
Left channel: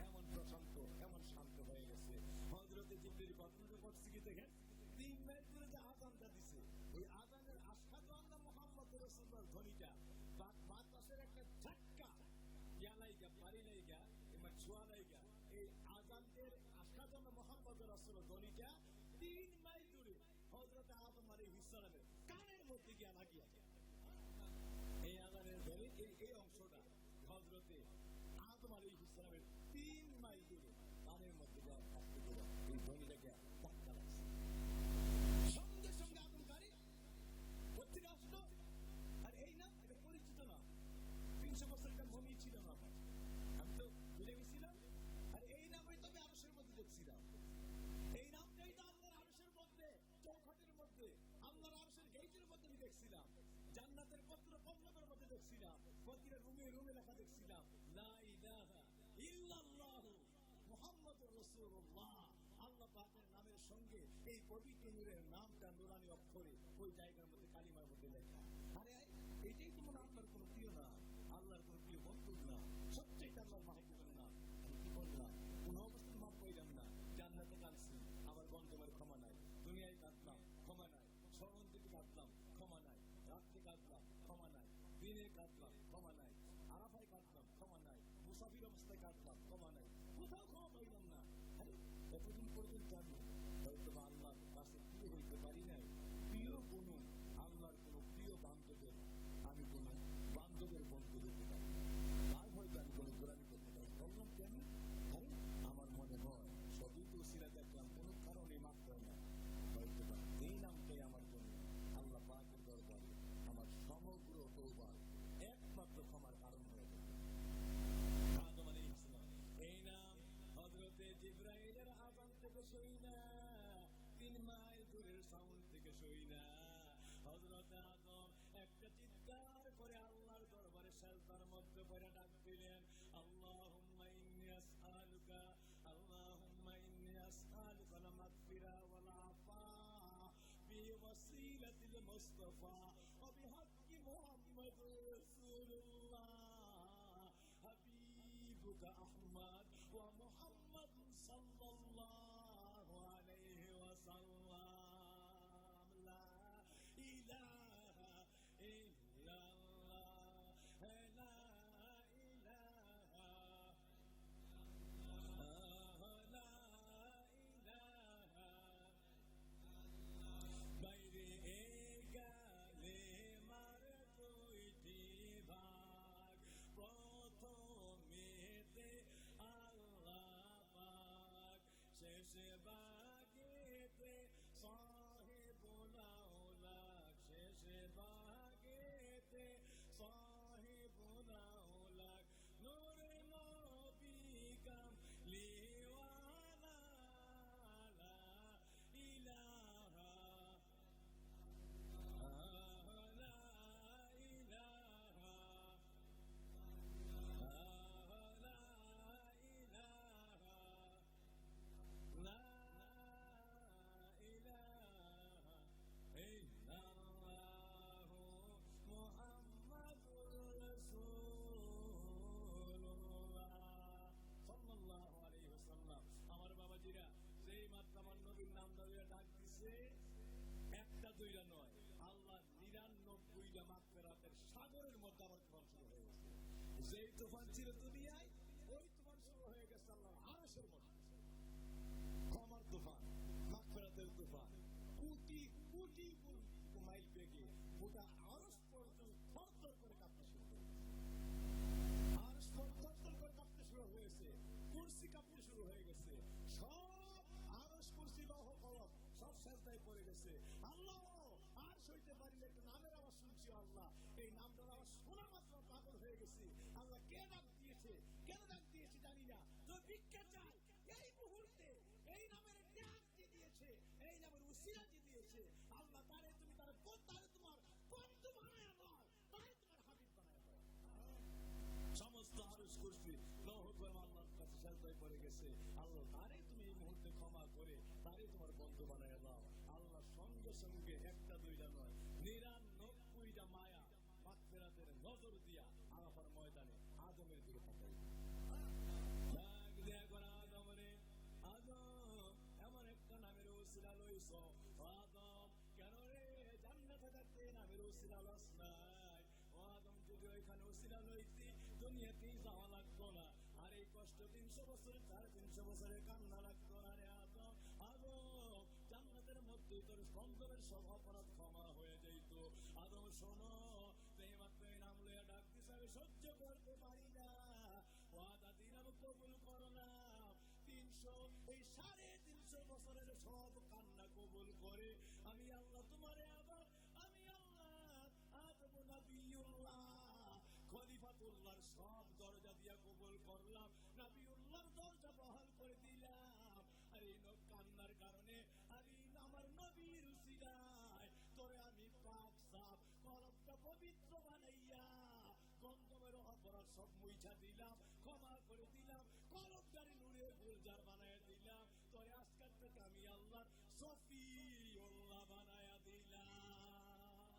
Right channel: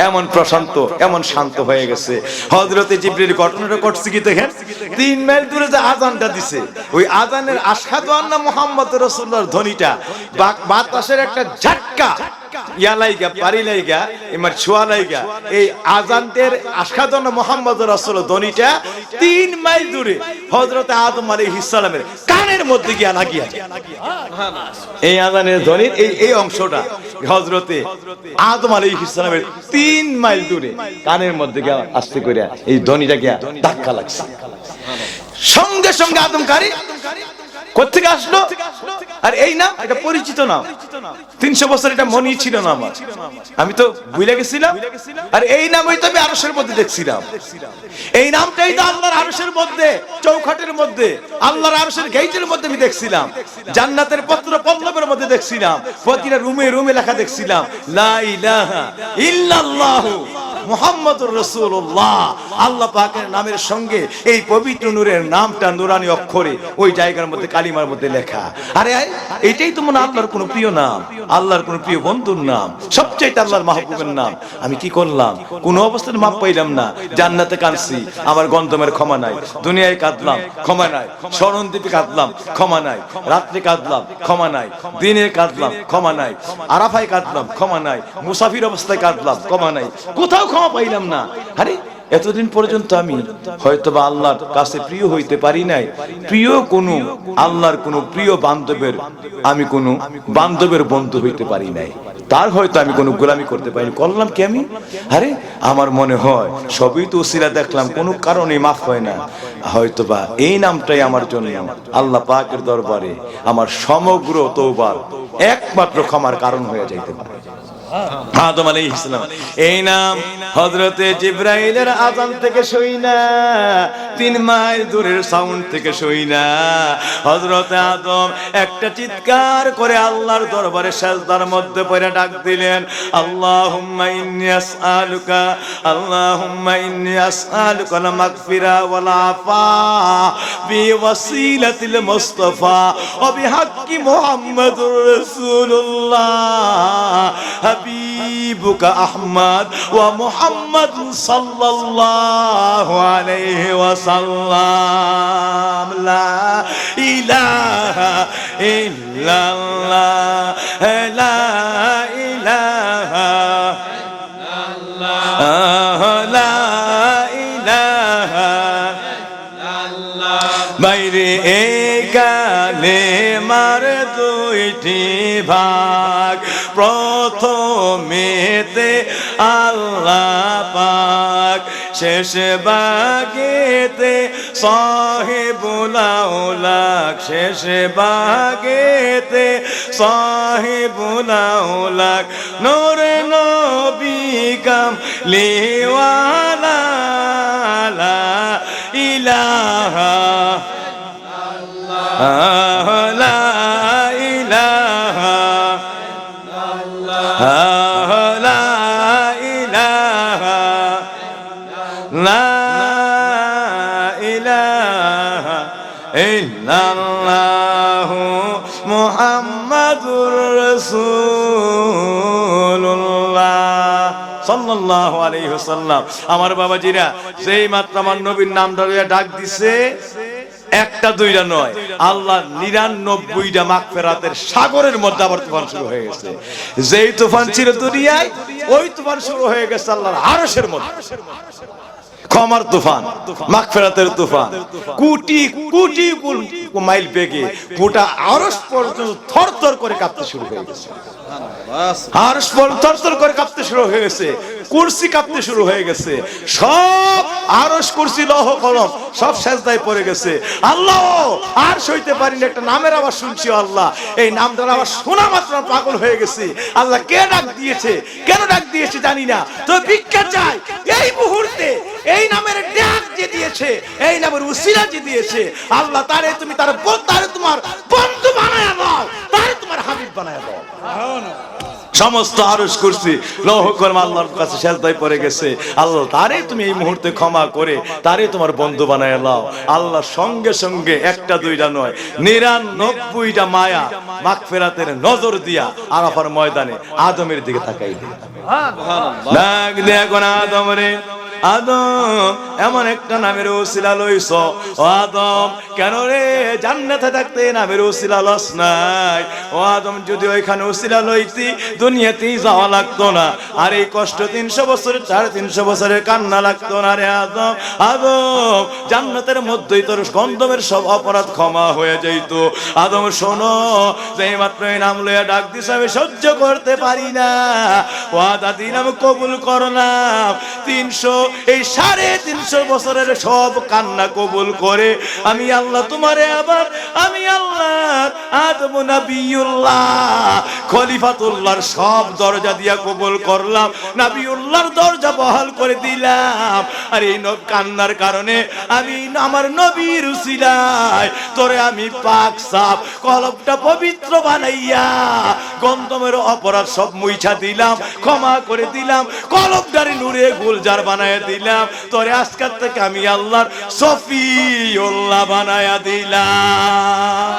এমন প্রশান্ত, এমন শান্ত হয়ে গেছে। হযরতে জিবরিল ঘটনাটা ঘটছে কি দেখেন, 3 মাইল দূরে যে আজানটা দিছে, ওই আজানের আশহাদু আন্না মুহাম্মাদুর রাসূলুল্লাহর ধ্বনিটা বাতাসের একটা ঝটকা ইয়া লাইগা, পারি লাইগা, এমার ছোঁয়া লাইগা, এই আজানদের আশহাদু আন্না মুহাম্মাদুর রাসূলুল্লাহর ধ্বনিটা 3 মাইল দূরে হযরতে আদম আলাইহিস সালামের কানের মধ্যে গিয়া লাগিয়া যায়। এই আজানের ধ্বনির এই অংশটা হযরতে আদম আলাইহিস সালামের 3 মাইল দূরে কানের মধ্যে গিয়া আস্তে করে এই ধ্বনিটা গিয়া ধাক্কা লাগছে। সঙ্গে সঙ্গে আদমকারী কোথেকে আসলো? আর এই নাম, এটা পরিচিত নাম, 300 বছর এটা মনেই ছিল না আমার, আমি তো ভুলে গেছিলাম। আর এই নাম হয়তো আমি আরশের মধ্যে দেখছিলাম। এই নামটাই তো আল্লাহর আরশের মধ্যে, চৌখাটের মধ্যে, আল্লাহর আরশের গেইটের মধ্যে আমি দেখছিলাম, জান্নাতের পত্র পল্লবের মধ্যে দেখছিলাম, প্রতিটা রুমে রুমে লেখা দেখছিলাম, লা ইলাহা ইল্লাল্লাহু মুহাম্মাদুর রাসূলুল্লাহ। আল্লাহ পাকের নামের সঙ্গে এই পবিত্র নূরের নামটা নুরানি অক্ষরে ওই জায়গার মধ্যে কালিমার মধ্যে লেখা। আরে এটাই তো মনে আল্লাহর কোন প্রিয় নাম, আল্লাহর কোন প্রিয় বন্ধুর নাম, সবচেয়ে আল্লাহর মাহবুবের নাম। আমি কি করলাম? কোন অবস্থায় মাপ পাইলাম না। জান্নাতে কাঁদছি, আমার গন্ধমের ক্ষমা নাই। দুনিয়ায় কাঁদলাম, ক্ষমা নাই। স্মরণদ্বীপে কাঁদলাম, ক্ষমা নাই। রাত্রে কাঁদলাম, ক্ষমা নাই। দিনে কাঁদলাম, ক্ষমা নাই। আরাফায় কাঁদলাম, ক্ষমা নাই। মুসাফির অবস্থায় কাঁদলাম, ক্ষমা নাই। কোথাও ক্ষমা পাইলাম না। আরে এতদিন পর্যন্ত আমি হয়তোবা আল্লাহর কাছে প্রিয় হইতে পারি নাই, প্রিয় কোনো আল্লাহর কোনো প্রিয় বান্ধবের, আমি কোনো বান্ধবের বন্ধু হইতে পারি নাই, তার হয়তো আমি কোনো গোলামি করতে পারিনি। করলাম কি আমি? আরে আমার মনে হয় সবই তো উসিলা দেখলাম, কোনো কারণে মাফ হয় না। হয়তোবা এই নামটাই আমার জন্য আল্লাহ পাকের দরবারে আমার সমগ্র তওবার একমাত্র ক্ষমার কারণ হয়ে যাইতে পারে। আদম আলাইহিস সালাম এই নাম হযরতে জিবরাইলের আযান থেকে শুইনা, 3 মাইল দূরের সাউন্ড থেকে শুইনা হযরতে আদম একটা চিৎকার করে আল্লাহর দরবারে সিজদার মধ্যে পড়ে ডাক দিলেন, আল্লাহুম্মা ইন্নী আসআলুকা, আল্লাহুম্মা ইন্নী আসআলুকা আল মাগফিরা ওয়াল আফা বিওয়াসিলাতিল মুস্তাফা ওয়া বিহাক্কি মুহাম্মাদুর রাসূলুল্লাহ হাবিব হাবিবুকা আহমদ ওয়া মুহাম্মদ সাল্লাল্লাহু আলাইহি ওয়াসাল্লাম লা ইলাহা ইল্লাল্লাহ লা ইলাহা লা ইলাহা বাইরে এই কালেমার দুইটি ভাগ প্রথমেতে আল্লাহ পাক শেষ ভাগেতে সাহিবুল আউলাক শেষ ভাগেতে সাহিবুল আউলাক নূর নবী কামলিওয়ালা লা ইলাহা লা ইলাহা লা ইলাহা লা ইলাহা ইল্লাল্লাহু মুহাম্মাদুর রাসূলুল্লাহ সাল্লাল্লাহু আলাইহি ওয়াসাল্লাম। আমার বাবাজিরা যেই মাত্র আমার নবীর নামটা লইয়া ডাক দিছে, একটা দুইটা নয়, আল্লাহ 99টা মাগফিরাতের সাগরের মধ্যে আবার তুফান শুরু হয়ে গেছে। যেই তুফান ছিল দুনিয়ায়, ওই তুফান শুরু হয়ে গেছে আল্লাহর আরশের মধ্যে। ক্ষমার তুফান, মাগফিরাতের তুফান, কোটি কোটি মাইল বেগে গোটা আরশ পর্যন্ত থরথর করে কাঁপতে শুরু হয়ে গেছে। আরশ থরথর করে কাঁপতে শুরু হয়ে গেছে, কুরসি কাঁপতে শুরু হয়ে গেছে, সব আরশ কুরসি লৌহ কলম সব সেজদায় পড়ে গেছে। আল্লাহ আর সইতে পারিনি, একটা নামের আওয়াজ শুনছি আল্লাহ, এই নামটার আওয়াজ শোনা মাত্র পাগল হয়ে গেছে। আল্লাহ কে ডাক দিয়েছে, কেন ডাক দিয়েছে জানি না, তো ভিক্ষা চাই এই মুহূর্তে এই নামের ডাক যে দিয়েছে, এই নামের উসিলা যে দিয়েছে আল্লাহ, তারে তুমি তারে তোমার বন্ধু বানায়া দাও, তারে তোমার হাবিব বানায়া দাও। সমস্ত আরশ কুরসি লৌহ কলম আল্লাহর কাছে সেজদায় পড়ে গেছে। আল্লাহ তারে তুমি এই মুহূর্তে ক্ষমা করে তারে তোমার বন্ধু বানায় দাও। আল্লাহ সঙ্গে সঙ্গে একটা দুইটা নয়, 99টা মায়া মাগফিরাতের নজর দিয়া আরাফার ময়দানে আদমের দিকে তাকাই দিল। ডাক দে এখন আদম রে, আদম এমন একটা নামের ওসিলা লইছ, ও আদম কেন রে জান্নাতে থাকতে নামের ওসিলা লস নাই? ও আদম যদি ওইখানে ওসিলা লইতি দুনিয়াতেই যাওয়া লাগতো না, আর এই কষ্ট 300 বছরের 350 বছরের কান্না লাগতো না রে আদম। আদম জান্নাতের মধ্যেই তোর গন্ধমের সব অপরাধ ক্ষমা হয়ে যাইতো। আদম শোনো, যেই মাত্র এই নাম লইয়া ডাক দিস আমি সহ্য করতে পারি না, ও দাদি নাম কবুল করলাম। 350 বছরের সব কান্না কবুল করে আমি আল্লাহ তোমারে আবার আমি আল্লাহ আদম নবিয়ুল্লাহ খলিফাতুল্লাহর সব দরজা দিয়া কবুল করলাম, নবিয়ুল্লাহর দরজা বহাল করে দিলাম। আর এই কান্নার কারণে আমি আমার নবীর উসিলায় তোরে আমি পাক সাফ কলবটা পবিত্র বানাইয়া গন্ধমের অপরাধ সব মুইছা দিলাম, ক্ষমা করে দিলাম, কলবটারে নূরে গুলজার বানায় দিলাম। তোরে আজকের থেকে আমি আল্লাহর সফিউল্লাহ বানায়া দিলাম।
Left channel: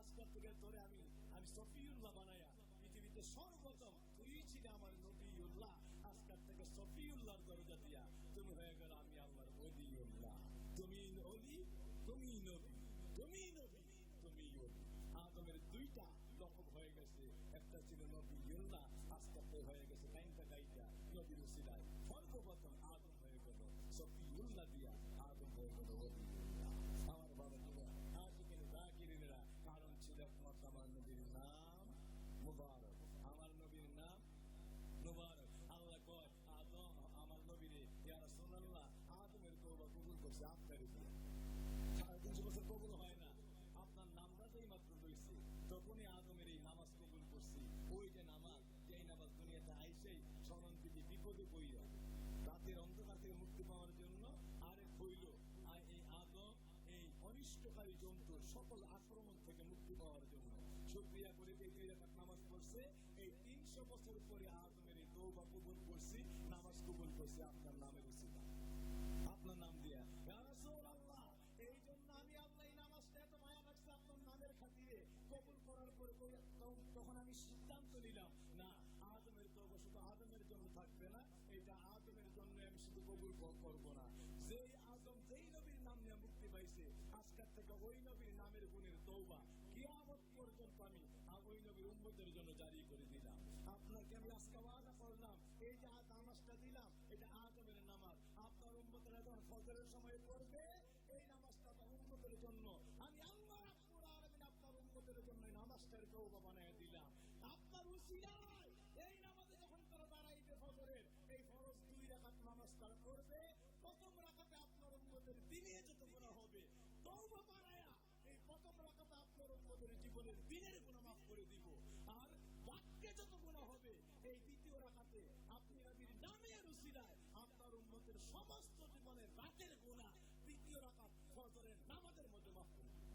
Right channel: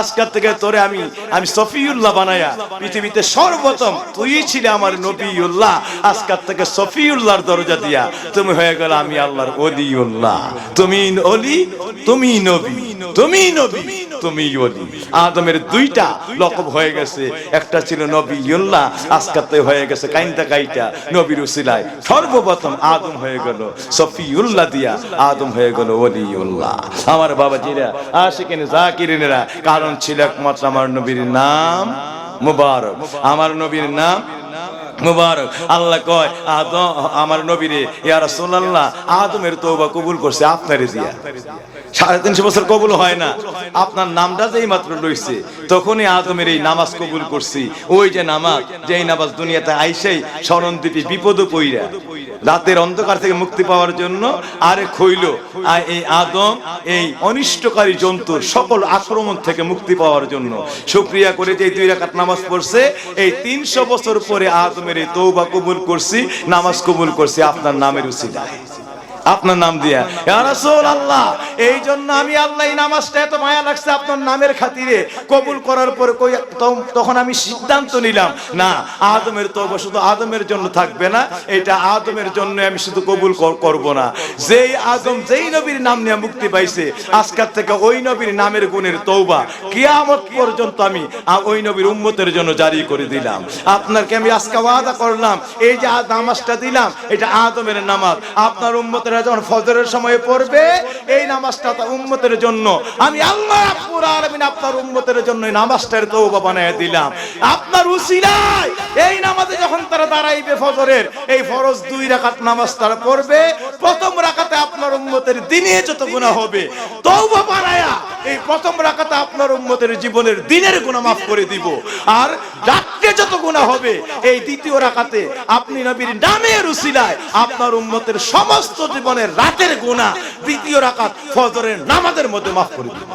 আজকের থেকে তোরে আমি সফিউল্লাহ বানায়া পৃথিবীতে সর্বপ্রথম তুই ছিলে আমার নবিউল্লাহ। আজকের থেকে সফিউল্লাহর দরজা দিয়া তুমি হয়ে গেল আমি আল্লাহর ওলিউল্লাহ। তুমি ওলি, তুমি নবী, তুমি নবী, তুমি ওলি। আদমের 2টা লকব হয়ে গেছে, একটা ছিল নবিউল্লাহ, আজকের থেকে হয়ে গেছে কাইন্তা কাইটা নবীর উসিলায় সর্বপ্রথম আদম হয়ে গেল সফিউল্লাহ দিয়া আদম হয়ে গেল ওলিউল্লাহ। আমার বাবাজিরা আশিকিন জাকিরিনেরা, কারণ ছিল একমাত্র আমার নবীর নাম মুবারক। আমার নবীর নাম মুবারক। আল্লাহ কয় আদম আমার নবীরে ইয়া রাসূলুল্লাহ আদমের তওবা কবুল করছে আপনারে দিয়া। 350 বছর কবুল হয় না, আপনার নামটা যেই মাত্র লইছে তখনই আদমের এই নামাজ কবুল করছি। ওই যে নামাজ, যেই নামাজ দুনিয়াতে আইসেই শরণদ্বীপে বিপদ পইরা রাতের অন্ধকার থেকে মুক্তি পাওয়ার জন্য আরে খইল এই আদম এই অনিষ্টকারী জন্তুর সকল আক্রমণ থেকে মুক্তি পাওয়ার জন্য শুকরিয়া করে যে 2 রাকাত নামাজ পড়ছে, এই 300 বছর পরে আদমের এই তওবা কবুল করছি, নামাজ কবুল করছি আপনার নামের উসিলায়। আপনার নাম দিয়া, ইয়া রাসূলুল্লাহ এই জন্য আমি আল্লাহ এই নামাজটা এত মায়া লাগছে আপনার নামের খাতিরে কবুল করার পর তখন আমি সিদ্ধান্ত নিলাম না, আদমের তওবা শুধু আদমের জন্য থাকবে না, এটা আদমের জন্য আমি শুধু কবুল করব না, যেই আদম যেই নবীর নাম নিয়ে মুক্তি পাইছে আজকের থেকে ওই নবীর নামের গুণের তওবা কিয়ামত পর্যন্ত আমি ওই নবীর উম্মতের জন্য জারি করে দিলাম। আপনাকে আমি আজকে ওয়াদা করলাম এই যে নামাজটা দিলাম এটা আদমের নামাজ, আপনার উম্মতেরা যখন ফজরের সময় পড়বে এই নামাজটা উম্মতের জন্য আমি আল্লাহ রাব্বুল আলামিন আপনার উম্মতের জন্য এই নামাজটার তওবা বানায় দিলাম। আপনার উসিলায় এই নামাজে যখন তারা দাঁড়াইবে ফজরের এই ফরজ 2 রাকাত নামাজ তারা পড়বে, প্রথম রাকাতে আপনার উম্মতের দিনে যত গুনাহ হবে তওবা বানায়া এই প্রথম রাকাতে আপনার উম্মতের জীবনের দিনের গুনাহ মাফ করে দিব, আর রাতে যত গুনাহ হবে এই দ্বিতীয় রাকাতে আপনি নবীর নামের উসিলায় আপনার উম্মতের সমস্ত জীবনের রাতের গুনাহ দ্বিতীয় রাকাত ফজরের নামাজের মধ্যে মাফ করে দিব।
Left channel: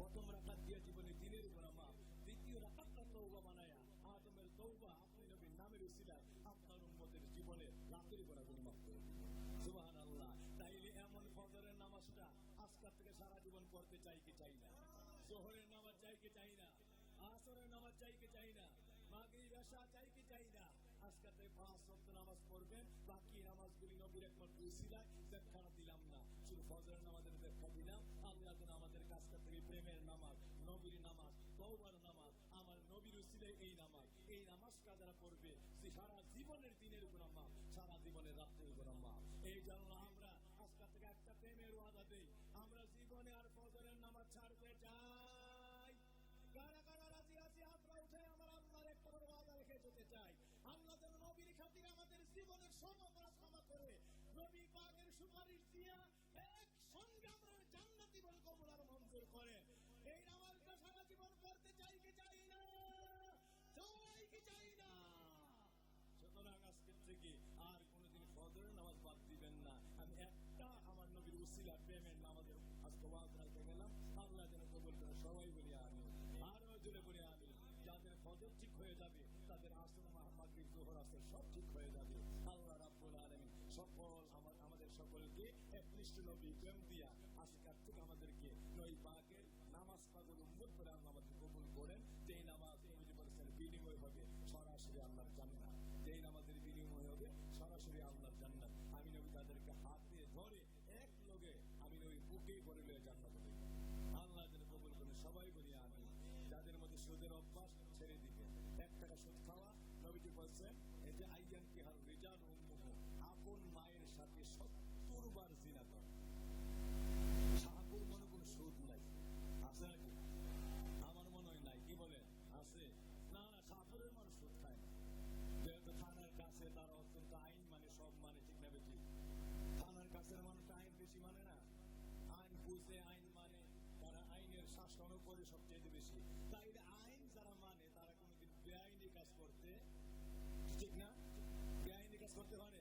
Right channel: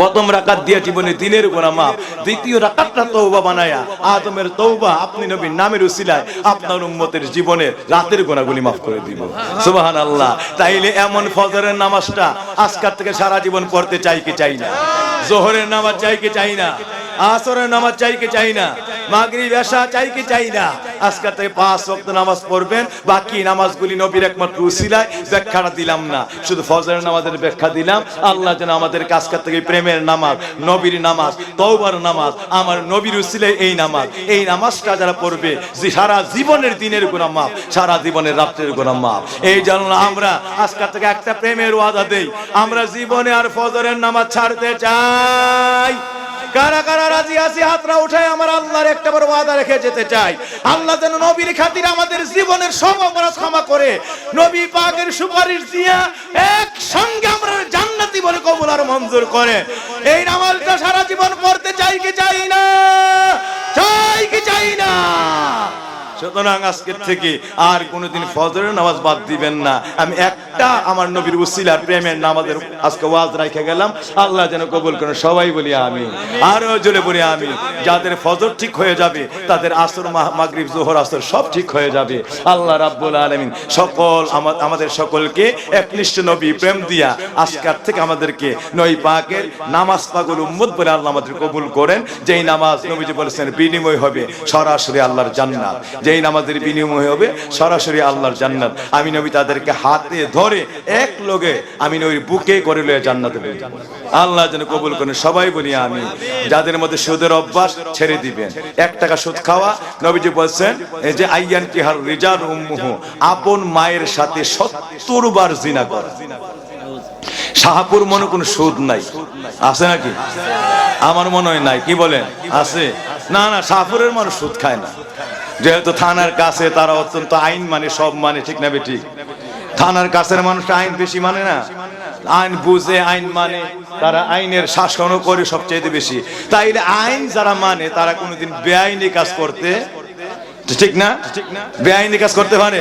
প্রথম রাকাত দিয়ে জীবনের দিনের গুনাহ মাফ, দ্বিতীয় রাকাতটা তওবা বানায়া আদমের তওবা আপনি নবীর নামের উসিলায় আপনার উম্মতের জীবনের রাতের গুনাহগুলি মাফ করে দিব। সুবহানাল্লাহ। তাইলে এমন ফজরের নামাজটা আজকের থেকে সারা জীবন পড়তে চাই কি চাই না? যোহরের নামাজ চাই কি চাই না? আসরের নামাজ চাই কি চাই না? মাগরিব এশা চাই কি চাই না? আজকে থেকে 5 ওয়াক্ত নামাজ পড়বেন, বাকি নামাজগুলি নবীর একমাত্র উসিলায় ব্যাখ্যাটা দিলাম না, শুধু ফজরের নামাজের ব্যাখ্যা দিলাম। আল্লাহ যেন আমাদের আজকে থেকে প্রেমের নামাজ, নবীর নামাজ, তওবার নামাজ, আমার নবীর উসিলায় এই নামাজটা যারা পড়বে যে সারা জীবনের দিনের গুনাহ মাফ, সারা জীবনের রাতের গুনাহ মাফ। এই জন্য আমরা আজকে থেকে একটা প্রেমের ওয়াদা দেই, আমরা জীবনে আর ফজরের নামাজ ছাড়তে চাই। কারা কারা রাজি আছি হাতরা উঠায় আমার আল্লাহর একটা বড় ওয়াদা রেখে যেতে চাই, আল্লাহ যেন নবীর খাতিরে আমাদের জীবনের সব অপরাধ ক্ষমা করে নবী পাকের সুপারিশ দিয়া একসঙ্গে আমরা জান্নাতি বলে কবুল আর মঞ্জুর করে। এই নামাজটা সারা জীবন পড়তে চাই কি চাই না? চাই কি চাই না? সুতরাং আজকের থেকে আর কোনোদিন ফজরের নামাজ বাদ দিবেন না। আমি একটা আমার নবীর উসিলার প্রেমের নামাজের আজকে ওয়াজ রাখে গেলাম, আল্লাহ যেন কবুল করেন। সবাই বলি আমিন, আরো জোরে বলি আমিন। যাদের ফজর ঠিক হয়ে যাবে তাদের আসর, মাগরিব, যোহর, আসর সব ঠিক হয়ে যাবে। আল্লাহ রাব্বুল আলামিন আমাদের সকলকে একনিষ্ঠ নবী প্রেম দিয়া আজকের থেকে আমাদেরকে নবী পাকের নামাজ পাগল উম্মত বলে আল্লাহ আমাদের কবুল করেন। যেই নামাজ নবীজি বলেছেন বিনিময় হবে সরাসরি আল্লাহর জান্নাত, যেই নামাজের বিনিময় হবে সরাসরি আল্লাহর জান্নাত। আমি নবী তাদেরকে হাতে ধরে এক লগে আমি নবীর বুকে করে লয়ে জান্নাতে নিয়ে যাব। আল্লাহ যেন কবুল করেন। সবাই বলি আমি। যাদের মধ্যে সুদের অভ্যাস ছেড়ে দিবেন, 1 টাকা সুদ খাওয়া, নবীজি বলেছেন এই যে আইয়ান কিহার রিজাল উম্মুহু, আপন মায়ের সাথে 70 বার জিনা করা। শাহপুর মনে কোনো সুদ নাই, আছে নাকি? আমার মনে হয় নাই, কি বলেন? আছে? না না, শাহপুরের মানুষ সুদ খায় না, যেহেতু থানার কাছে তারা অত্যন্ত আইন মানে, সব মানে, ঠিক না বেঠিক? থানার কাছের মানুষ আইন বেশি মানে না, আইন বুঝে, আইন মানে, তারা আইনের শাসনও করে সবচেয়ে বেশি। তাইলে আইন যারা মানে তারা কোনোদিন বেআইনি কাজ করতে, ঠিক না, বেআইনি কাজ করতে পারে।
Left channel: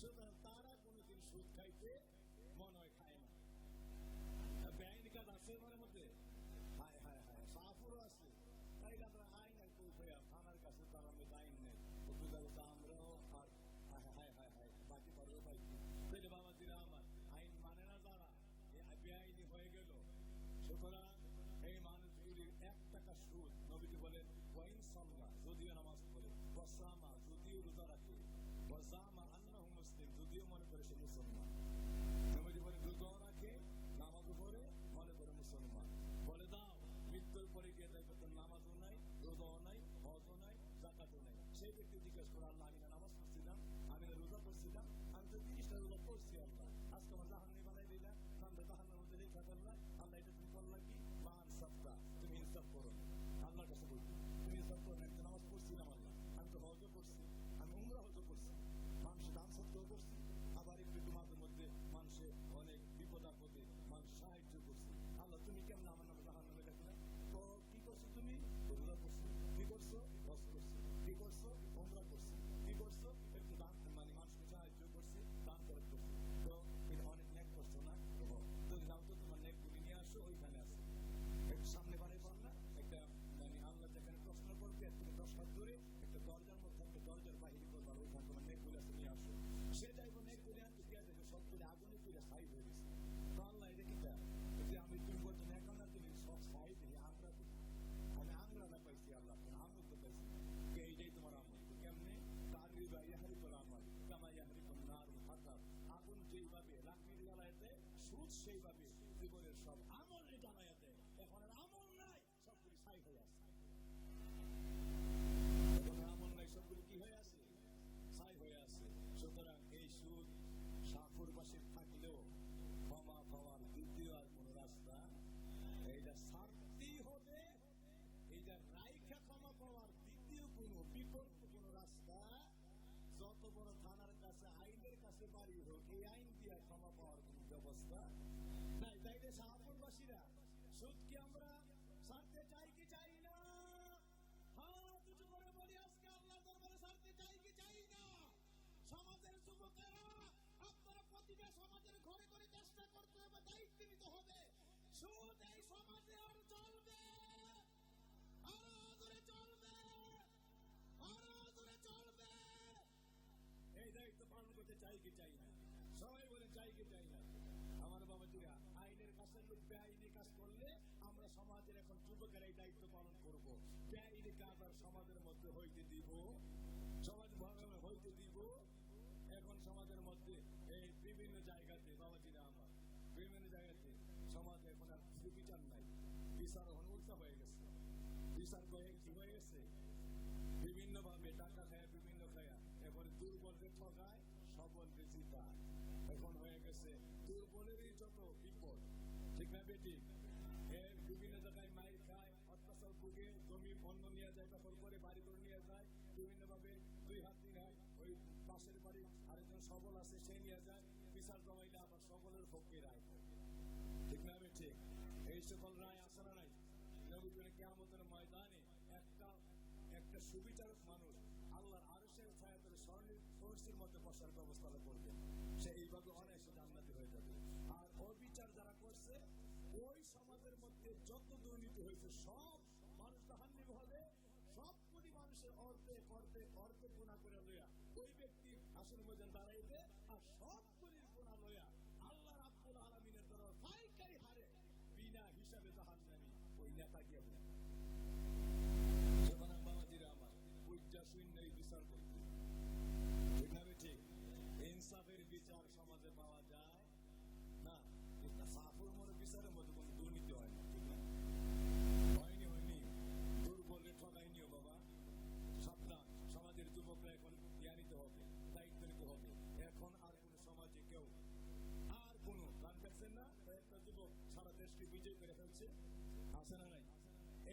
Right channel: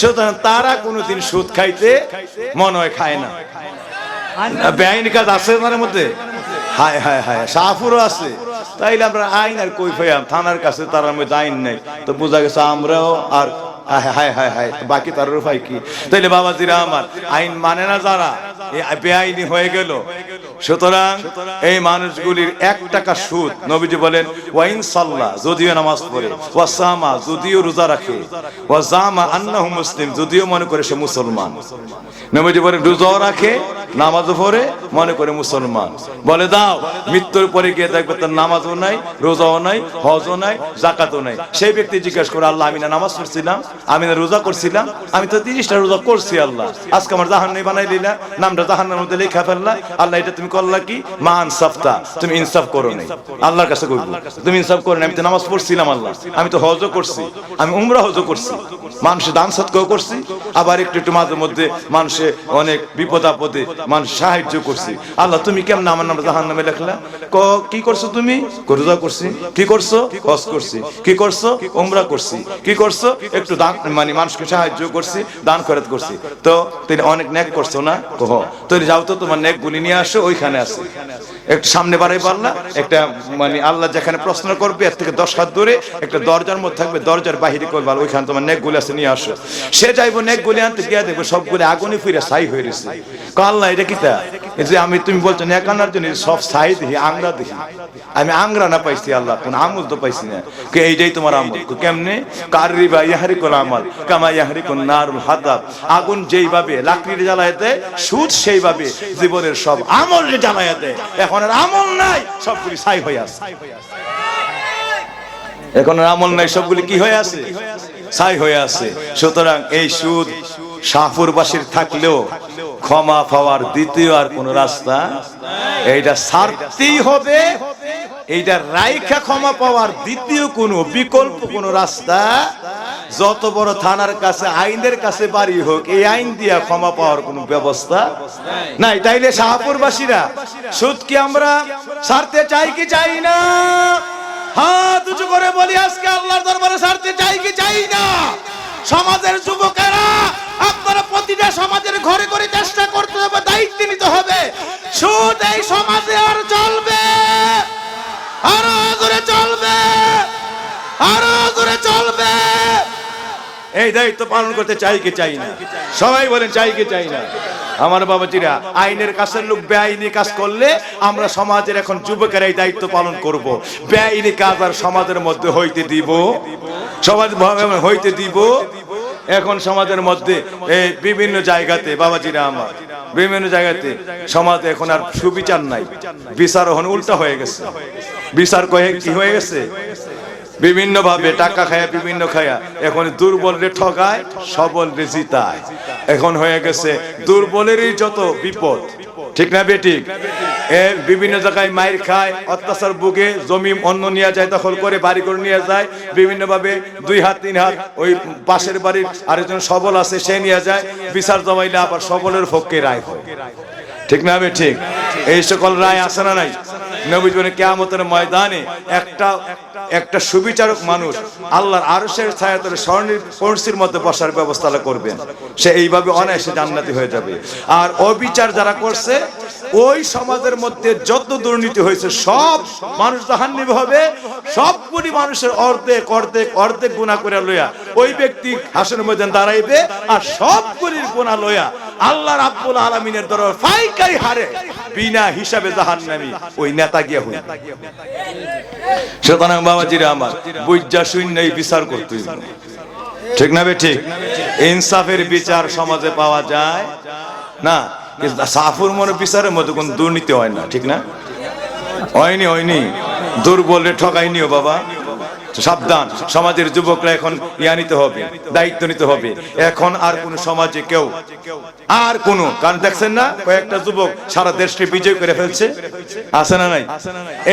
সুতরাং তারা কোনোদিন সুদ খাইতে মনে হয় খায় না। বেআইনি কাজ আছে তার মধ্যে, হায় হায় হায়, শাহপুরও আছে। তাইলে আমরা আইন আর কই পাইলাম? থানার কাছে তার মধ্যে আইন নাই, তো বোঝা গেছে আমরাও আর হায় হায় হায় বাকি তার উপায় কি? তাইলে বাবাজিরা আমার, আইন মানে না যারা, বেআইনি হয়ে গেল। সুতরাং এই মানুষগুলির 1 টাকা সুদ, নবীজি বলেন ওয়াইন সাল্লাহ, যদিও নামাজ পড়ে, ওয়া সামা, যদিও রোজা রাখে, ওয়া জামা আন্নাহু মুসলিম, যদিও মনে করে সে মুসলমান। নবীজি বলেন রোজাও রাখে, নামাজও পড়ে, মনে করে মুসলমান। বলে দাও, মৃত্যুর পরে গিয়ে দেখবে তার নামাজও নাই, রোজাও নাই, হজও নাই, যাকাতও নাই। সেই ব্যক্তি জিজ্ঞাসা করে, আল্লাহ আমি না নামাজ পড়ছিলাম, আমি না রোজা করছিলাম, আমি তো 30টা রোজা করছি, আল্লাহ আজকে আমার জাহান্নামী বানাই দিলা, নামটা জাহান্নামের মধ্যে লেখা ফেললা, আল্লাহ এটা তুমি করলা কি? মা ইনসাফতা, তুমি ইনসাফ করো নাই। আল্লাহর কাছে কইব তুমি ইনসাফ করো না, আমি তো নামাজ পড়ছিলাম, আল্লাহ আমি তো হজও করছি, আমি উমরা হজও করছি, মানুষের দান সৎকাও করছি, আবার একটু একটু মাঝে মধ্যে মানুষের অনেক বিপদ আপদে মানুষ সাহায্য করছি, আল্লাহ তুমি কেমন আমার নাম জাহান্নামে লেখলা? কি করছো তুমি? রোজা করছি। কি করছো? হজ করছি। কি করছো? উমরা করছি। কি করছো? একটু দান মানে মানুষকে সাহায্য করছি, দান খয়রাত করছি। তো তুমি অনেক নেক করছো না? কহ, তুমি যাও তো তোমার নেক গুলি নিয়ে আসো, ওইখানে আছে। একটু সামনে বাড়াই পারলা, একটা মানে আল্লাহ যেখানে প্রশ্ন করবে এর থেকে 10 হাত দূরে একটা দরজার মধ্যে থাকবে, দরজার বাহিরে করবে, ওইখানে তোমার নেকগুলি আছে নিয়ে আসো। সে যাইবো নেকগুলি আনতে গিয়ে দেখবো সবগুলি আগুনে ফিরে ছাই হয়ে গেছে। আল্লাহ এটা কিতা? এই যে আমি তুমি বলছো নেক আনার জন্য সব ছাই দেখি, আংরা দেখি, আমি আংরা না পাইছি আল্লাহ, কোন আমল তো পাইছি না। কে এইটাই তোমার আমল? কেমনে? কারিবা ইয়াহরিকুল আমাল কামা ইয়াহরিকুন নারুল হাতাব। আগুন যেইভাবে লাকড়ি জ্বালায় দেয়, সুদ সেইভাবে জীবনের সব আমল জ্বালায় দেয়। এখন আর আমল নাই, সবগুলি ছাই হয়ে আছে। এখন আর আমল নাই, সবগুলি কি হয়ে আছে? ছাই হয়ে আছে। সুতরাং এই সুদ শাহপুরবাসীর থাকলেও ক্ষমা পাওয়ার দ্বিতীয় আর কোন রাস্তা, এইটা ছাড়তেই হবে। এইটা রাইখা ক্ষমা পাওয়ার দ্বিতীয় কোন বিকল্প কোন রাস্তা, যত বড় থানার কাছে আইনের কাছে বাড়ি হোক, এই আইন দিয়া ক্ষমা পাওয়ার কোন ব্যবস্থা নাই। তাইলে শাহপুরবাসীরা সুদ কি আমরা ছাড়তে চাই কি চাই না? হাত উঁচু করে বলি আজকে আল্লাহর দরবারে ছাড়তে চাই কি চাই না? সমাজের যুবকেরা আপনারা প্রতিটা সমাজের ঘরে ঘরে চেষ্টা করতে হবে, দায়িত্ব নিতে হবে। সুদ এই সমাজে আর চলবে, আরো জোরে চলবে, আরো জোরে চলবে। এই দায়িত্ব পালন করতে চাই কি চাই না? সবাই বলেন চাই কি চাই না? আমার বাবাজিরা, আইনের কাছের লোক বেআইনি কাজ করলে আমরা সমাজের এখন যুবকেরা এই দায়িত্ব পালন করব। বেআইনি কাজ আর সমাজের মধ্যে হইতে দিব, সমাজ হইতে দিব। এখন সমাজের মধ্যে বিভিন্ন জায়গাতে বাবাজিরা আমার, বিভিন্ন জায়গাতে সমাজে এখন আর সুবিচার নাই, বিচার এখন উল্টা হয়ে গেছে। বিচার কয়ে কি হয়ে গেছে? বিভিন্ন ভাবে টাকা খায়া, বিভিন্ন খায়া এখন দুর্বল রে ঠকায়, সবল রে জিতায়। এখন হয়ে গেছে দুর্বলেরই যত বিপদ, ঠিক না বেঠিক? বিভিন্ন জায়গায় মাইর খায়, অত্যাচার ভুগে, জমি অন্য নিয়ে যায়, দখল করে বাড়ি করে নিয়ে যায়, বিভিন্ন ভাবে 2 হাত 3 হাত ওই পাশের বাড়ির আরেকজন সবল আছে সে নিয়ে যায়, বিচার জমাইলে আবার সবলের পক্ষে রায় হয়, ঠিক না বেঠিক? এই সকল রায় আছে না নাই? নবী বলেন কিয়ামতের ময়দানে একটা সুবিচারক মানুষ আল্লাহর আরশের ছায়াতলে স্বর্ণের কলসির মধ্যে বসার ব্যবস্থা করবেন। সে এইভাবে অনায়াসে জান্নাতি হয়ে যাবে। আর অবিচার যারা করছে, ওই সমাজের মধ্যে যত দুর্নীতি হয়েছে সব মানুষ জাহান্নামী হবে। সবগুলি মানুষের অর্ধেক অর্ধেক অর্ধেক গুনাহ করে লইয়া ওই ব্যক্তি হাসরের ময়দানে দাঁড়াইবে, আর সবগুলির গুনাহ লইয়া আল্লাহ রাব্বুল আলামিনের দরবারে পাইকারি হারে বিনা হিসাবে জাহান্নামী ওই নেতা গিয়া হই। সুতরাং বাবাজিরা আমার, বুঝা শূন্যই বিচার করতে হইবে, ঠিক না বেঠিক? ইনসাফের বিচার সমাজে পাওয়া যায় না। সাফুর মনে বিচারের মধ্যে কোন দুর্নীতি হয় না, ঠিক না? হয়নি। দুর্বলে ঠকাইনিও বাবা, সাবধান। সমাজের যুবকরা এখন নিতে হবে, দায়িত্ব নিতে হবে। এখন আর কোন সমাজে কেউ আর কোন, কারণ দেখছেন না কয়েকটা যুবক সারা দেশকে বিজয় করে ফেলছে, আছে না নাই?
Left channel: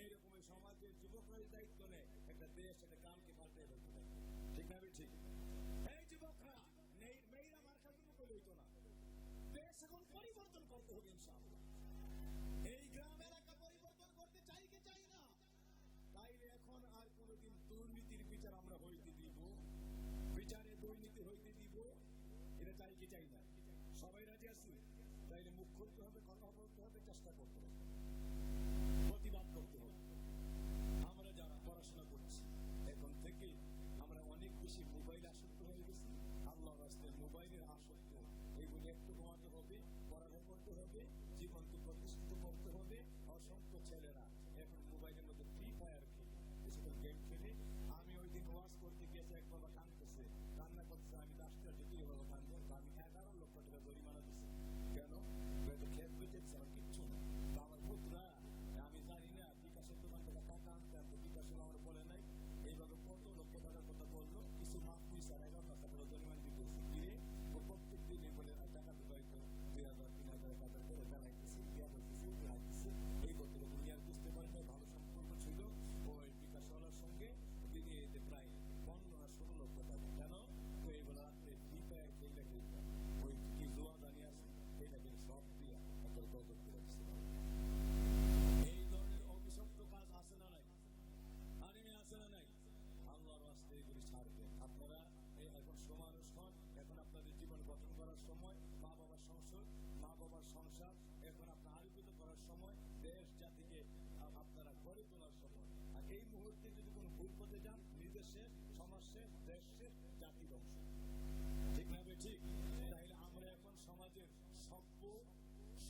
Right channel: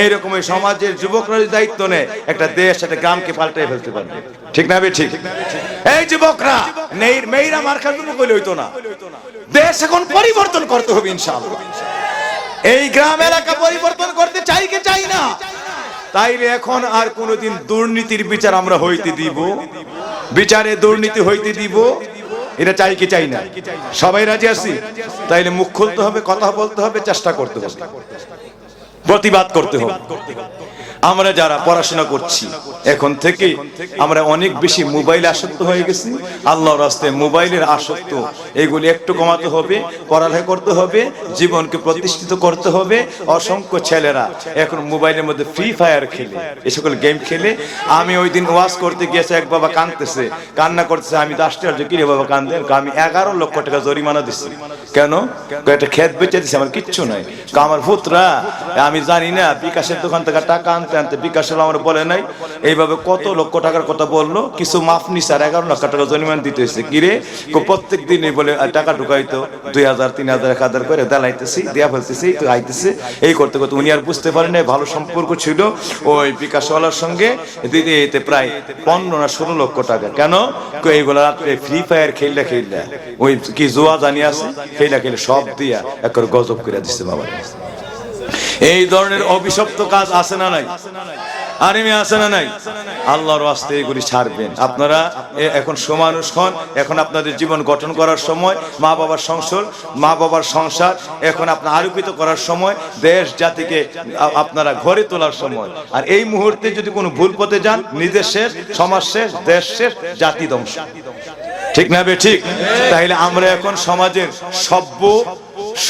এইরকম এই সমাজের যুবকরা যদি দায়িত্ব নেয়, একটা দেশ একটা গ্রামকে পাল্টে ফেলতে পারবে, ঠিক না? ঠিক। এই যুবকরা মেয়েরা মার্কা যুবক হইলে হইতো না, দেশ এখন পরিবর্তন করতে হবে ইনশাআল্লাহ। এই গ্রাম এলাকা পরিবর্তন করতে চাই কি চাই না? তাইলে এখন আর কোনদিন দুর্নীতির বিচার আমরা হইতে দিব, বিচারে দুর্নীতি হইতে দিব, এটা চাই কি চাই না? সবাই রাজি আছি? তাইলে মুখ খুলতে হবে, কথা বলতে হবে, চেষ্টা করতে হবে, প্রতিবাদ করতে হবে। আমরা যারা পড়াশোনা করছি এখন থেকে আমরা অনেক বেশি মোবাইলে আসক্ত হয়ে গেছি। আল্লাহর রাস্তায় মোবাইলের আসক্ত এগুলি একটু কমাতে হবে, পড়ালেখা করতে হবে, জীবনকে প্রতিষ্ঠিত করতে হবে। অসংখ্য ছেলেরা এখন মোবাইলের মধ্যে ফ্রি ফায়ার খেলে, এ সকল গেম খেলে। আমি ওই দিন ওয়াজ করতে গিয়েছে, এক বাবা কাঁদতেছে, কান্না করতেছে। আমি আশ্চর্য, কি রে বাবা কান্দেন? আমি 11 লক্ষ টাকা জরিমানা দিচ্ছি। কেন? একটা ক্ষেত বেচে দিচ্ছি, আমার কিচ্ছু নাই। আমার পুত্রা, আমি জানি না বিকাশের দোকান থেকে টাকা আনতে বিকাশ আমার বলে নাই। এইভাবে কত লক্ষ টাকার কথা বললো, কিছু মাফ নিছে, আর 11 লক্ষ টাকা জরিমানা দিতে হয়েছে। কিরে, প্রত্যেক দিনই বলে টাকা ঢুকাইতো 2000 3000 1000 করে দেলাইতেছি, দেয়া ফেলতেছি, তো আইতেছে। এই করতে করতে উনি আর বুঝতে পারেন না, ভালো সম্পর্ক ছিল ওই বিকাশওয়ালার সঙ্গে, দিদি এতে প্রায় 15 না 16 লক্ষ টাকা। কেন? এইগুলা রাত্রে ফ্রি ফায়ার খেললে ওই কি জোয়া জানি আছে, খেলে সব দিয়া একবার গজব করে দিচ্ছে বাবা। এই ধরনের অভিশপ্ত কাজ আছে না নাই? আর এমনি আছে না নাই? আল্লাহর ওয়াস্তে এগুলি ছাড়বেন। আপনারা এখন সমানুষ হন, এখন আপনাদের জীবন গঠন করার সময়, মা বাবার সংসার এখন আপনার আলোকিত করার সময়, দেশ জাতিকে আপনারা ঘরে তোলার সময়। আর এই মুহূর্তে যদি কোনো ভুল পথে যান, নিজের শেষ, সমাজ শেষ, দেশ শেষ, জাতি ধ্বংস। ঠিক না বে ঠিক? তাহলে আমরা এখন সমাজের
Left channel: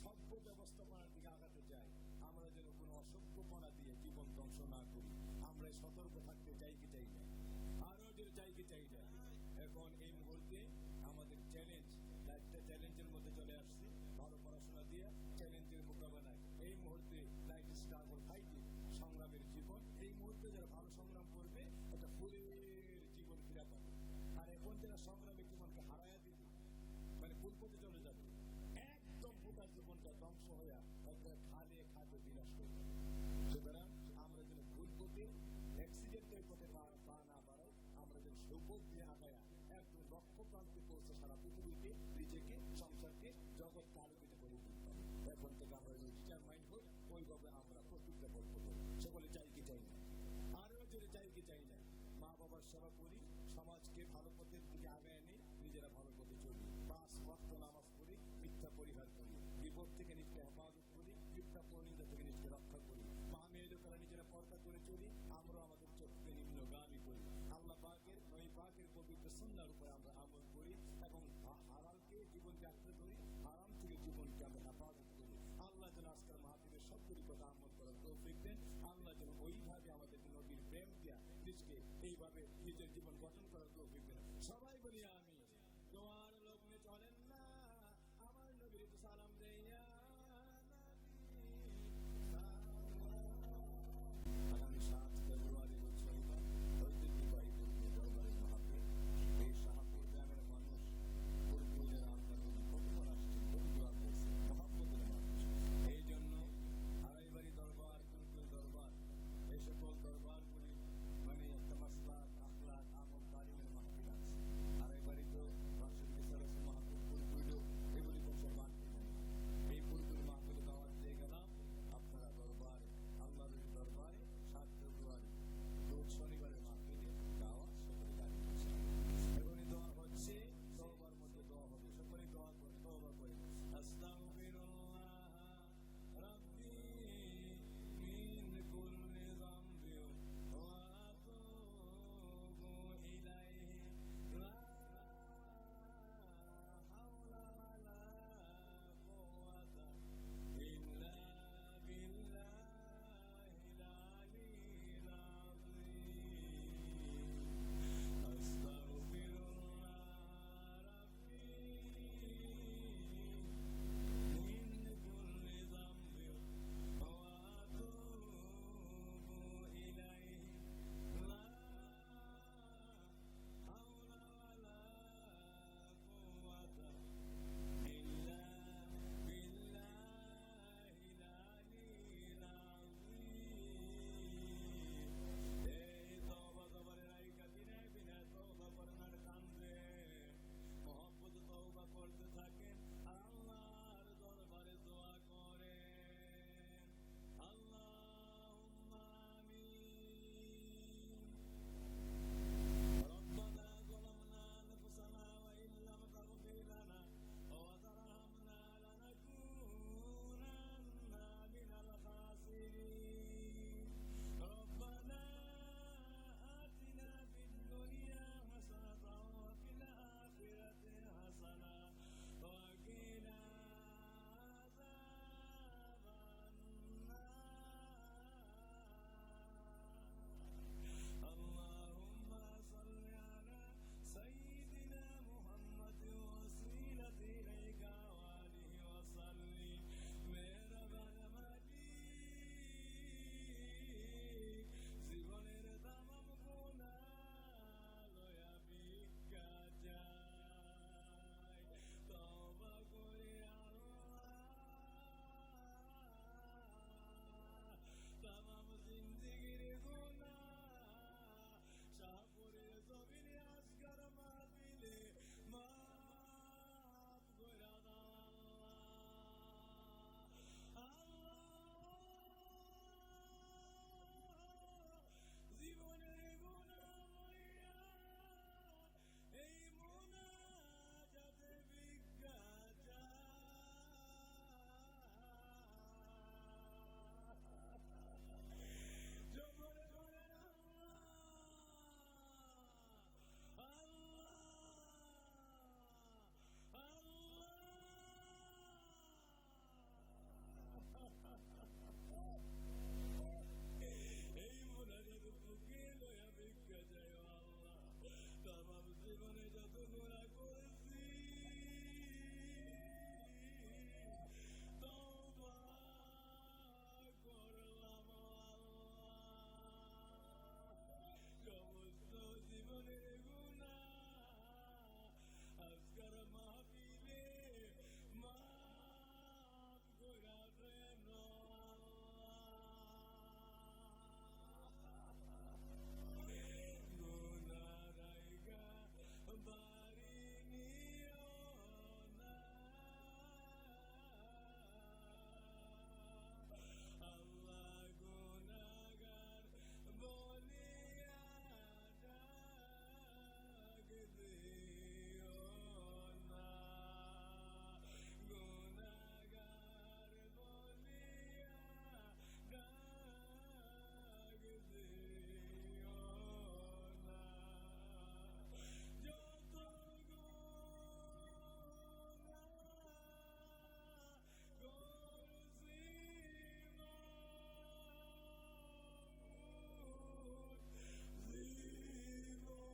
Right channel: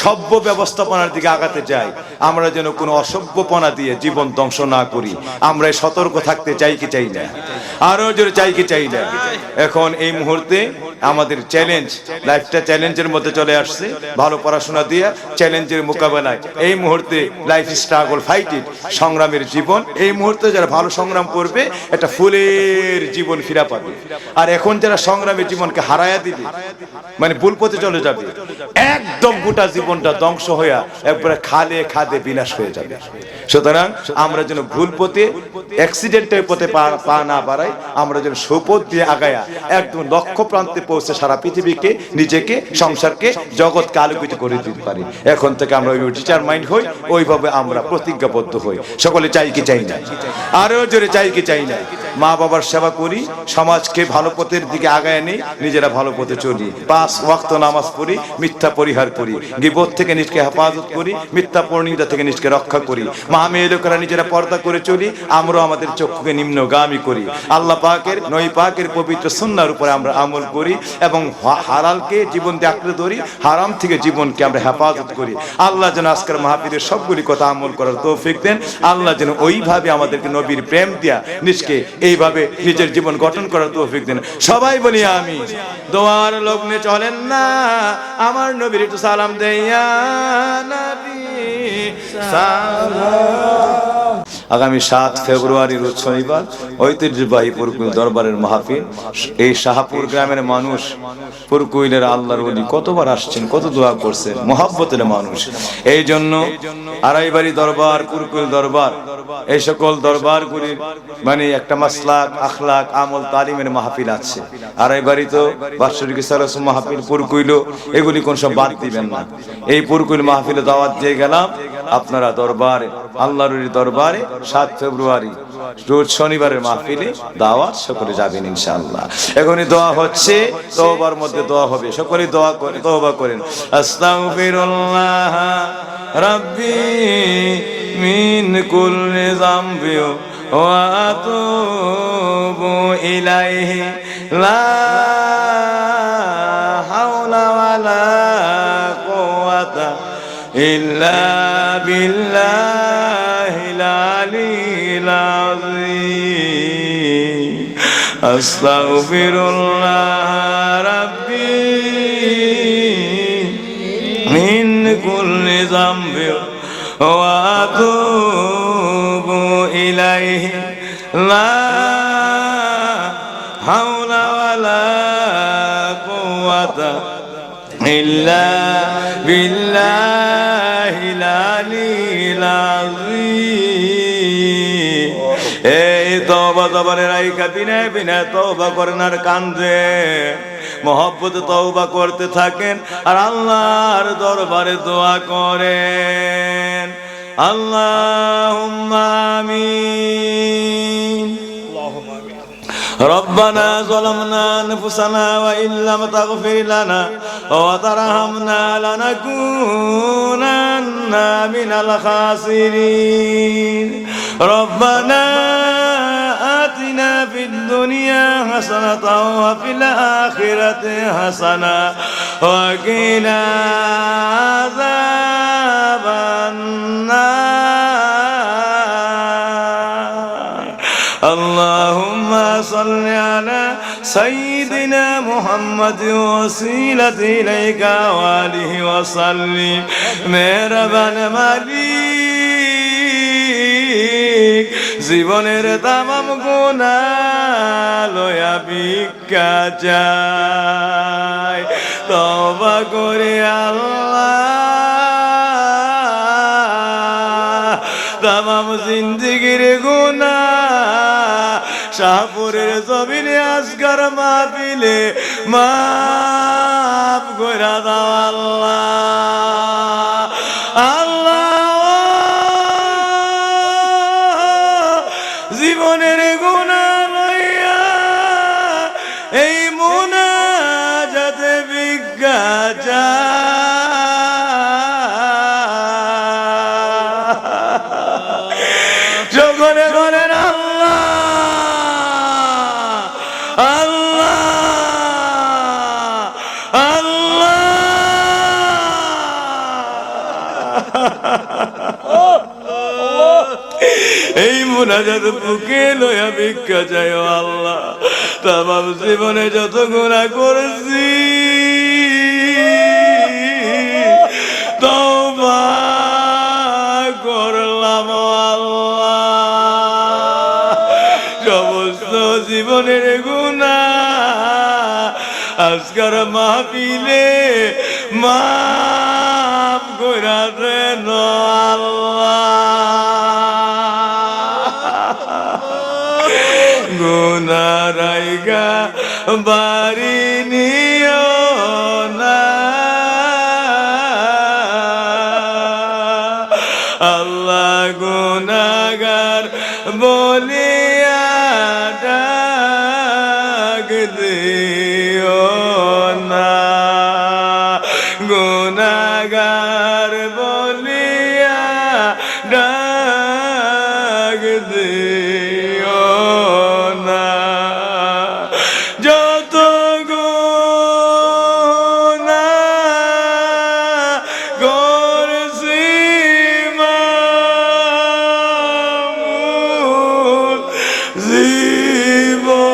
সভ্য ব্যবস্থাপনার দিকে আগাতে চাই। আমরা যেন কোনো অসভ্যপনা দিয়ে জীবন ধ্বংস না করি। আমরা সতর্ক থাকতে চাই কি চাই না? আরো জোরে চাই কি চাই না? এখন এই মুহূর্তে আমাদের চ্যালেঞ্জ, লাইফটা চ্যালেঞ্জের মধ্যে চলে আসছে। ভালো পড়াশোনা দিয়ে চ্যালেঞ্জের মোকাবেলায় এই মুহূর্তে লাইফ স্ট্রাগল, ফাইট ইট, সংগ্রামের জীবন। এই মুহূর্তে যারা ভালো সংগ্রাম করবে একটা ফুলের জীবন ফিরা পাবে। আর এখন যারা সংগ্রামের জীবনকে হারায়া দিবে, মানে ভুল পথে চলে যাবে, একদম গোটা জীবনটা ধ্বংস হইয়া একবারে খাদে বিলাস হয়ে যাবে। সুতরাং আমরা যেন ভুল পথে, অ্যাক্সিডেন্টের পথে পা না বাড়াই, আমরা যেন সুপথ দিয়ে আগায়া একদম লক্ষ্য প্রান্তে পৌঁছে সারা পৃথিবীকে, নিজেকে, সংসারকে, জগৎকে আলোকিত করে দিতে পারি। এখন থেকে আমরা ওই টিচার মাইন্ড হই, ওইভাবে আমরা প্রতিজ্ঞাবদ্ধ হই। সকলে চাই কি চাই না? আরো জোরে চাই কি চাই না? মা বাবার সেবা করি, সমাজকে ভালো পথের দিকে আগায় নেই, নিজেরা ভালো পথে চলি, 5 ওয়াক্ত নামাজ পড়ি, মিথ্যা পরিহার করি, গীবত থেকে নিজকে হেফাজত করি, মিথ্যা পরনিন্দা থেকে নিজকে রক্ষা করি, মা মেয়ে লোকেরা নিজেরা পর্দা করে চলি, আমরা আমাদের চক্ষুকে নিম্নগামী করি, আল্লাহ পাকের, নবী পাকের পবিত্র সুন্নাহর উপরে আমরা আমল করি এবং হালালকে জীবন দিয়ে আঁকড়ে ধরি, হারাম থেকে জীবনকে আমরা হেফাজত করি। আল্লাহ যেন আজকের মাহফিলের সবগুলি কথা আমল করার তৌফিক দেন। আল্লাহ যেন ওইভাবে আমাদেরকে নবীর প্রেম দিয়া নিজকে এইভাবে নিজের জীবন গঠন করার তৌফিক দেন। সবাই বলি আমি। দোয়ার লগ্নে চলেন না, আমার নবীর একটু সালাম দেয়া নবী সালাম। আগামী 7 ফেব্রুয়ারি রোজ শনিবার ঐতিহ্যবাহী পুরকুইল দরবারের মাহফিল। এই শাহপুর গ্রামের মানুষ, পুরকুইলের আল্লাহর ওলি কতবার আসছেন, কত দোয়া করছেন, মহব্বতের মানুষ। এই জন্য আড়াইবাড়ি দরবার, পুরকুইল দরবার, এই সকল দরবারগুলির মানে একটা মাসলাক, আখলাক, আমল, তালিমের মাহফিল আছে। আড়াইবাড়ি তো বাৎসরিক সালাস মাহফিল, পুরকুইলও, এগুলি কোন সব বাদ দিবেন না। এই পুরকুইল মাহফিলে দাওয়াত দিয়ে গেলাম, আপনারা দরবারে, আল্লাহর দরবারে 7 ফেব্রুয়ারি রোজ শনিবারের মাহফিলে দাওয়াত, সকলে যাবেন ইনশাআল্লাহ। এখনই দোয়া হচ্ছে, তওবার মধ্যে দোয়া হবে, সকলে দোয়া করে তওবা করেন। আস্তাগফিরুল্লাহ রাব্বি মিন কুল্লি যামবি ওয়া আতুবু ইলাইহি লা হাওলা ওয়ালা কুওয়াতা ইল্লা বিল্লাহিল আলিয়্যিল আযীম। আস্তাগফিরুল্লাহ রাব্বি মিন কুল্লি যামবি ওয়া আতুবু ইলাইহি লা হাওলা ওয়ালা কুওয়াতা ইল্লা বিল্লাহিল আলিয়্যিল আযীম। এই তওবা জবানের আইকা বিনায় বিনায় তওবা করেন আর কান্দে, মহব্বতে তওবা করতে থাকেন আর আল্লাহর দরবারে দোয়া করেন। আল্লাহুম্মা আমিন। ربنا ظلمنا أنفسنا وإن لم تغفر لنا وترحمنا لنكونن من الخاسرين. ربنا آتنا في الدنيا حسنة وفي الآخرة حسنة وقنا عذاب النار. اللهم صل على سيدنا محمد وسيلة إليك وآله وسلم. মেহরবান মালিক, জীবনের তামাম গুনাহ লয়া ভিক্ষা চাই, তওবা করে আল্লাহ তামাম জিন্দেগির গুনাহ শাহপুরের জমিনে আজকার মাহফিলে মাফ কইরা দাও আল্লাহ। আল্লাহ এই মুনাজাতে ভিক্ষা সকলে বলেন আল্লাহ আল্লাহ আল্লাহ। এই মুনাজাত বুকে লয়া ভিক্ষা চাই ও আল্লাহ। তামাম জীবনে যত গুনাহ করেছি তওবা করলাম ও আল্লাহ। সমস্ত জীবনের গুনাহ আজকের মাহফিলে মাফ কইরা দেন আল্লাহ। গুনাহ রাইগা বাড়ি নিও না আল্লাহ। গুনাহগার বলিয়া ডাক দিও না, গুনাহগার বলিয়া ডাক দিও না। যত গুনাহ করছি মামুন জীবনে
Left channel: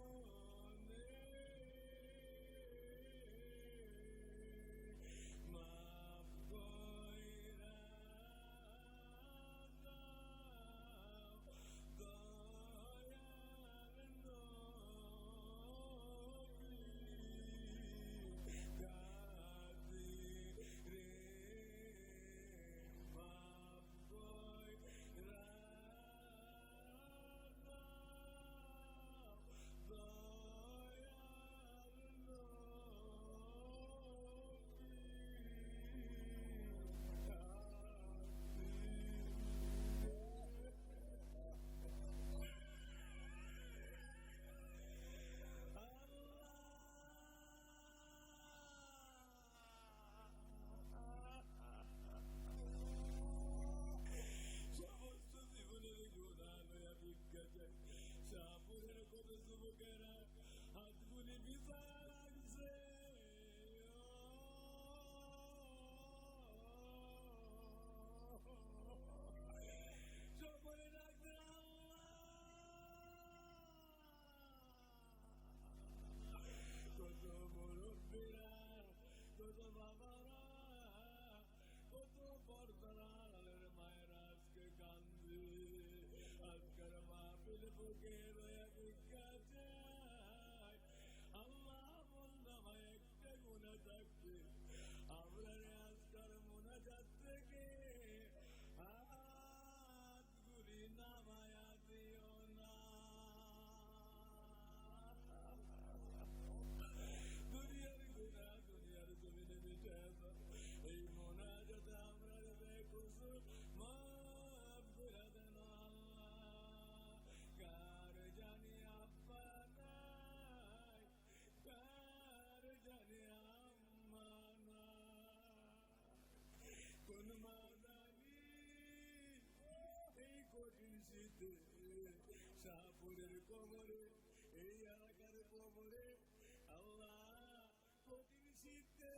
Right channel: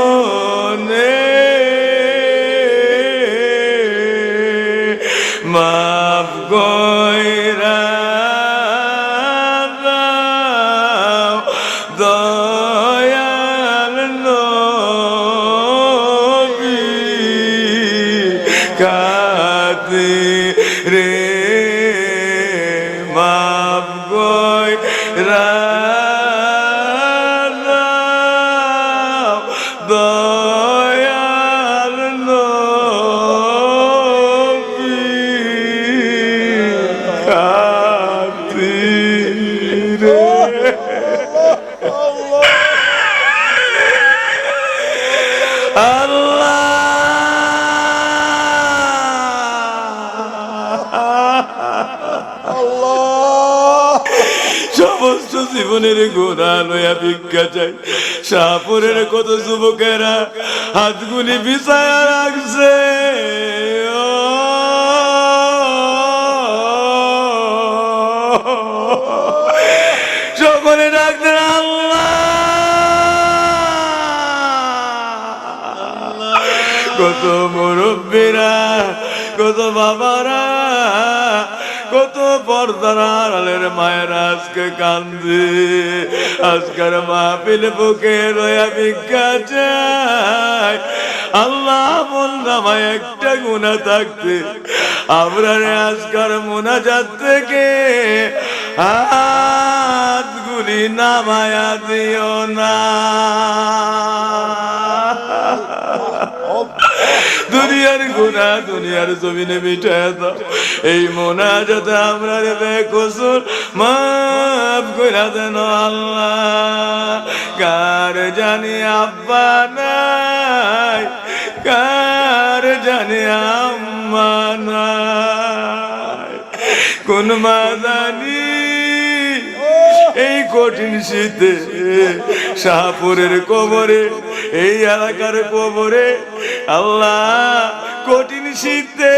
মাফ কইরা দাও দয়াল নবী খাতিরে মাফ কইরা দাও দয়াল নবী খাতিরে। সমস্ত জীবনের গোনা লয়া ভিক্ষা চাই। শাহপুরের কত যুবকেরা হাতগুলি বিছায়া রাখছে সকলে ডাকতেন আল্লাহ। কত মুরব্বীরা কত বাবারা কত পর্দার আড়ালের মায়েরা আজকে কান্দে। আজকের মাহফিল বুকে রয়া ভিক্ষা চাই আল্লাহ। আমলনামায় একটা গুনাহ থাকতে আমরা আজকের মুনাজাত থেকে হাতগুলি নামায়া দিও না। দুনিয়ার গুনাহ দুনিয়ার জমিনে মিটায় দাও। এই মুনাজাতে আমরা বেকসুর মাফ কইরা দেন আল্লাহ। কার জানি আব্বা নাই, কার জানি আম্মা নাই, কোন মা জানি এই কঠিন শীতে শাহপুরের কবরে এই এলাকার কবরে আল্লাহ কঠিন শীতে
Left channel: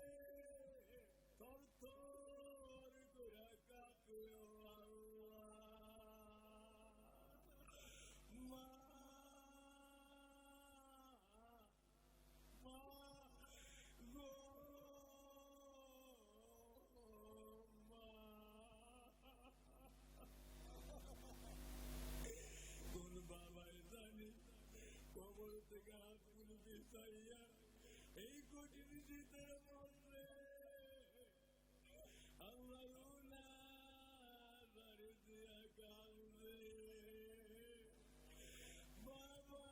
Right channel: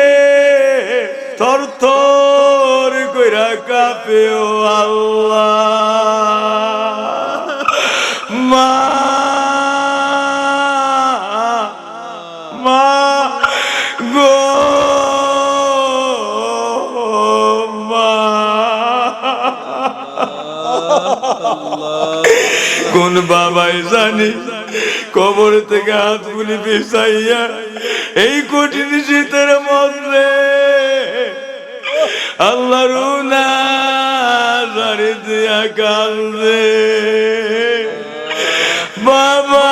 থর থর কইরা কাঁপে ও আল্লাহ। মা মা গো মা, কোন বাবাই জানি কবর থেকে হাতগুলি বিছাইয়া এই কঠিন শীতের মধ্যে আল্লাহ রুনা জারি দিয়া কান্দে। বাবা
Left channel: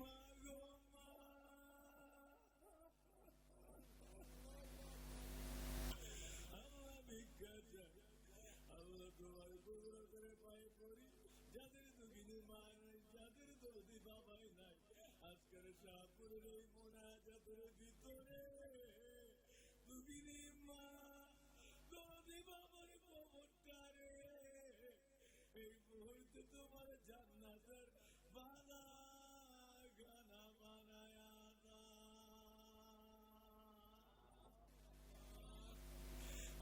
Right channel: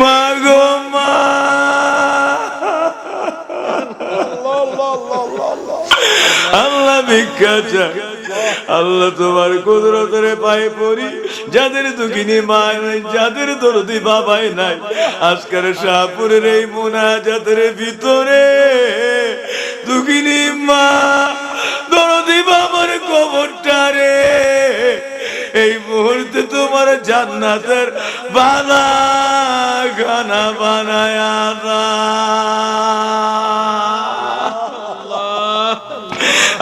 মা গো মা, আল্লাহ ভিক্ষা চাই। আল্লাহ তোমার কুদরতের পায়ে পড়ি, যাদের দুঃখিনী মা নাই, যাদের দরদি বাবাই নাই, আজকের শাহপুরের এই মুনাজাতের ভিতরে দুঃখিনী মা দরদি বাবার কবরটারে এই মুহূর্তে তোমার জান্নাতের বাগানা বানায়া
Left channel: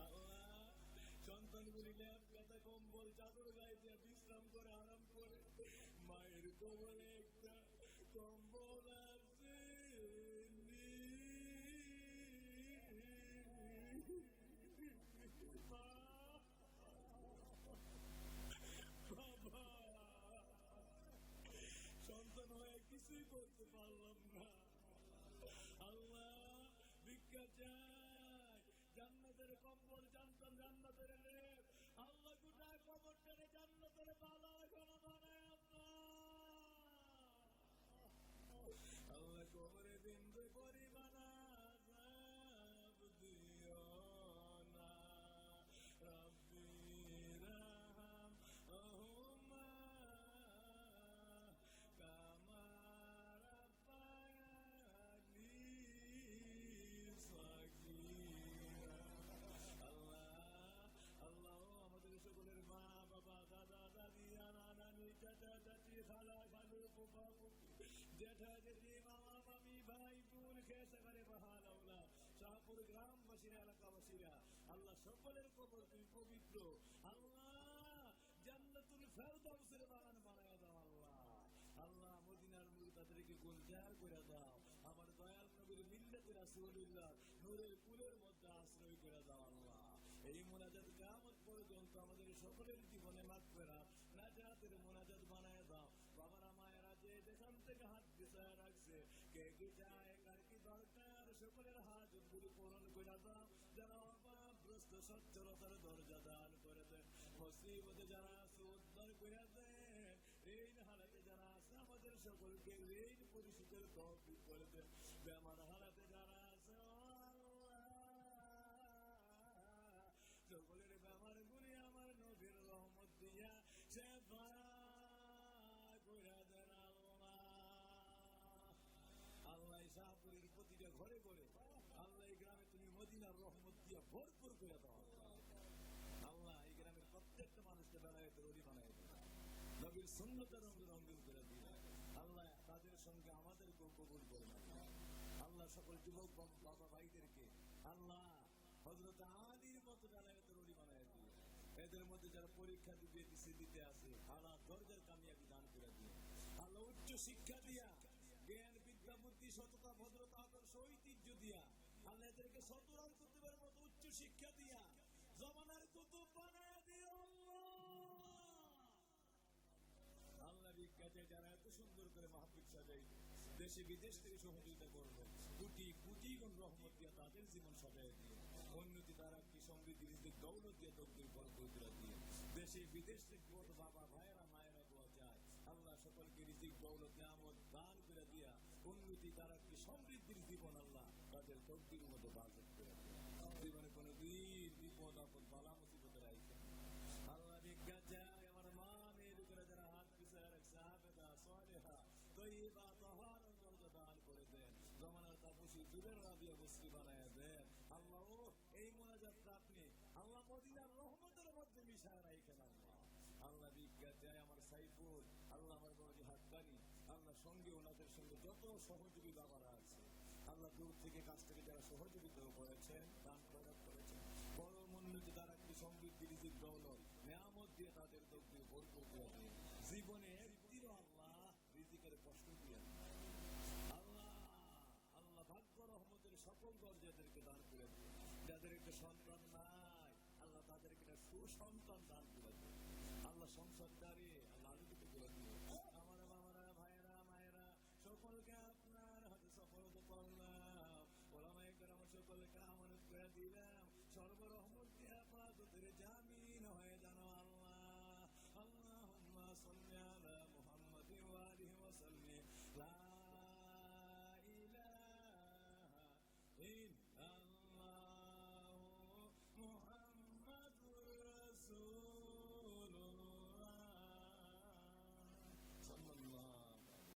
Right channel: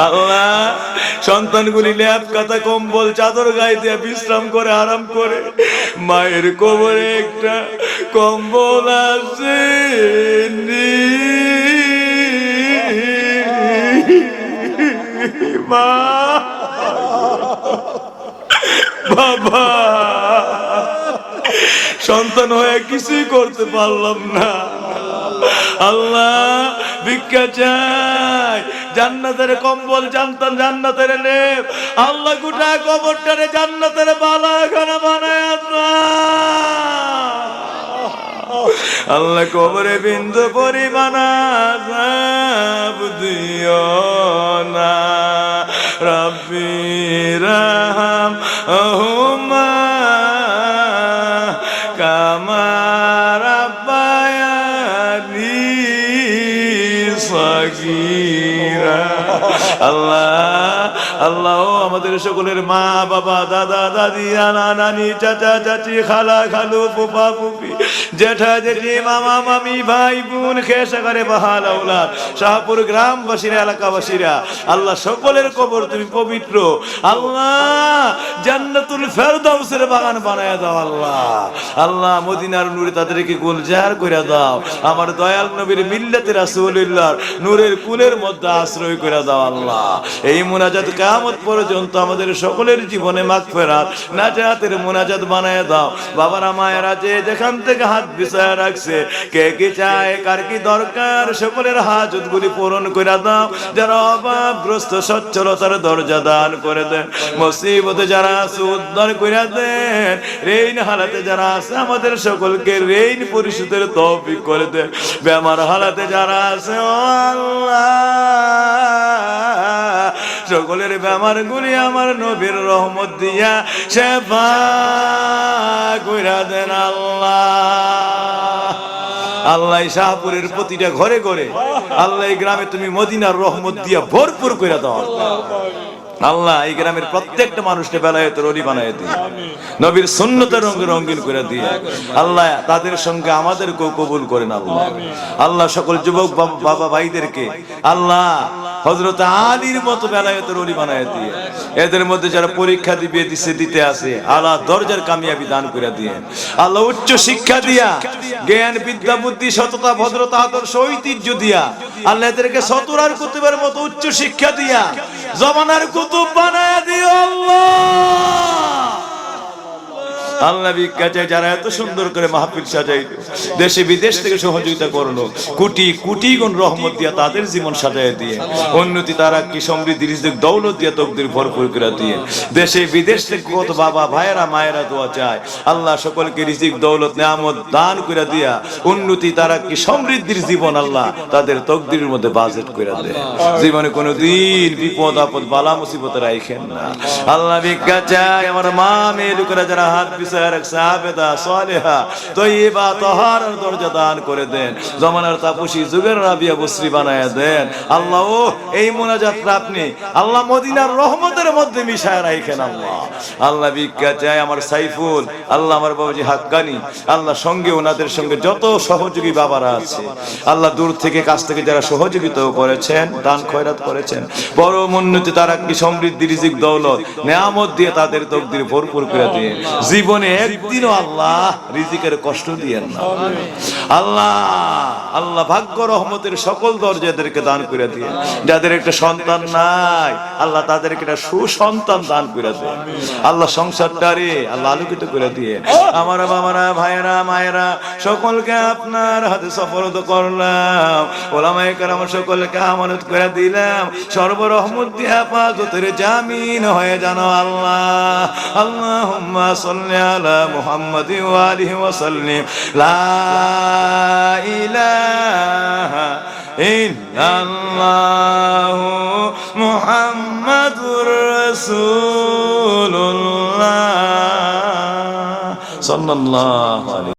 আল্লাহ। সন্তানগুলি ল্যাপ কাতা কম্বল চাদর গায়ে দিয়ে বিশ্রাম করে আরাম করে, মায়ের কোমরে একটা কম্বল আছে মা বাবা, সন্তান হয়ে কিছুই করতে পারলাম না। আল্লাহ ভিক্ষা চাই, জান্নাতের কম্বল, জান্নাতের লেপ, আল্লাহ গোটা কবরটারে জান্নাতের বালাখানা বানায় আল্লাহ কবরে বিন্দু পরিমাণ আযাব দিও না। রব্বি রহম হুমা কামা রাব্বায়ানি সগীরা। আল্লাহ আল্লাহ আমাদের সকলের মা বাবা, দাদা দাদি, নানা নানি, চাচা চাচি, খালা খালু, ফুফা ফুফি, জেঠা জেঠি, মামা মামি, ভাই বোন, খেসাগারে বাহাল আওলাদ, শাহপুর গ্রামবাসীরা, এলাকাবাসীরা, আল্লাহ সকলের কবর তুমি পবিত্র। আল্লাহ জান্নাতুল ফেরদাউসের বাগান বানায়া দাও। আল্লাহ আল্লাহ মদিনার নূরে তাদেরকে গুলজার করে দাও। আমার দয়াল নবীর মিল্লাতে রাসূলুল্লাহর নূরের কুলের মধ্যে আশ্রয় করে দাও। আল্লাহ এই মুনাজাত কিয়ামত পর্যন্ত আমাদের সকলের জীবনে মাগফিরাত নাজাতের মুনাজাত বানায় দাও। বাবারা মায়েরা যে যেখান থেকে হাত বিছায়া রাখছে, কে কি চায়, কার কি দরকার, সকলের হাজতগুলি পূরণ করে দাও। যারা অভাবগ্রস্ত সচ্ছলতার দরজা দান করে দেন, মুসিবতে যারা আছে উদ্ধার করে দেন, ঋণ হালাতে যারা আছে আমাদের সকলকে ঋণ পরিশোধের তৌফিক করে দেন। বেমার হালাতে যারা আছে ও আল্লাহ সকলের বেমার গুলি আমার নবীর রহমত দিয়া সেবা কইরা দেন। আল্লাহ আল্লাহ শাহপুরের প্রতিটা ঘরে ঘরে, আল্লাহ এই গ্রামে তুমি মদিনার রহমত দিয়া ভরপুর কইরা দাও। আল্লাহ এই গ্রামের প্রত্যেকটা মানুষকে বেলায়েতের ওলি বানায় দিয়ে, নবীর সুন্নতের রঙে রঙিন করে দিয়ে, আল্লাহ তাদের সঙ্গে আমাদেরকেও কবুল করেন। আল্লাহ আল্লাহ সকল যুবক বাবা ভাইদেরকে আল্লাহ হযরত আলীর মতো বেলায়েতের ওলি বানায় দিয়ে, এদের মধ্যে যারা পরীক্ষা দিতে আসে আল্লাহ দরজার কামিয়াবি দান করে দিয়ে, আল্লাহ উচ্চ শিক্ষা দিয়া, জ্ঞান বিদ্যা বুদ্ধি সততা ভদ্রতা আদর্শ ঐতিহ্য দিয়া, আল্লাহ এদেরকে সতরার কুতুবের মতো উচ্চ শিক্ষা দিয়া জমানার কুতুব বানায় দিও। আল্লাহ ভিক্ষা চাই, যারা এত সুন্দর করে মাহফিল সাজাইলো, দেশে বিদেশ থেকে সহযোগিতা করলো, কোটি কোটি গুণ রহমত দিয়া তাদের জীবন সাজায় দিয়ে, উন্নতি তারা কি সমৃদ্ধি রিজিক দৌলত দিয়া তকদির ভরপুর করে দিয়ে, দেশে বিদেশ থেকে কত বাবা ভাইয়েরা মায়েরা দোয়া চায়, আল্লাহ সকলকে রিজিক দৌলত নিয়ামত দান করে দিয়া, উন্নতি তারা কি সমৃদ্ধির জীবন আল্লাহ তাদের তকদিরের মধ্যে বাজেট করে দেয়। জীবনে কোনো দিন বিপদ আপদ বালা মুসিবতে রাখেন না। আল্লাহ ভিক্ষা চাই, আমার মা মেয়ে লোকেরা যারা হাত সাবেদা সালেহা তয়্যিবা তাহারার দরজা দান করে দেন, জমানার তাপসী যুগের রাবিয়া বসরি বানায়া দেন। আল্লাহ ও এই মুনাজাতটা আপনি আল্লাহ মদিনার রহমতের মধ্যে মিশায় রাখেন। আল্লাহ আল্লাহ ভিক্ষা চাই, আমার সাইফুল, আল্লাহ আমার বাবাজি হাক্কানি, আল্লাহ সঙ্গে ওনাদের সঙ্গে যত সহযোগী বাবারা আছে, আল্লাহ দূর থেকে কাছ থেকে যারা সহযোগিতাও করেছেন, দান খয়রাত করেছেন, বড় উন্নতি তারা কি সমৃদ্ধি রিজিক দৌলত নিয়ামত দিয়ে তাদের তকদির ভরপুর করে দিয়ে, জীবনে একদিনও আল্লাহ রিজিকের কষ্ট দিয়েন না। আল্লাহ আল্লাহ ভাগ্য রহমতের সকল দরজাদেরকে দান করে দিয়ে, যাদের একটা সন্তান নাই আল্লাহ তাদেরকে একটা সুসন্তান দান করে দেন। আল্লাহ সংসারটারে আল্লাহ আলোকিত করে দিয়ে, আমার বাবারা ভাইয়েরা মায়েরা সকলকে আপনার হাতে সফরত করলাম, ওলামায়ে কেরাম সকলকে আমানত করে দিলাম, সর্বরহমত দিয়ে হেফাজতের জামিন হয়ে জানো। আল্লাহ আল্লাহুম্মা সাল্লি আলা মুহাম্মাদি ওয়া আলিহি ওয়া সাল্লিম। লা ইলাহা ইল্লাল্লাহু মুহাম্মাদুর রাসূলুল্লাহ সাল্লাল্লাহু আলাইহি